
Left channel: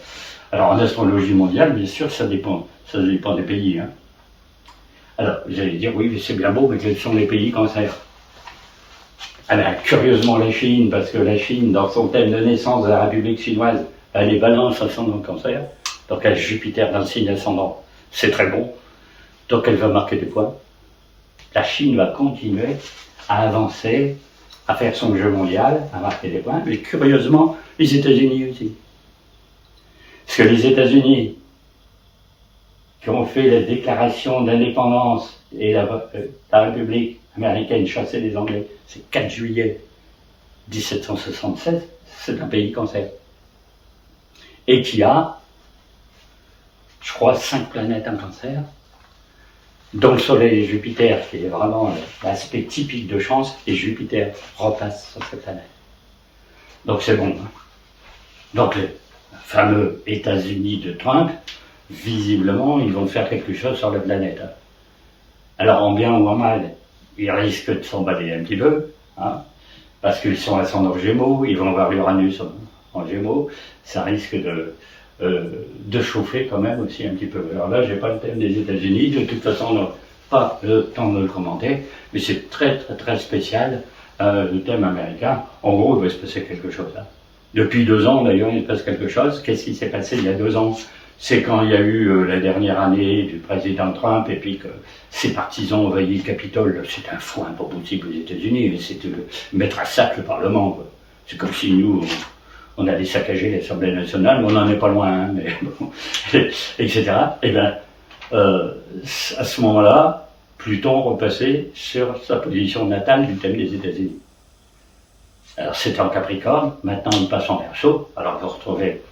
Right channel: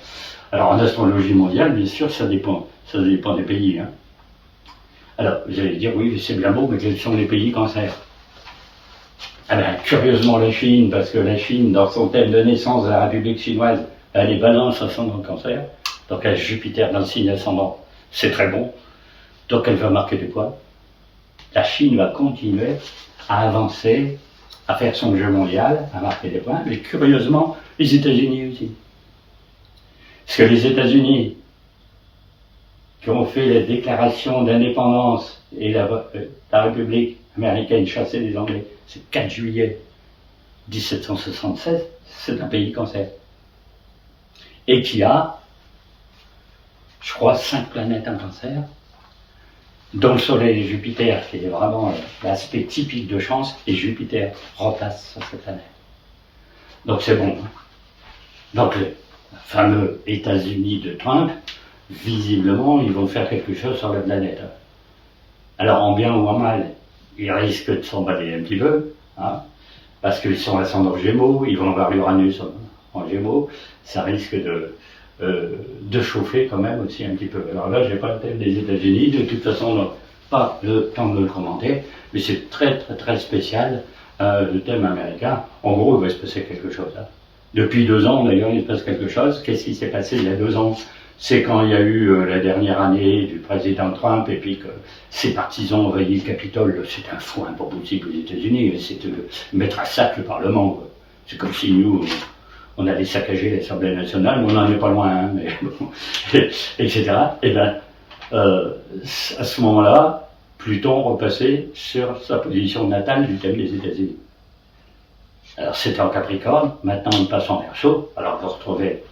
Alors en astrologie mondiale, bien sûr, ça dépend des pays. Hein. Alors vous allez dire, oui, c'est bien beau, mais quels sont les pays Cancer? Alors, curieusement, la Chine, parce que la Chine, dans son thème de naissance de la République chinoise, elle est Balance ascendant Cancer, donc elle a Jupiter dans le signe ascendant, c'est très bon. Donc elle va marquer de quoi? La Chine va continuer à avancer, à faire son jeu mondial, à marquer des points, mais curieusement, les États-Unis aussi. Parce que les États-Unis, qui ont fait la déclaration d'indépendance et la République américaine chassée les Anglais, c'est 4 juillet 1776, c'est un pays Cancer. Et qui a, je crois, 5 planètes en Cancer, dont le Soleil et Jupiter, qui est vraiment l'aspect typique de chance, et Jupiter repasse sur cette planète. Donc c'est bon. Hein. Donc les fameux États-Unis de Trump, visiblement, ils vont faire quelque chose sur la planète. Hein. Alors en bien ou en mal, ils risquent de s'emballer un petit peu, hein, parce qu'ils sont ascendants Gémeaux, ils vont avoir l'Uranus en Gémeaux, ça risque de chauffer quand même aussi un petit peu. Alors là, j'ai pas le thème des États-Unis, de toute façon, on n'a pas le temps de le commenter, mais c'est très très très spécial, le thème américain. En gros, il va se passer quelque chose. Hein. Depuis 2 ans, d'ailleurs, il se passe quelque chose. Qu'est-ce qui s'est passé il y a 2 ans? c'est quand il y a eu la dernière année du président Trump et puis que ses partisans ont envahi le Capitole. C'est un foin pas possible aux États-Unis, c'est de mettre à sac le Parlement, quoi. C'est comme si nous, on allait saccager l'Assemblée nationale, on n'en est pas loin, hein, mais bon, etc. Et bien, à ce moment-là, Pluton repassait sur sa position natale du thème des États-Unis. Alors c'est en Capricorne, maintenant il passe en Verseau, alors vous retrouvez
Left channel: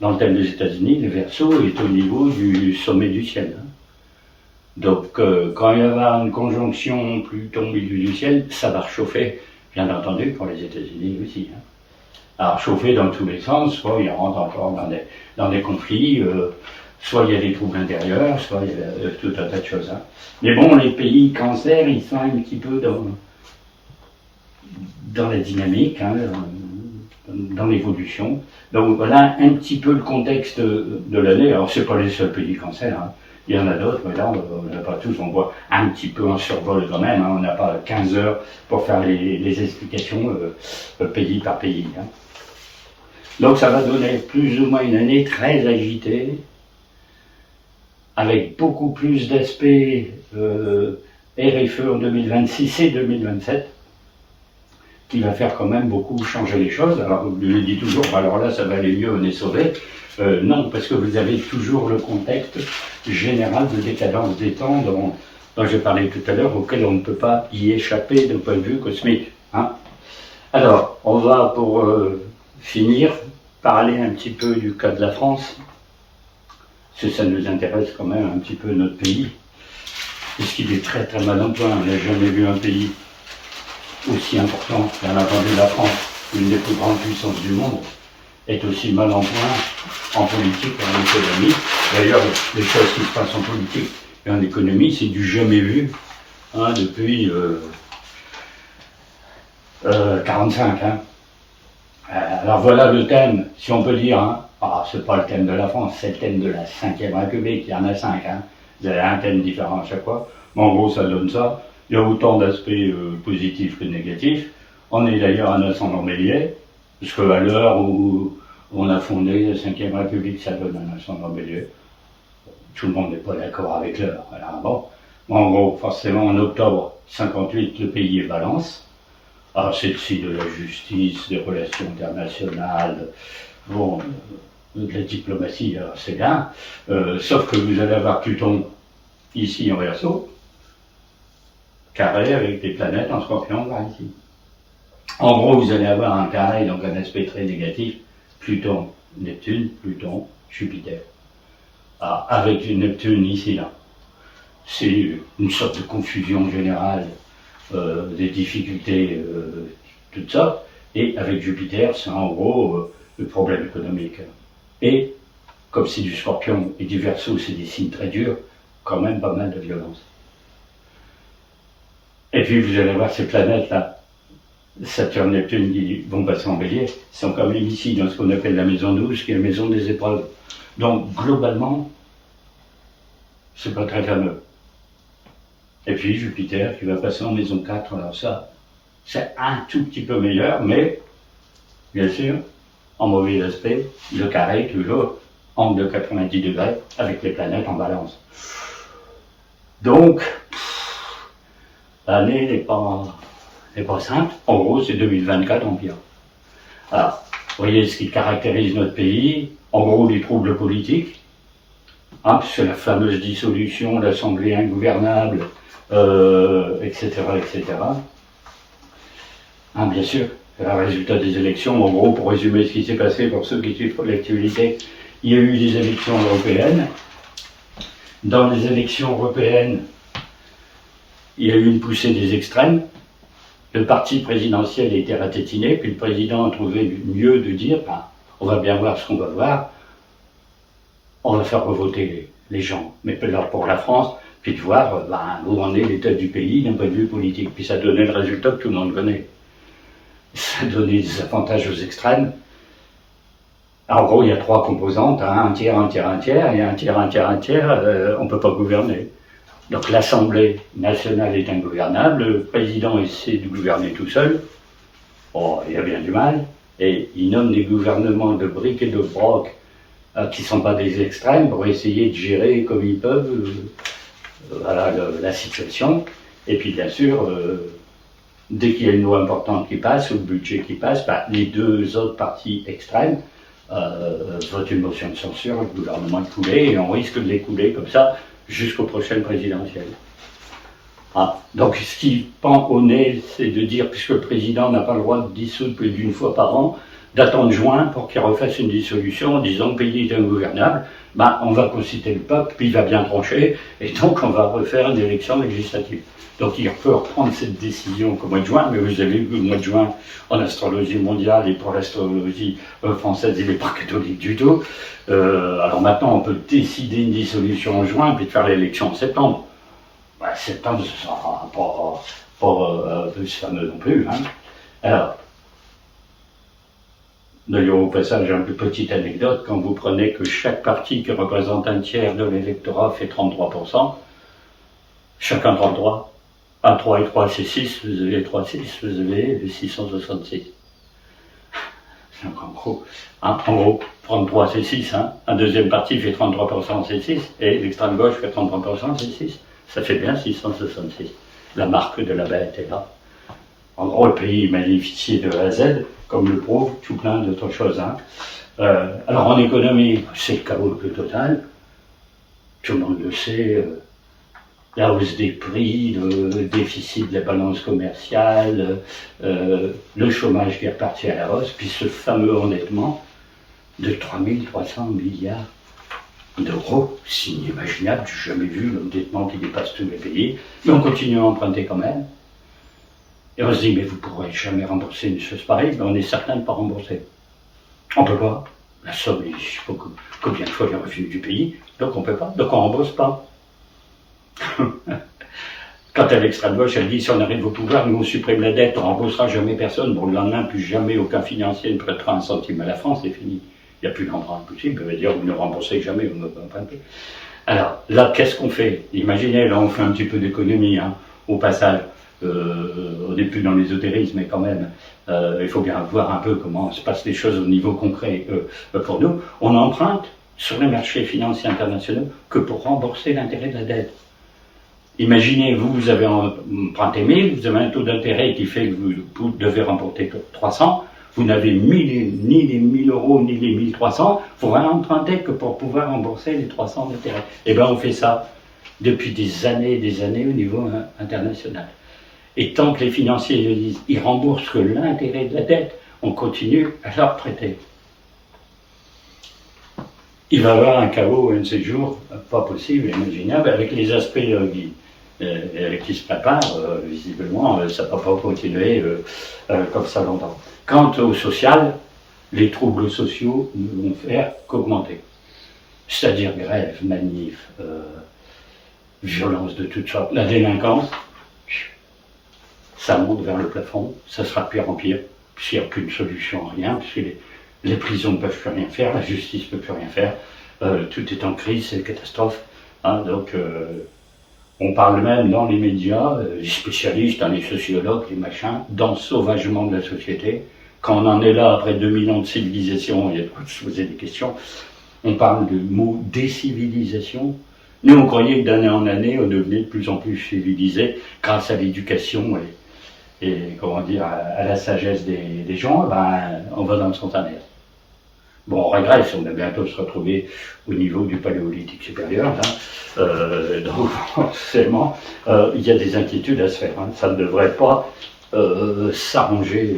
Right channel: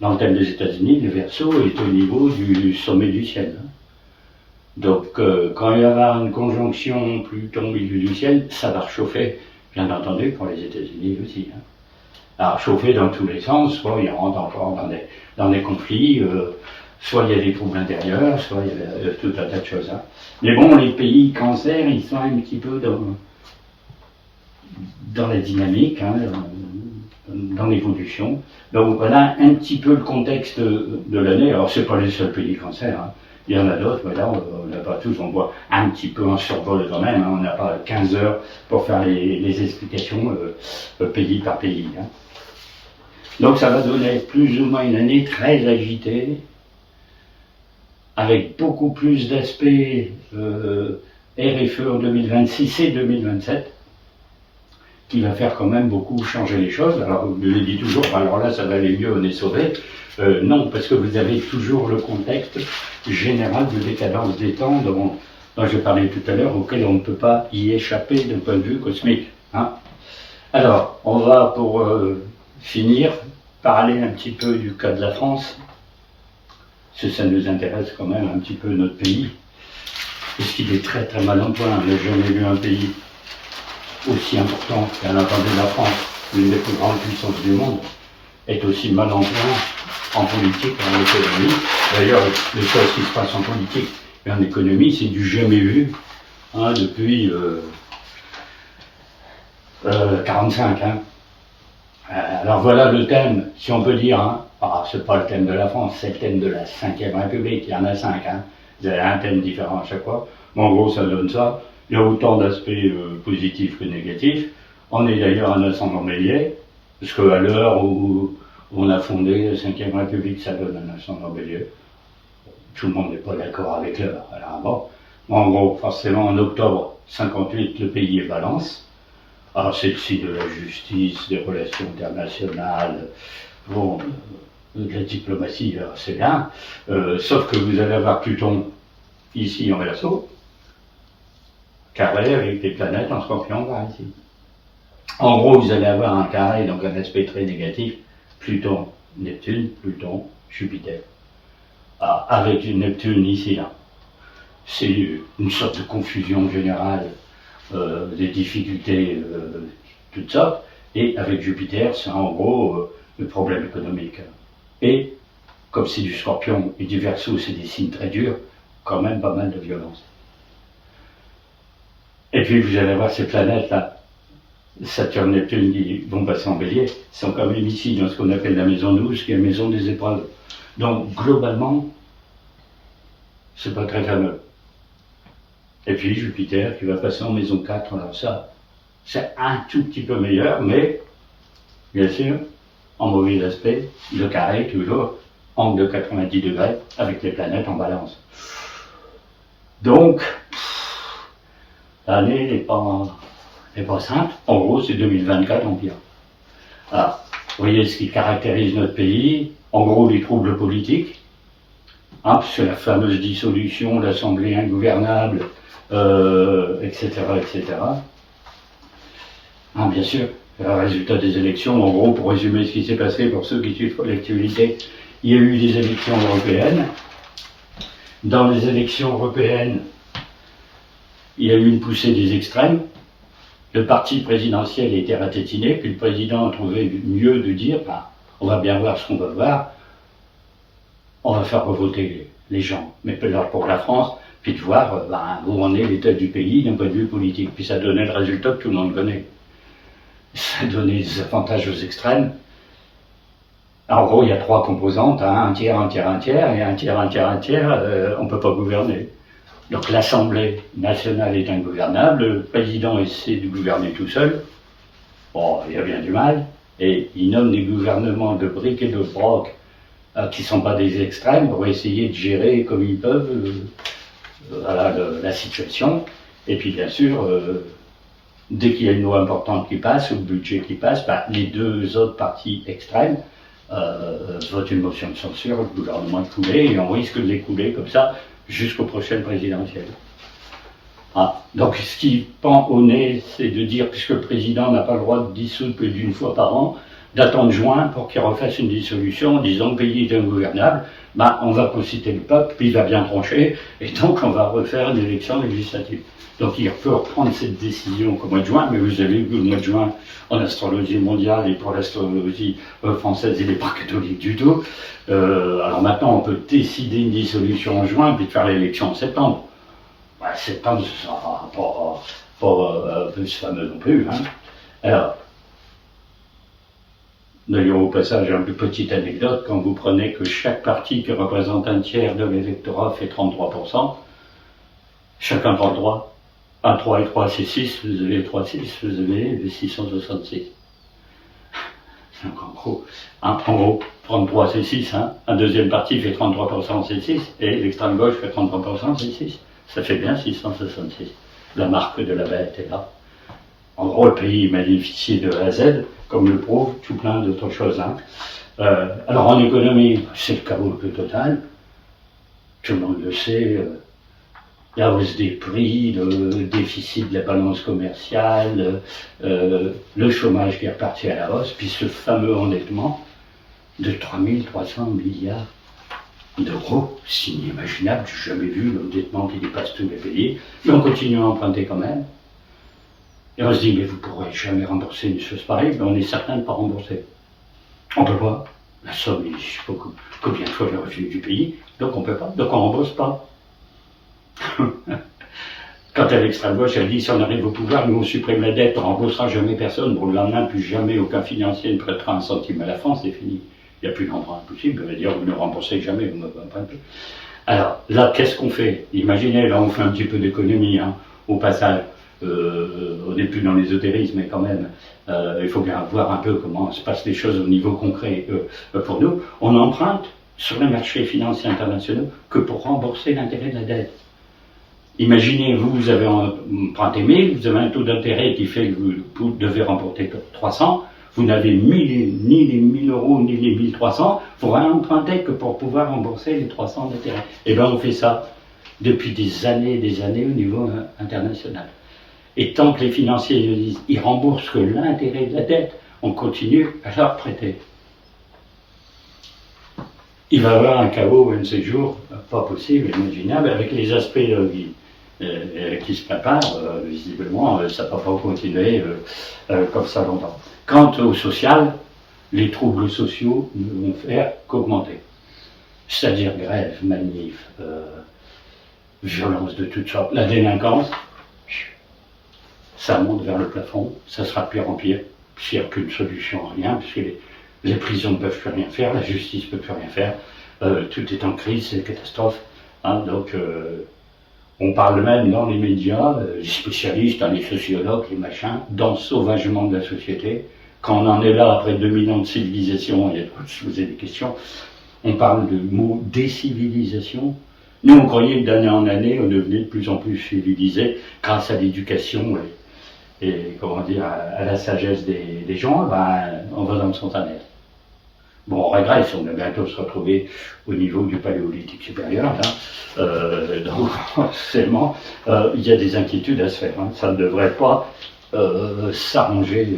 dans le thème des États-Unis, le Verseau est au niveau du sommet du ciel. Donc quand il va y avoir une conjonction Pluton au milieu du ciel, ça va réchauffer, bien entendu, pour les États-Unis aussi. Hein. Alors chauffer dans tous les sens, soit il rentre encore dans des conflits, soit il y a des troubles intérieurs, soit il y a tout un tas de choses. Hein. Mais bon, les pays cancer, ils sont un petit peu dans la dynamique, hein, dans l'évolution. Donc voilà un petit peu le contexte de l'année. Alors c'est pas les seuls pays cancer, hein. Il y en a d'autres, mais là on n'a pas tous, on voit un petit peu en survol quand même, hein. On n'a pas 15 heures pour faire les explications pays par pays. Hein. Donc ça va donner plus ou moins une année très agitée, avec beaucoup plus d'aspects RFE en 2026 et 2027, qui va faire quand même beaucoup changer les choses. Alors, je le dis toujours, alors là, ça va aller mieux, on est sauvé. Non, parce que vous avez toujours le contexte général de décadence des temps dont j'ai parlé tout à l'heure, auquel on ne peut pas y échapper d'un point de vue cosmique. Hein. Alors, on va, pour finir, parler un petit peu du cas de la France, parce que ça nous intéresse quand même un petit peu notre pays, parce qu'il est très très mal en point. On n'a jamais vu un pays aussi important, bien entendu la France, l'une des plus grandes puissances du monde, est aussi mal en point en politique et en économie. D'ailleurs, les choses qui se passent en politique et en économie, c'est du jamais vu, hein, depuis 45. Hein. Alors voilà le thème, si on peut dire, hein. C'est pas le thème de la France, c'est le thème de la 5e République, il y en a 5, hein. Vous avez un thème différent à chaque fois, mais en gros ça donne ça. Il y a autant d'aspects positifs que négatifs. On est d'ailleurs un ascendant bélier, parce qu'à l'heure où on a fondé la 5e République, ça donne un ascendant bélier. Tout le monde n'est pas d'accord avec l'heure. Voilà, bon. En gros, forcément, en octobre 58, le pays est balance. Alors c'est le signe de la justice, des relations internationales, bon, de la diplomatie, c'est bien. Sauf que vous allez avoir Pluton ici en Verseau, carré avec des planètes en Scorpion par ici. En gros, vous allez avoir un carré, donc un aspect très négatif, Pluton, Neptune, Pluton, Jupiter. Ah, avec du Neptune ici, là. C'est une sorte de confusion générale, des difficultés, toutes sortes. Et avec Jupiter, c'est en gros le problème économique. Et, comme c'est du Scorpion et du Verseau, c'est des signes très durs, quand même pas mal de violence. Et puis vous allez voir ces planètes-là, Saturne, Neptune, qui vont passer en bélier, sont quand même ici, dans ce qu'on appelle la maison 12, qui est la maison des épreuves. Donc, globalement, c'est pas très fameux. Et puis Jupiter, qui va passer en maison 4, alors ça, c'est un tout petit peu meilleur, mais, bien sûr, en mauvais aspect, le carré, toujours, angle de 90 degrés, avec les planètes en balance. Donc, l'année n'est pas simple. En gros, c'est 2024 en pire. Alors, vous voyez ce qui caractérise notre pays. En gros, les troubles politiques, hein, puisque la fameuse dissolution, l'Assemblée ingouvernable, etc., etc. Hein, bien sûr, le résultat des élections, en gros, pour résumer ce qui s'est passé pour ceux qui suivent l'actualité, il y a eu des élections européennes. Dans les élections européennes, il y a eu une poussée des extrêmes. Le parti présidentiel a été ratétiné, puis le président a trouvé mieux de dire, on va bien voir ce qu'on va voir, on va faire revoter les gens. Mais pour la France, puis de voir où en est l'état du pays d'un point de vue politique. Puis ça donnait le résultat que tout le monde connaît. Ça donnait des avantages aux extrêmes. En gros, il y a 3 composantes, hein, un tiers, un tiers, un tiers, et un tiers, un tiers, un tiers, on ne peut pas gouverner. Donc l'Assemblée nationale est ingouvernable, le président essaie de gouverner tout seul, il y a bien du mal, et il nomme des gouvernements de briques et de broc qui ne sont pas des extrêmes, pour essayer de gérer comme ils peuvent voilà, la situation. Et puis bien sûr, dès qu'il y a une loi importante qui passe, ou le budget qui passe, bah, les deux autres partis extrêmes votent une motion de censure, le gouvernement est coulé, et on risque de l'écouler comme ça jusqu'aux prochaines présidentielles. Ah. Donc ce qui pend au nez, c'est de dire, puisque le président n'a pas le droit de dissoudre plus d'une fois par an, d'attendre juin pour qu'il refasse une dissolution en disant que le pays est ingouvernable, bah, on va consulter le peuple, puis il va bien trancher, et donc on va refaire une élection législative. Donc il peut reprendre cette décision qu'au mois de juin, mais vous avez vu le mois de juin, en astrologie mondiale et pour l'astrologie française, il n'est pas catholique du tout. Alors maintenant, on peut décider une dissolution en juin, puis de faire l'élection en septembre. Ouais, septembre, ce ne sera pas plus fameux non plus. Hein. Alors, d'ailleurs, au passage, une petite anecdote, quand vous prenez que chaque parti qui représente un tiers de l'électorat fait 33%, chacun 33, 1, 3 et 3, c'est 6, vous avez 3, 6, vous avez les 666. Donc en gros, 33 c'est 6, hein. Un deuxième parti fait 33%, c'est 6, et l'extrême gauche fait 33%, c'est 6. Ça fait bien 666. La marque de la bête est là. En gros, le pays bénéficie de A à Z, comme le prouve tout plein d'autres choses. Hein. Alors en économie, c'est le chaos le plus total. Tout le monde le sait. La hausse des prix, le déficit de la balance commerciale, le chômage qui est reparti à la hausse, puis ce fameux endettement de 3300 milliards d'euros, c'est inimaginable, j'ai jamais vu l'endettement qui dépasse tous les pays, mais on continue à emprunter quand même. Et on se dit, mais vous ne pourrez jamais rembourser une chose pareille, mais on est certain de ne pas rembourser. On ne peut pas. La somme, il faut combien de fois le revenu du pays, donc on ne peut pas, donc on ne rembourse pas. Quand à l'extrême gauche, elle dit, si on arrive au pouvoir, nous on supprime la dette, on ne remboursera jamais personne, pour le lendemain, plus jamais aucun financier ne prêtera un centime à la France, c'est fini. Il n'y a plus d'emprunt possible, on va dire, vous ne remboursez jamais, vous ne empruntez plus. Alors, là, qu'est-ce qu'on fait? Imaginez, là, on fait un petit peu d'économie, hein, au passage. On n'est plus dans l'ésotérisme, mais quand même, il faut bien voir un peu comment se passent les choses au niveau concret pour nous. On emprunte sur les marchés financiers internationaux que pour rembourser l'intérêt de la dette. Imaginez, vous avez emprunté 1000, vous avez un taux d'intérêt qui fait que vous devez rembourser 300, vous n'avez ni les 1000 euros ni les 1300, vous réempruntez que pour pouvoir rembourser les 300 d'intérêt. Eh bien, on fait ça depuis des années au niveau international. Et tant que les financiers le disent, ils remboursent que l'intérêt de la dette, on continue à leur prêter. Il va y avoir un chaos un de ces jours, pas possible, imaginable, avec les aspects qui se préparent, visiblement, ça ne va pas continuer comme ça longtemps. Quant au social, les troubles sociaux ne vont faire qu'augmenter. C'est-à-dire grève, manif, violence de toutes sortes. La délinquance, ça monte vers le plafond, ça sera de pire en pire, puisqu'il n'y a aucune solution à rien, puisque les prisons ne peuvent plus rien faire, la justice ne peut plus rien faire, tout est en crise, c'est une catastrophe. Hein, donc, on parle même dans les médias, les spécialistes, les sociologues, les machins, d'ensauvagement de la société. Quand on en est là, après 2000 ans de civilisation, il y a de quoi se poser des questions, on parle de mot décivilisation. Nous, on croyait que d'année en année, on devenait de plus en plus civilisé grâce à l'éducation et comment dire, à la sagesse des gens. Ben, on va dans le sens inverse. Bon, on régresse, on va bientôt se retrouver au niveau du paléolithique supérieur, là. Donc, forcément, il y a des inquiétudes à se faire. Hein. Ça ne devrait pas s'arranger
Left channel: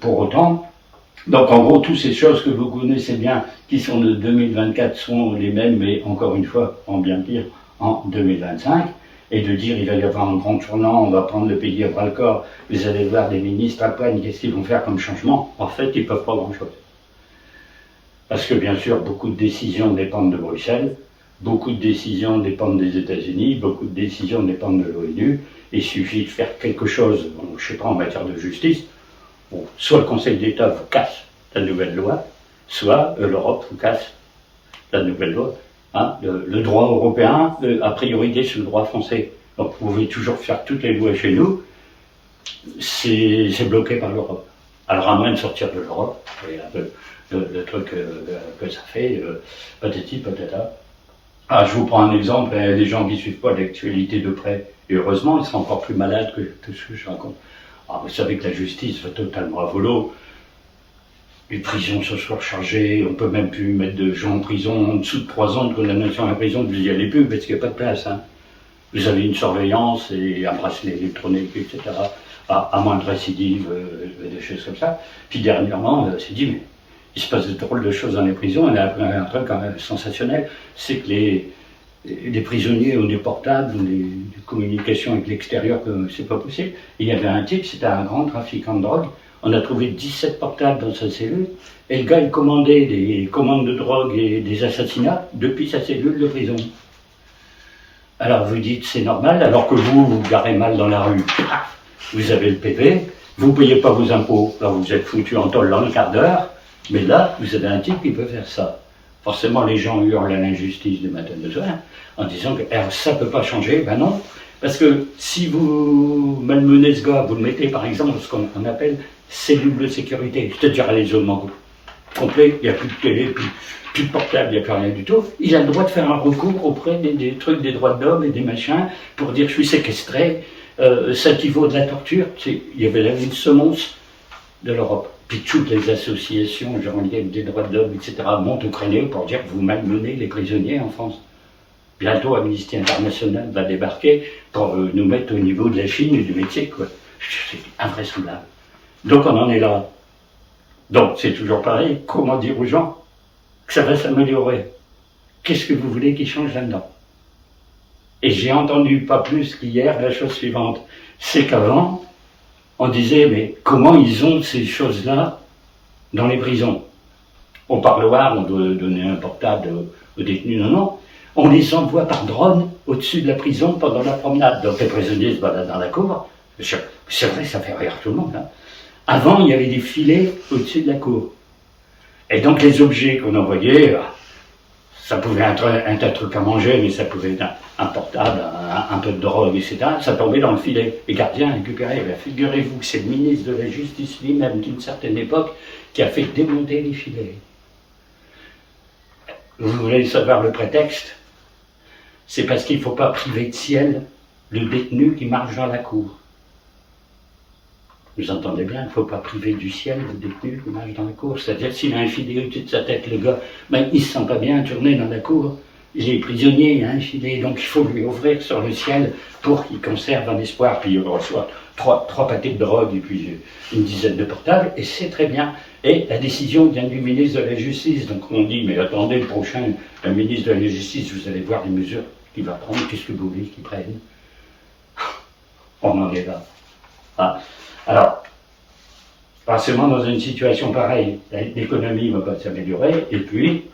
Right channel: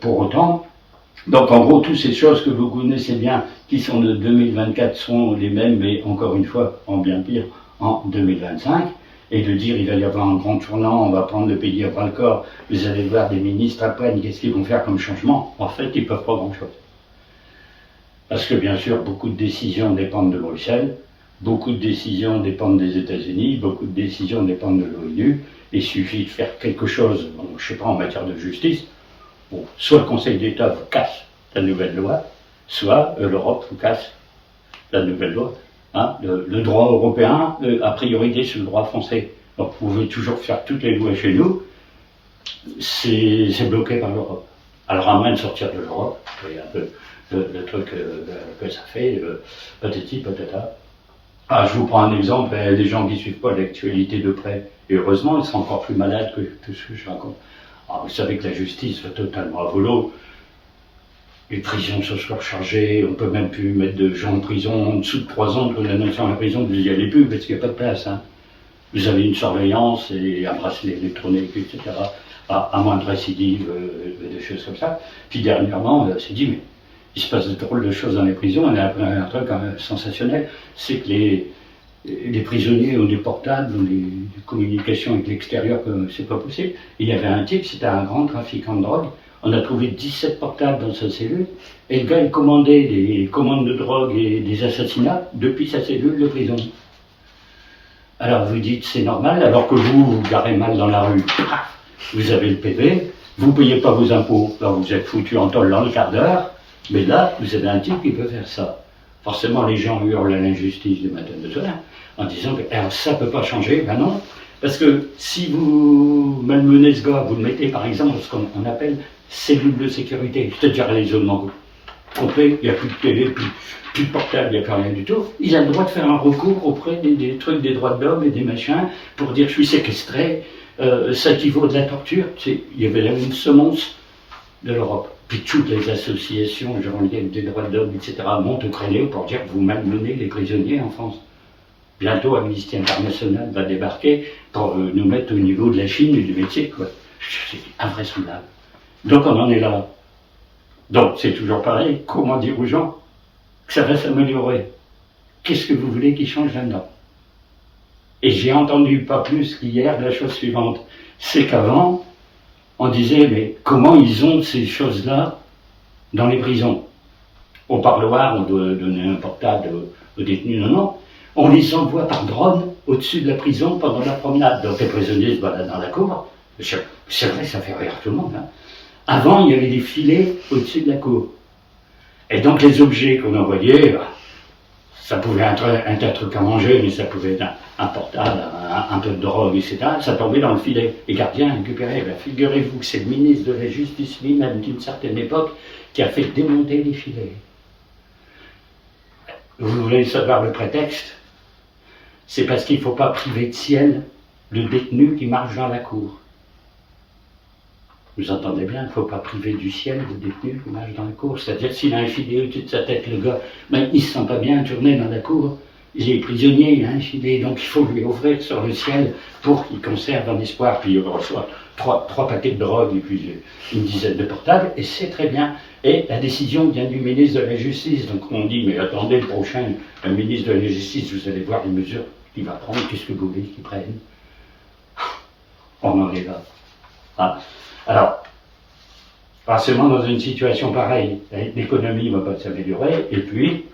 pour autant. Donc, en gros, toutes ces choses que vous connaissez bien, qui sont de 2024, sont les mêmes, mais encore une fois, en bien pire, en 2025. Et de dire il va y avoir un grand tournant, on va prendre le pays à bras-le-corps, vous allez voir des ministres à peine, qu'est-ce qu'ils vont faire comme changement? En fait, ils ne peuvent pas grand-chose. Parce que bien sûr, beaucoup de décisions dépendent de Bruxelles, beaucoup de décisions dépendent des États-Unis, beaucoup de décisions dépendent de l'ONU. Il suffit de faire quelque chose, bon, je ne sais pas, en matière de justice. Bon, soit le Conseil d'État vous casse la nouvelle loi, soit l'Europe vous casse la nouvelle loi. Hein, le droit européen a priorité sur le droit français. Donc vous pouvez toujours faire toutes les lois chez nous, c'est bloqué par l'Europe. Alors à moins de sortir de l'Europe, et un peu le truc que ça fait, patati patata. Ah, je vous prends un exemple, les gens qui ne suivent pas l'actualité de près, et heureusement, ils sont encore plus malades que tout ce que je raconte. Ah, vous savez que la justice va totalement à volo, les prisons sont surchargées, on peut même plus mettre de gens en prison en dessous de 3 ans de condamnation à la prison, vous n'y allez plus parce qu'il n'y a pas de place. Hein. Vous avez une surveillance et un bracelet électronique, etc. À moins de récidive, des choses comme ça. Puis dernièrement, on s'est dit, mais il se passe de drôles de choses dans les prisons. On a appris un truc sensationnel, c'est que les prisonniers ont des portables, ont des communications avec l'extérieur, que c'est pas possible. Et il y avait un type, c'était un grand trafiquant de drogue. On a trouvé 17 portables dans sa cellule, et le gars, il commandait des commandes de drogue et des assassinats depuis sa cellule de prison. Alors vous dites, c'est normal, alors que vous garez mal dans la rue. Vous avez le PV, vous ne payez pas vos impôts, alors vous êtes foutu en tôle dans le quart d'heure, mais là, vous avez un type qui peut faire ça. Forcément, les gens hurlent à l'injustice du matin au soir, en disant que ça ne peut pas changer. Ben non, parce que si vous malmenez ce gars, vous le mettez par exemple dans ce qu'on appelle cellule de sécurité, c'est-à-dire à l'isolement complet, il n'y a plus de télé, plus de portable, il n'y a plus rien du tout, il a le droit de faire un recours auprès des trucs des droits de l'homme et des machins, pour dire je suis séquestré, ça équivaut de la torture. Il y avait là une semonce de l'Europe. Puis toutes les associations, genre liées des droits de l'homme, etc., montent au créneau pour dire que vous malmenez les prisonniers en France. Bientôt, Amnesty International va débarquer pour nous mettre au niveau de la Chine et du Mexique, quoi. C'est invraisemblable. Donc on en est là. Donc c'est toujours pareil, comment dire aux gens que ça va s'améliorer? Qu'est-ce que vous voulez qu'ils changent là-dedans? Et j'ai entendu pas plus qu'hier la chose suivante, c'est qu'avant, on disait, mais comment ils ont ces choses-là dans les prisons? Au parloir, on doit donner un portable aux détenus, non. On les envoie par drone au-dessus de la prison pendant la promenade. Donc les prisonniers se baladent dans la cour. C'est vrai, ça fait rire tout le monde. Hein. Avant, il y avait des filets au-dessus de la cour. Et donc les objets qu'on envoyait, ça pouvait être un truc à manger, mais ça pouvait être un portable, un peu de drogue, etc. Ça tombait dans le filet. Les gardiens récupéraient. Figurez-vous que c'est le ministre de la Justice lui-même, d'une certaine époque, qui a fait démonter les filets. Vous voulez savoir le prétexte? C'est parce qu'il ne faut pas priver de ciel le détenu qui marche dans la cour. Vous entendez bien, il ne faut pas priver du ciel le détenu qui marche dans la cour. C'est-à-dire, s'il a un filet au-dessus de sa tête, le gars, ben, il ne se sent pas bien tourner dans la cour. Il est prisonnier, il a un filet, donc il faut lui ouvrir sur le ciel pour qu'il conserve un espoir. Puis il reçoit trois paquets de drogue et puis une dizaine de portables, et c'est très bien. Et la décision vient du ministre de la Justice. Donc on dit, mais attendez, le prochain ministre de la Justice, vous allez voir les mesures qu'il va prendre, qu'est-ce que vous voulez qu'il prenne? On en est là. Ah. Alors, forcément, dans une situation pareille, l'économie ne va pas s'améliorer, et puis,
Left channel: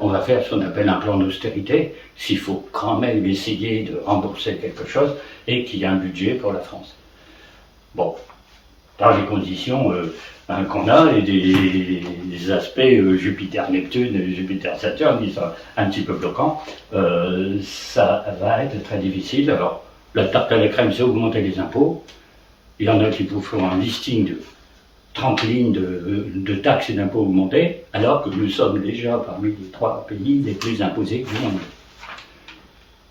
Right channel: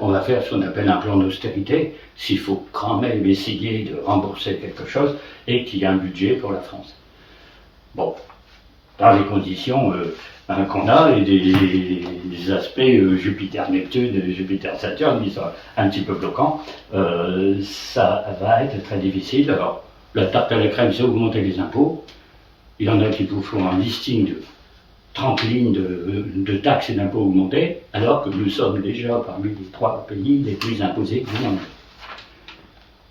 on va faire ce qu'on appelle un plan d'austérité, s'il faut quand même essayer de rembourser quelque chose, et qu'il y a un budget pour la France. Bon, dans les conditions qu'on a, et des aspects Jupiter-Neptune, Jupiter-Saturne, qui sont un petit peu bloquants, ça va être très difficile. Alors, la tarte à la crème, c'est augmenter les impôts. Il y en a qui vous font un listing de 30 lignes de taxes et d'impôts augmentés, alors que nous sommes déjà parmi les 3 pays les plus imposés du monde.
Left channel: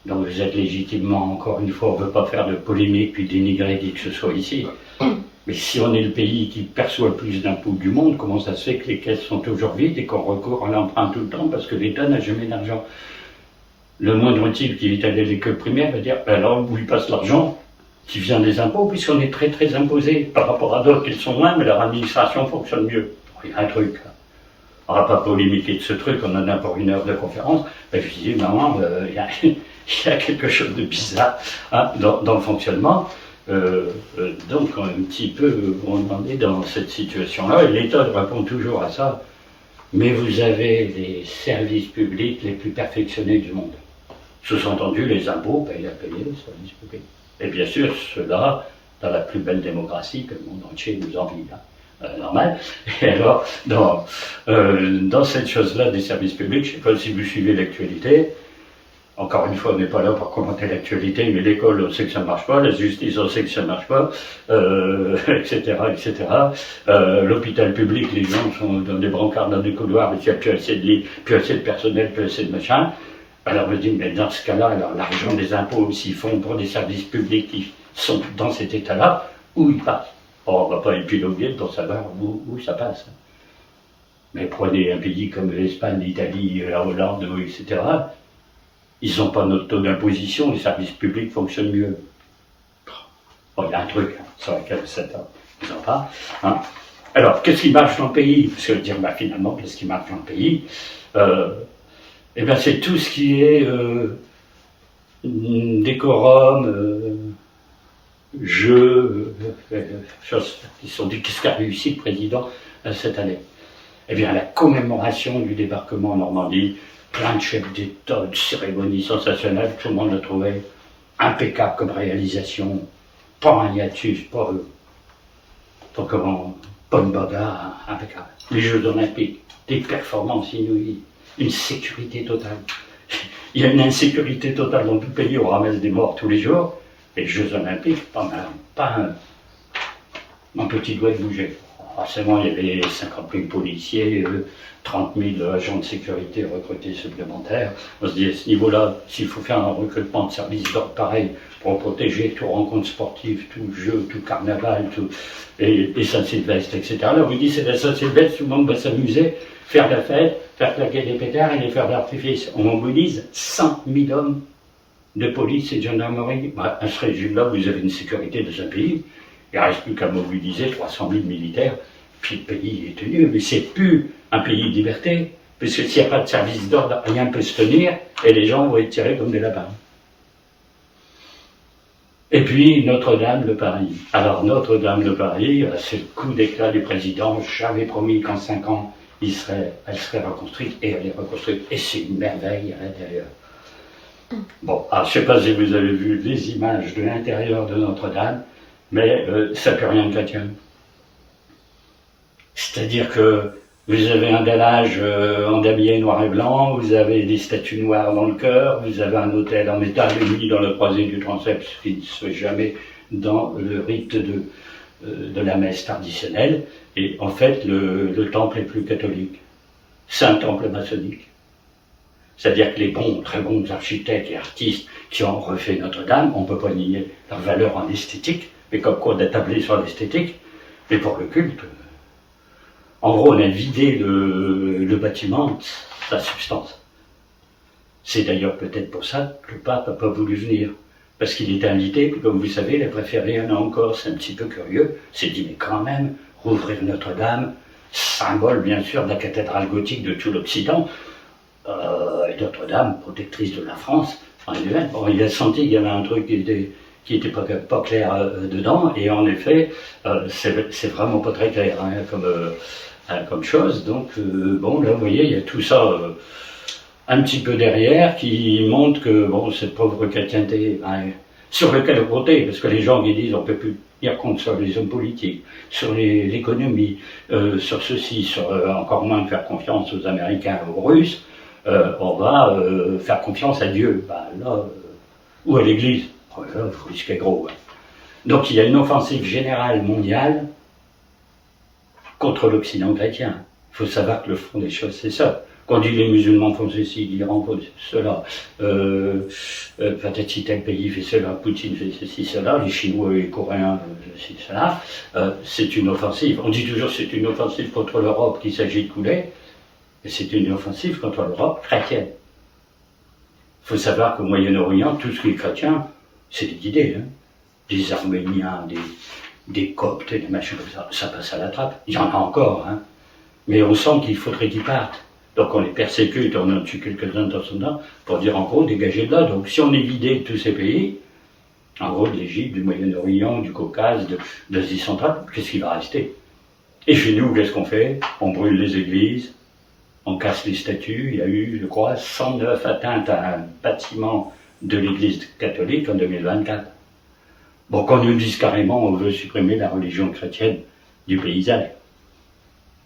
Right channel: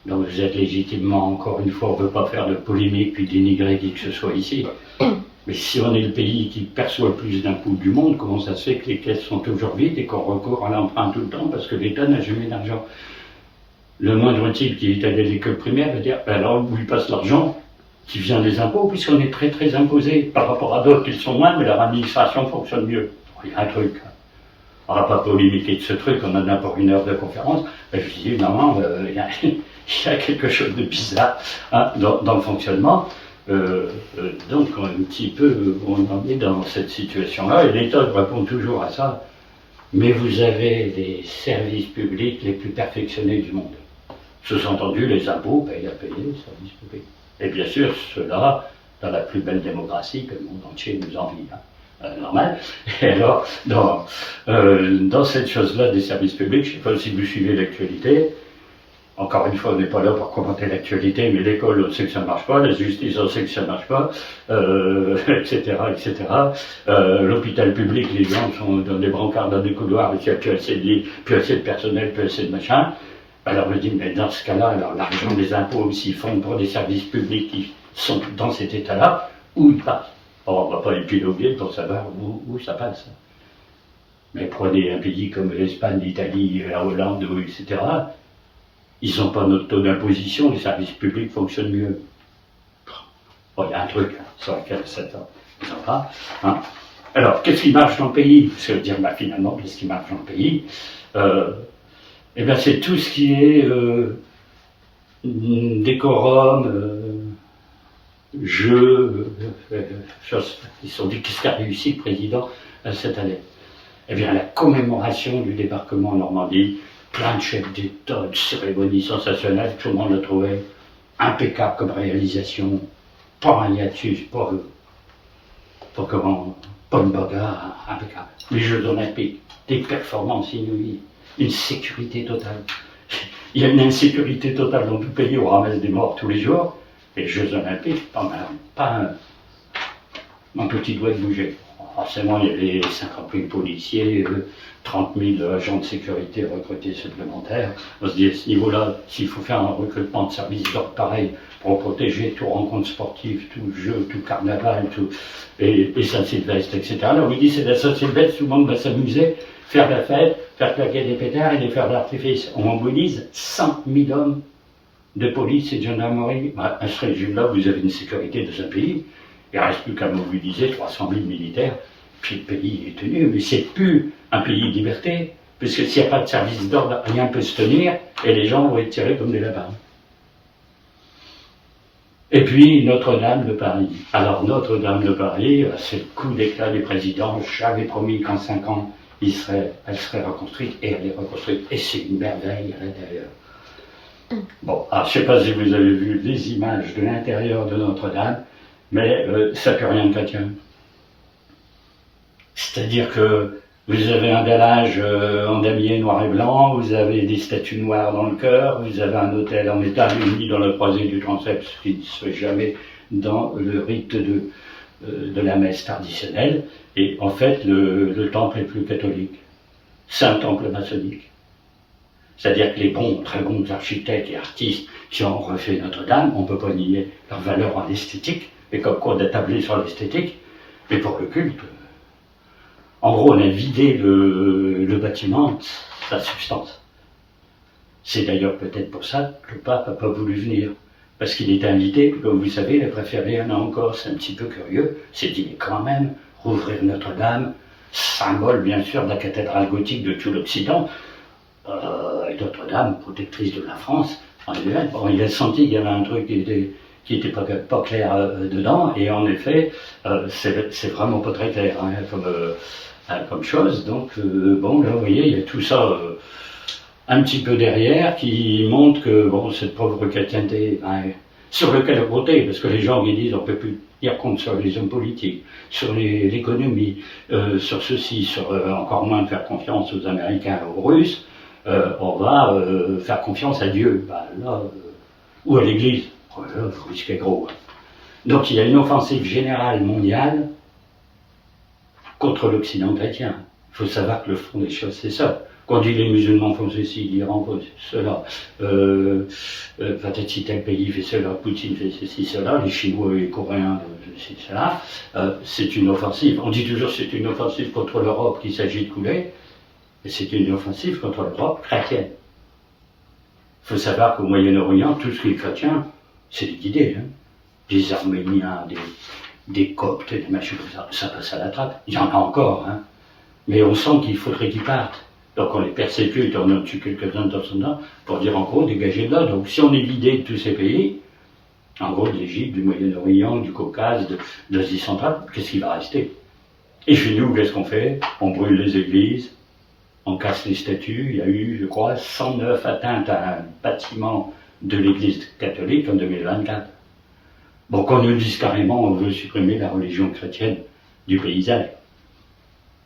Donc vous êtes légitimement, encore une fois, on ne veut pas faire de polémique puis dénigrer qui que ce soit ici, mais si on est le pays qui perçoit le plus d'impôts du monde, comment ça se fait que les caisses sont toujours vides et qu'on recourt à l'emprunt tout le temps parce que l'État n'a jamais d'argent? Le moindre type qui est allé à l'école primaire va dire, alors où il passe l'argent qui vient des impôts, puisqu'on est très très imposé par rapport à d'autres qui le sont moins, mais leur administration fonctionne mieux. Il y a un truc, on ne va pas polémiquer de ce truc, on en a pour 1 heure de conférence, ben, je dis, non, il y a quelque chose de bizarre hein, dans le fonctionnement, donc un petit peu, on en est dans cette situation-là, et l'État répond toujours à ça, mais vous avez les services publics les plus perfectionnés du monde. Sous-entendu, les impôts payent à payer les services publics. Et bien sûr, cela dans la plus belle démocratie que le monde entier nous envie. Hein. Normal. Et alors, dans cette chose-là des services publics, je ne sais pas si vous suivez l'actualité, Encore une fois, on n'est pas là pour commenter l'actualité, mais l'école, on sait que ça ne marche pas, la justice, on sait que ça ne marche pas, etc., etc. L'hôpital public, les gens sont dans des brancards, dans des couloirs, il n'y a plus assez de lits, plus assez de personnel, plus assez de machin. Alors je dis, mais dans ce cas-là, alors l'argent des impôts, s'ils font pour des services publics qui sont dans cet état-là, où ils passent? Or, on ne va pas épiloguer pour savoir où ça passe. Mais prenez un pays comme l'Espagne, l'Italie, la Hollande, etc., ils n'ont pas notre taux d'imposition, les services publics fonctionnent mieux. Bon, il y a un truc, hein, sur lequel ils n'ont pas. Hein. Alors, qu'est-ce qui marche dans le pays? Parce que dire, finalement, qu'est-ce qui marche dans le pays? Eh bien, c'est tout ce qui est décorum, jeu, choses. Ils se sont dit, qu'est-ce qu'a réussi le président cette année? Eh bien, la commémoration du débarquement en Normandie, plein de chefs d'État, de cérémonies sensationnelles, tout le monde le trouvait impeccable comme réalisation, pas un hiatus, pas une bagarre, impeccable. Les Jeux Olympiques, des performances inouïes, une sécurité totale. Il y a une insécurité totale dans tout le pays, on ramasse des morts tous les jours. Les Jeux Olympiques, pas un petit doigt de bouger. Forcément, il y avait 50 000 policiers, 30 000 agents de sécurité recrutés supplémentaires. On se dit, à ce niveau-là, s'il faut faire un recrutement de services d'ordre pareil pour protéger toute rencontre sportive, tout jeu, tout carnaval, et Saint-Sylvestre, etc. Là, on vous dit, c'est la Saint-Sylvestre, tout le monde va s'amuser, faire la fête, faire claquer des pétards et des feux d'artifice. On mobilise 100 000 hommes de police et de gendarmerie. À ce régime-là, vous avez une sécurité de un pays. Il ne reste plus qu'à mobiliser 300 000 militaires, puis le pays est tenu. Mais c'est plus un pays de liberté, parce que s'il n'y a pas de service d'ordre, rien ne peut se tenir, et les gens vont être tirés comme des lapins. Et puis Notre-Dame de Paris. Alors Notre-Dame de Paris, c'est le coup d'éclat du président. J'avais promis qu'en 5 ans, elle serait reconstruite, et elle est reconstruite. Et c'est une merveille à l'intérieur. Bon, alors je ne sais pas si vous avez vu les images de l'intérieur de Notre-Dame, mais ça ne peut rien de chrétien. C'est-à-dire que vous avez un dallage en damier noir et blanc, vous avez des statues noires dans le chœur, vous avez un autel en métal uni dans la croisée du transept, ce qui ne se fait jamais dans le rite de la messe traditionnelle. Et en fait, le temple est plus catholique. C'est un temple maçonnique. C'est-à-dire que les très bons architectes et artistes qui ont refait Notre-Dame, on ne peut pas nier leur valeur en esthétique, mais comme quoi on a tablé sur l'esthétique, mais pour le culte, en gros on a vidé le bâtiment de sa substance. C'est d'ailleurs peut-être pour ça que le pape n'a pas voulu venir, parce qu'il était invité, puis comme vous savez, il a préféré un an encore, c'est un petit peu curieux, c'est dit mais quand même, rouvrir Notre-Dame, symbole bien sûr de la cathédrale gothique de tout l'Occident, et Notre-Dame, protectrice de la France, bon, il a senti qu'il y avait un truc qui était pas clair dedans, et en effet, c'est vraiment pas très clair comme chose. Donc, bon, là, vous voyez, il y a tout ça un petit peu derrière qui montre que, bon, cette pauvre chrétienté, sur lequel compter, parce que les gens qui disent on ne peut plus tenir compte sur les hommes politiques, sur l'économie, sur ceci, sur encore moins de faire confiance aux Américains, aux Russes, on va faire confiance à Dieu, ou à l'Église. Là, il faut risquer gros. Donc il y a une offensive générale mondiale contre l'Occident chrétien. Il faut savoir que le fond des choses, c'est ça. Quand on dit les musulmans font ceci, l'Iran fait cela, peut-être si tel pays fait cela, Poutine fait ceci, cela, les Chinois et les Coréens, ceci, cela, c'est une offensive. On dit toujours que c'est une offensive contre l'Europe qu'il s'agit de couler, et c'est une offensive contre l'Europe chrétienne. Il faut savoir qu'au Moyen-Orient, tout ce qui est chrétien, c'est liquidé. Hein. Des Arméniens, des Coptes, des machins comme ça passe à la trappe. Il y en a encore, hein. Mais on sent qu'il faudrait qu'ils partent. Donc on les persécute, on en tue quelques-uns de temps en temps, pour dire en gros, dégagez de là. Donc si on est vidé de tous ces pays, en gros de l'Égypte, du Moyen-Orient, du Caucase, de l'Asie centrale, qu'est-ce qui va rester? Et chez nous, qu'est-ce qu'on fait? On brûle les églises, on casse les statues. Il y a eu, je crois, 109 atteintes à un bâtiment de l'église catholique en 2024. Bon, qu'on nous dise carrément, on veut supprimer la religion chrétienne du paysage.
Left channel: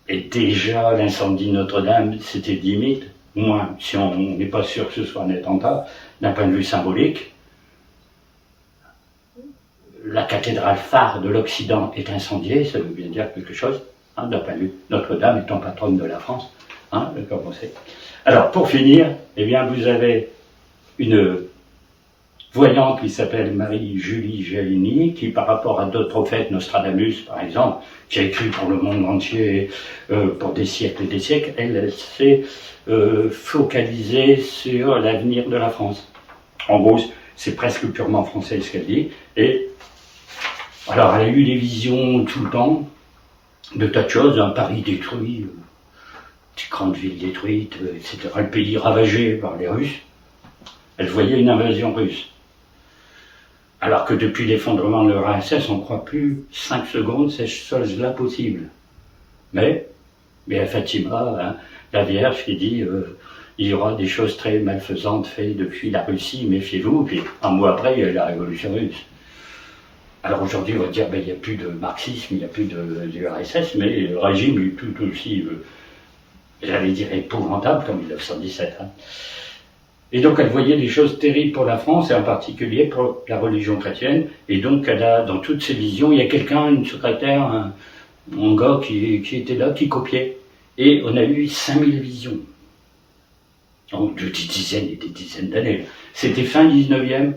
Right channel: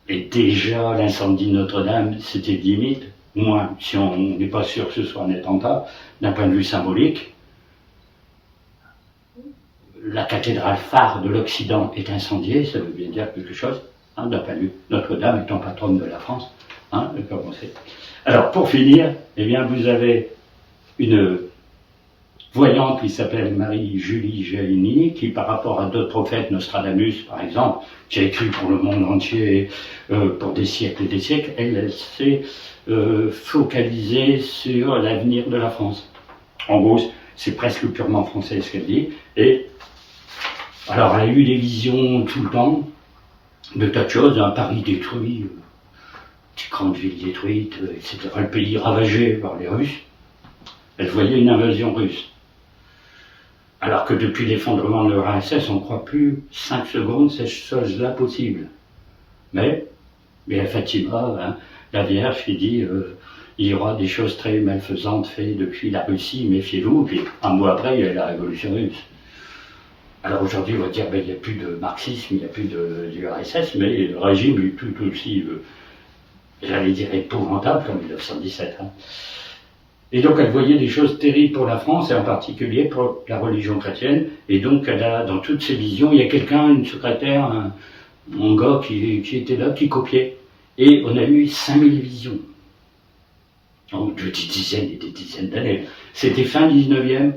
Et déjà, l'incendie de Notre-Dame, c'était limite. au moins si on n'est pas sûr que ce soit un attentat, d'un point de vue symbolique, la cathédrale phare de l'Occident est incendiée, ça veut bien dire quelque chose, hein, d'un point de vue Notre-Dame étant patronne de la France, hein, comme on sait. Alors pour finir, eh bien vous avez une voyante qui s'appelle Marie-Julie Giannini, qui par rapport à d'autres prophètes, Nostradamus par exemple, qui a écrit pour le monde entier pour des siècles et des siècles, elle s'est focalisée sur l'avenir de la France. En gros, c'est presque purement français ce qu'elle dit. Et alors, elle a eu des visions tout le temps de tas de choses, un Paris détruit, des grandes villes détruites, etc. Le pays ravagé par les Russes. Elle voyait une invasion russe. Alors que depuis l'effondrement de l'URSS, on ne croit plus 5 secondes ces choses-là possibles. Mais à Fatima, hein, la Vierge qui dit il y aura des choses très malfaisantes faites depuis la Russie, méfiez-vous, puis un mois après, il y a eu la révolution russe. Alors aujourd'hui, on va dire il n'y a plus de marxisme, il n'y a plus d'URSS, mais le régime est tout aussi, j'allais dire, épouvantable comme 1917. Hein. Et donc elle voyait des choses terribles pour la France, et en particulier pour la religion chrétienne, et donc elle a, dans toutes ses visions, il y a quelqu'un, une secrétaire, un gars qui était là, qui copiait. Et on a eu 5000 visions. Donc des dizaines et des dizaines d'années. C'était fin 19e,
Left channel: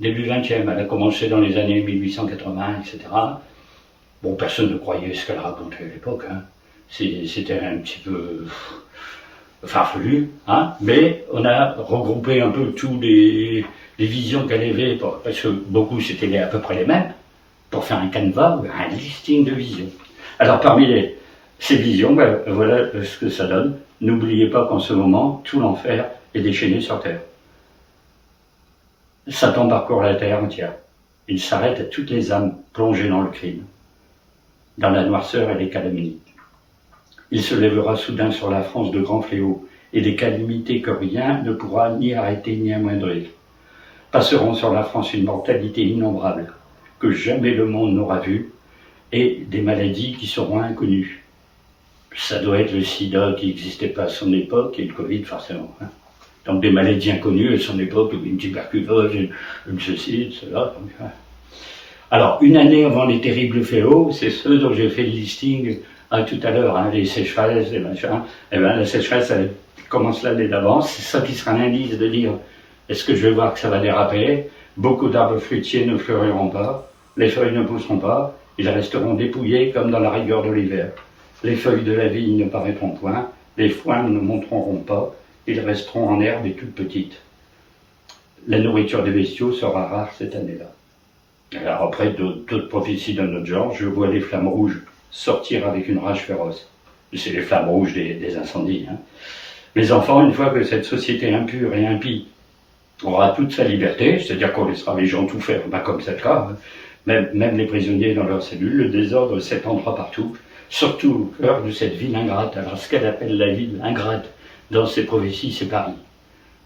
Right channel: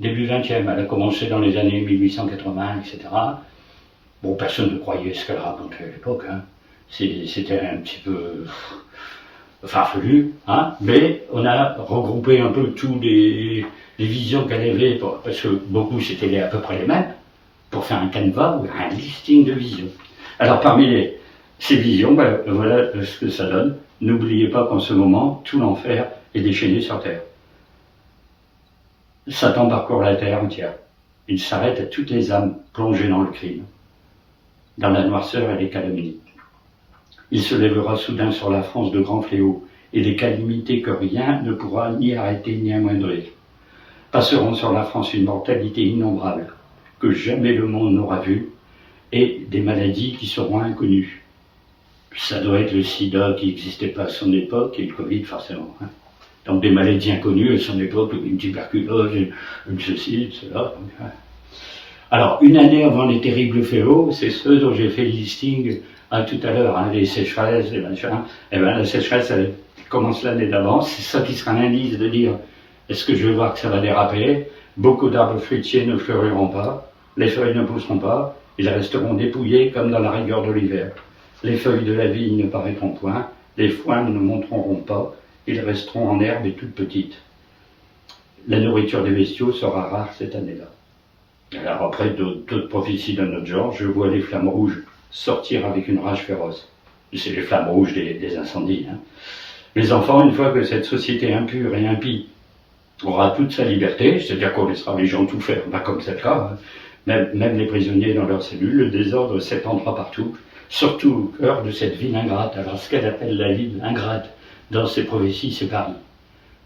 début 20e. Elle a commencé dans les années 1880, etc. Bon, personne ne croyait ce qu'elle racontait à l'époque. Hein. C'était un petit peu farfelu, hein. Mais on a regroupé un peu tous les visions qu'elle avait, parce que beaucoup c'était à peu près les mêmes, pour faire un canevas, un listing de visions. Alors parmi ces visions, ben, voilà ce que ça donne. N'oubliez pas qu'en ce moment, tout l'enfer est déchaîné sur terre. Satan parcourt la terre entière. Il s'arrête à toutes les âmes plongées dans le crime, dans la noirceur et les calomnies. Il se lèvera soudain sur la France de grands fléaux et des calamités que rien ne pourra ni arrêter ni amoindrir. Passeront sur la France une mortalité innombrable que jamais le monde n'aura vue et des maladies qui seront inconnues. Ça doit être le sida qui n'existait pas à son époque et le Covid forcément. Hein. Donc des maladies inconnues à son époque, une tuberculose, une ceci, cela. Donc, hein. Alors, une année avant les terribles fléaux, c'est ceux dont j'ai fait le listing tout à l'heure, hein, les sécheresses, les machins. Eh bien, la sécheresse, elle commence l'année d'avance. C'est ça qui sera l'indice de dire est-ce que je vais voir que ça va déraper. Beaucoup d'arbres fruitiers ne fleuriront pas, les feuilles ne pousseront pas, ils resteront dépouillés comme dans la rigueur de l'hiver. Les feuilles de la vigne ne paraîtront point, les foins ne montreront pas, ils resteront en herbe et toutes petites. La nourriture des bestiaux sera rare cette année-là. Alors après d'autres prophéties de notre genre, je vois les flammes rouges sortir avec une rage féroce. C'est les flammes rouges des incendies. Hein. Les enfants, une fois que cette société impure et impie aura toute sa liberté, c'est-à-dire qu'on laissera les gens tout faire, pas comme c'est le cas, hein. Même les prisonniers dans leurs cellules, le désordre s'étendra partout, surtout au cœur de cette ville ingrate. Alors ce qu'elle appelle la ville ingrate dans ses prophéties, c'est Paris.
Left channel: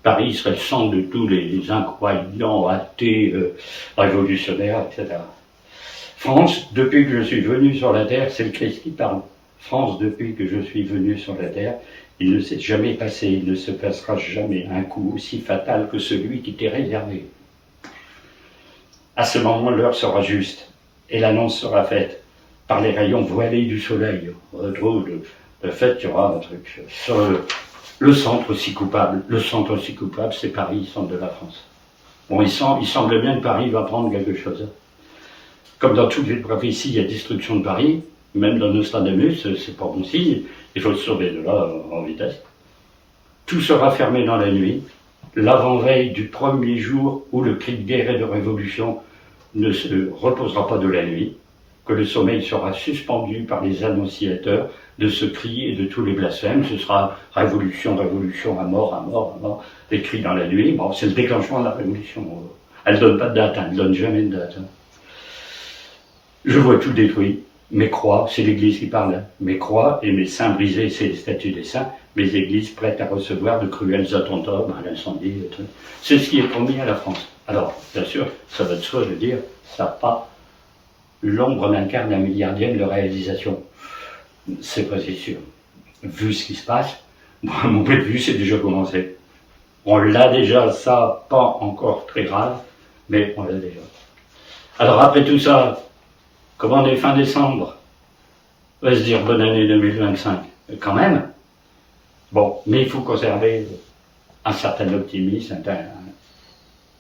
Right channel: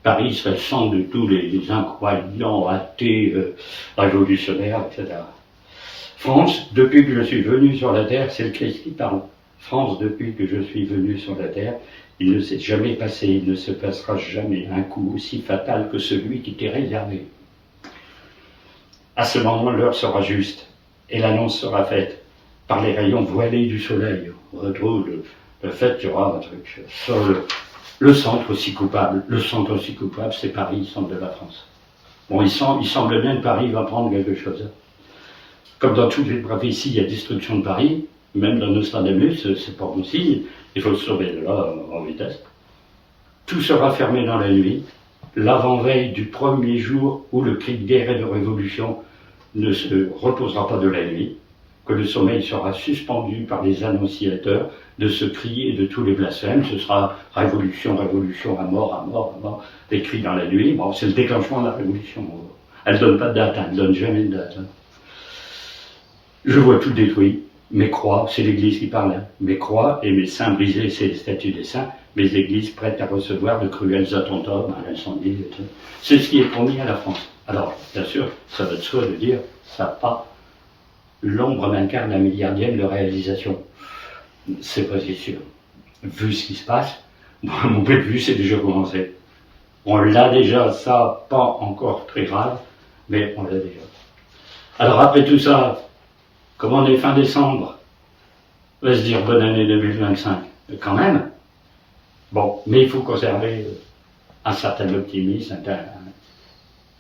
Paris serait le centre de tous les incroyants, athées, révolutionnaires, etc. France, depuis que je suis venu sur la terre, c'est le Christ qui parle. France, depuis que je suis venu sur la terre, il ne s'est jamais passé, il ne se passera jamais un coup aussi fatal que celui qui t'est réservé. À ce moment, l'heure sera juste, et l'annonce sera faite par les rayons voilés du soleil. On retrouve le fait qu'il y aura un truc sur le centre aussi coupable. Le centre aussi coupable, c'est Paris, centre de la France. Bon, il semble bien que Paris va prendre quelque chose. Comme dans toutes les prophéties, il y a destruction de Paris, même dans Nostradamus, c'est pas bon signe, il faut se sauver de là en vitesse. Tout sera fermé dans la nuit, l'avant-veille du premier jour où le cri de guerre et de révolution ne se reposera pas de la nuit, que le sommeil sera suspendu par les annonciateurs de ce cri et de tous les blasphèmes. Ce sera révolution, révolution, à mort, à mort, à mort, des cris dans la nuit. Bon, c'est le déclenchement de la révolution. Elle ne donne pas de date, elle ne donne jamais de date. Je vois tout détruit. Mes croix, c'est l'Église qui parle. Mes croix et mes saints brisés, c'est les statues des saints. Mes églises prêtes à recevoir de cruels attentats, l'incendie, et tout. C'est ce qui est promis à la France. Alors, bien sûr, ça va de soi de dire, ça n'a pas l'ombre d'un quart d'un milliardième de réalisation. C'est pas si sûr. Vu ce qui se passe, Moi, mon point de vue, c'est déjà commencé. On l'a déjà, ça, pas encore très grave, mais on l'a déjà. Alors après tout ça, comme on est fin décembre, on va se dire bonne année 2025, quand même. Bon, mais il faut conserver un certain optimisme,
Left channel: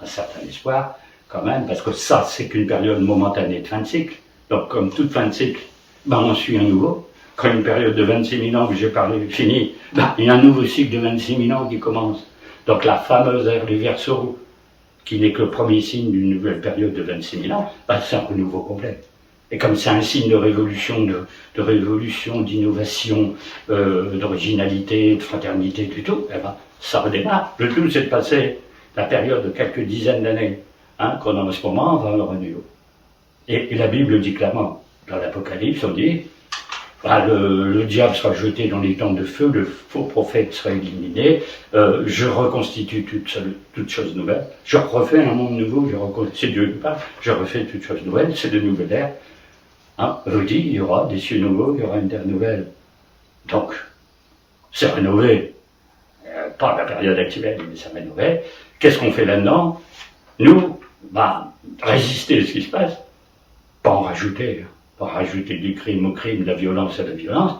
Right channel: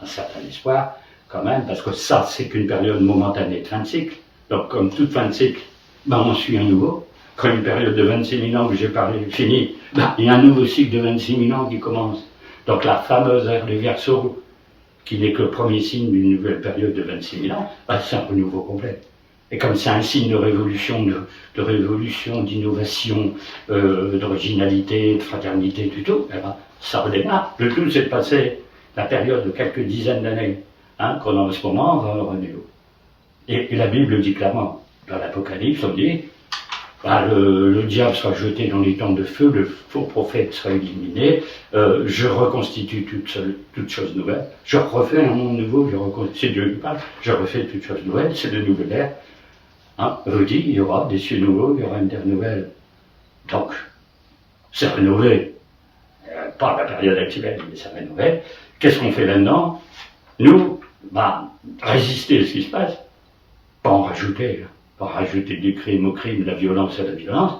un certain espoir, quand même, parce que ça, c'est qu'une période momentanée de fin de cycle. Donc, comme toute fin de cycle, ben, on suit un nouveau. Quand une période de 26 000 ans que j'ai parlé est finie, ben, il y a un nouveau cycle de 26 000 ans qui commence. Donc, la fameuse ère du Verseau, qui n'est que le premier signe d'une nouvelle période de 26 000 ans, ben, c'est un renouveau complet. Et comme c'est un signe de révolution, de révolution, d'innovation, d'originalité, de fraternité, du tout, eh ben, ça redémarre. Le tout, c'est de passer la période de quelques dizaines d'années qu'on a en ce moment vers le renouveau. Et la Bible dit clairement, dans l'Apocalypse, on dit, le diable sera jeté dans les temps de feu, le faux prophète sera éliminé, je reconstitue toutes choses nouvelles, je refais un monde nouveau, c'est Dieu qui parle, je refais toutes choses nouvelles, c'est de nouvelles ères. Je dis, il y aura des cieux nouveaux, il y aura une terre nouvelle. Donc, c'est rénové. Pas la période actuelle, mais c'est rénové. Qu'est-ce qu'on fait là-dedans? Nous, résister à ce qui se passe, pas en rajouter. Pas rajouter du crime au crime, de la violence à la violence.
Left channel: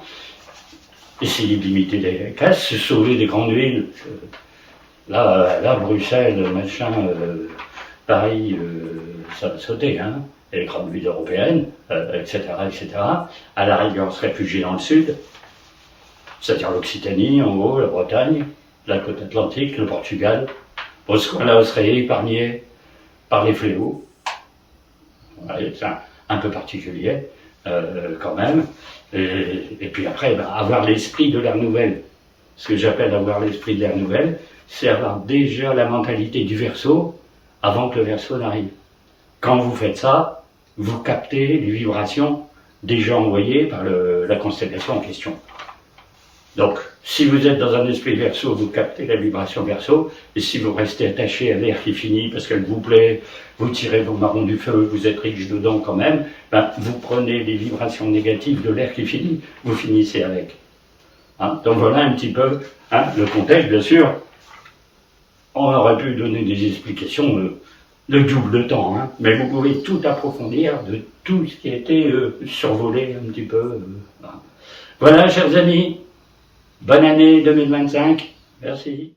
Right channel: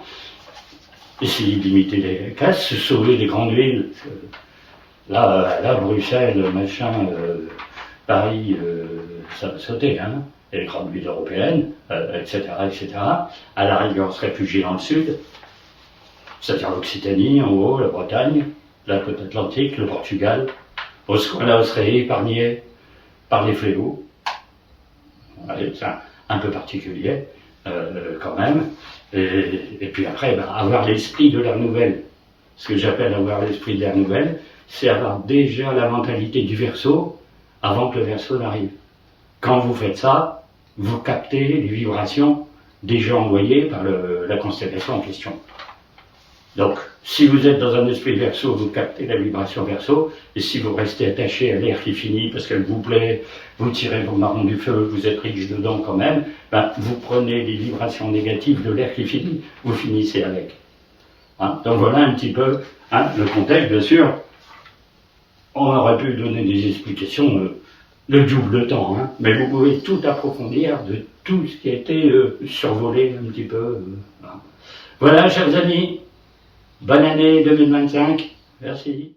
Essayer de limiter les casses, se sauver des grandes villes. Là, Bruxelles, machin, Paris, ça va sauter, hein. Et les grandes villes européennes, etc., etc. À la rigueur, on se réfugier dans le sud, c'est-à-dire l'Occitanie, en gros, la Bretagne, la côte atlantique, le Portugal. Bon, ce coin-là serait épargné par les fléaux. Ouais, c'est un peu particulier, quand même. Et puis après, avoir l'esprit de l'ère nouvelle. Ce que j'appelle avoir l'esprit de l'ère nouvelle, c'est avoir déjà la mentalité du Verseau avant que le Verseau n'arrive. Quand vous faites ça, vous captez les vibrations déjà envoyées par la constellation en question. Donc, si vous êtes dans un esprit Verseau, vous captez la vibration Verseau, et si vous restez attaché à l'air qui finit parce qu'elle vous plaît, vous tirez vos marrons du feu, vous êtes riche dedans quand même, vous prenez les vibrations négatives de l'air qui finit, vous finissez avec. Donc voilà un petit peu le contexte, bien sûr. On aurait pu donner des explications de double temps, mais vous pouvez tout approfondir de tout ce qui a été survolé un petit peu. Voilà, chers amis, bonne année 2025, merci.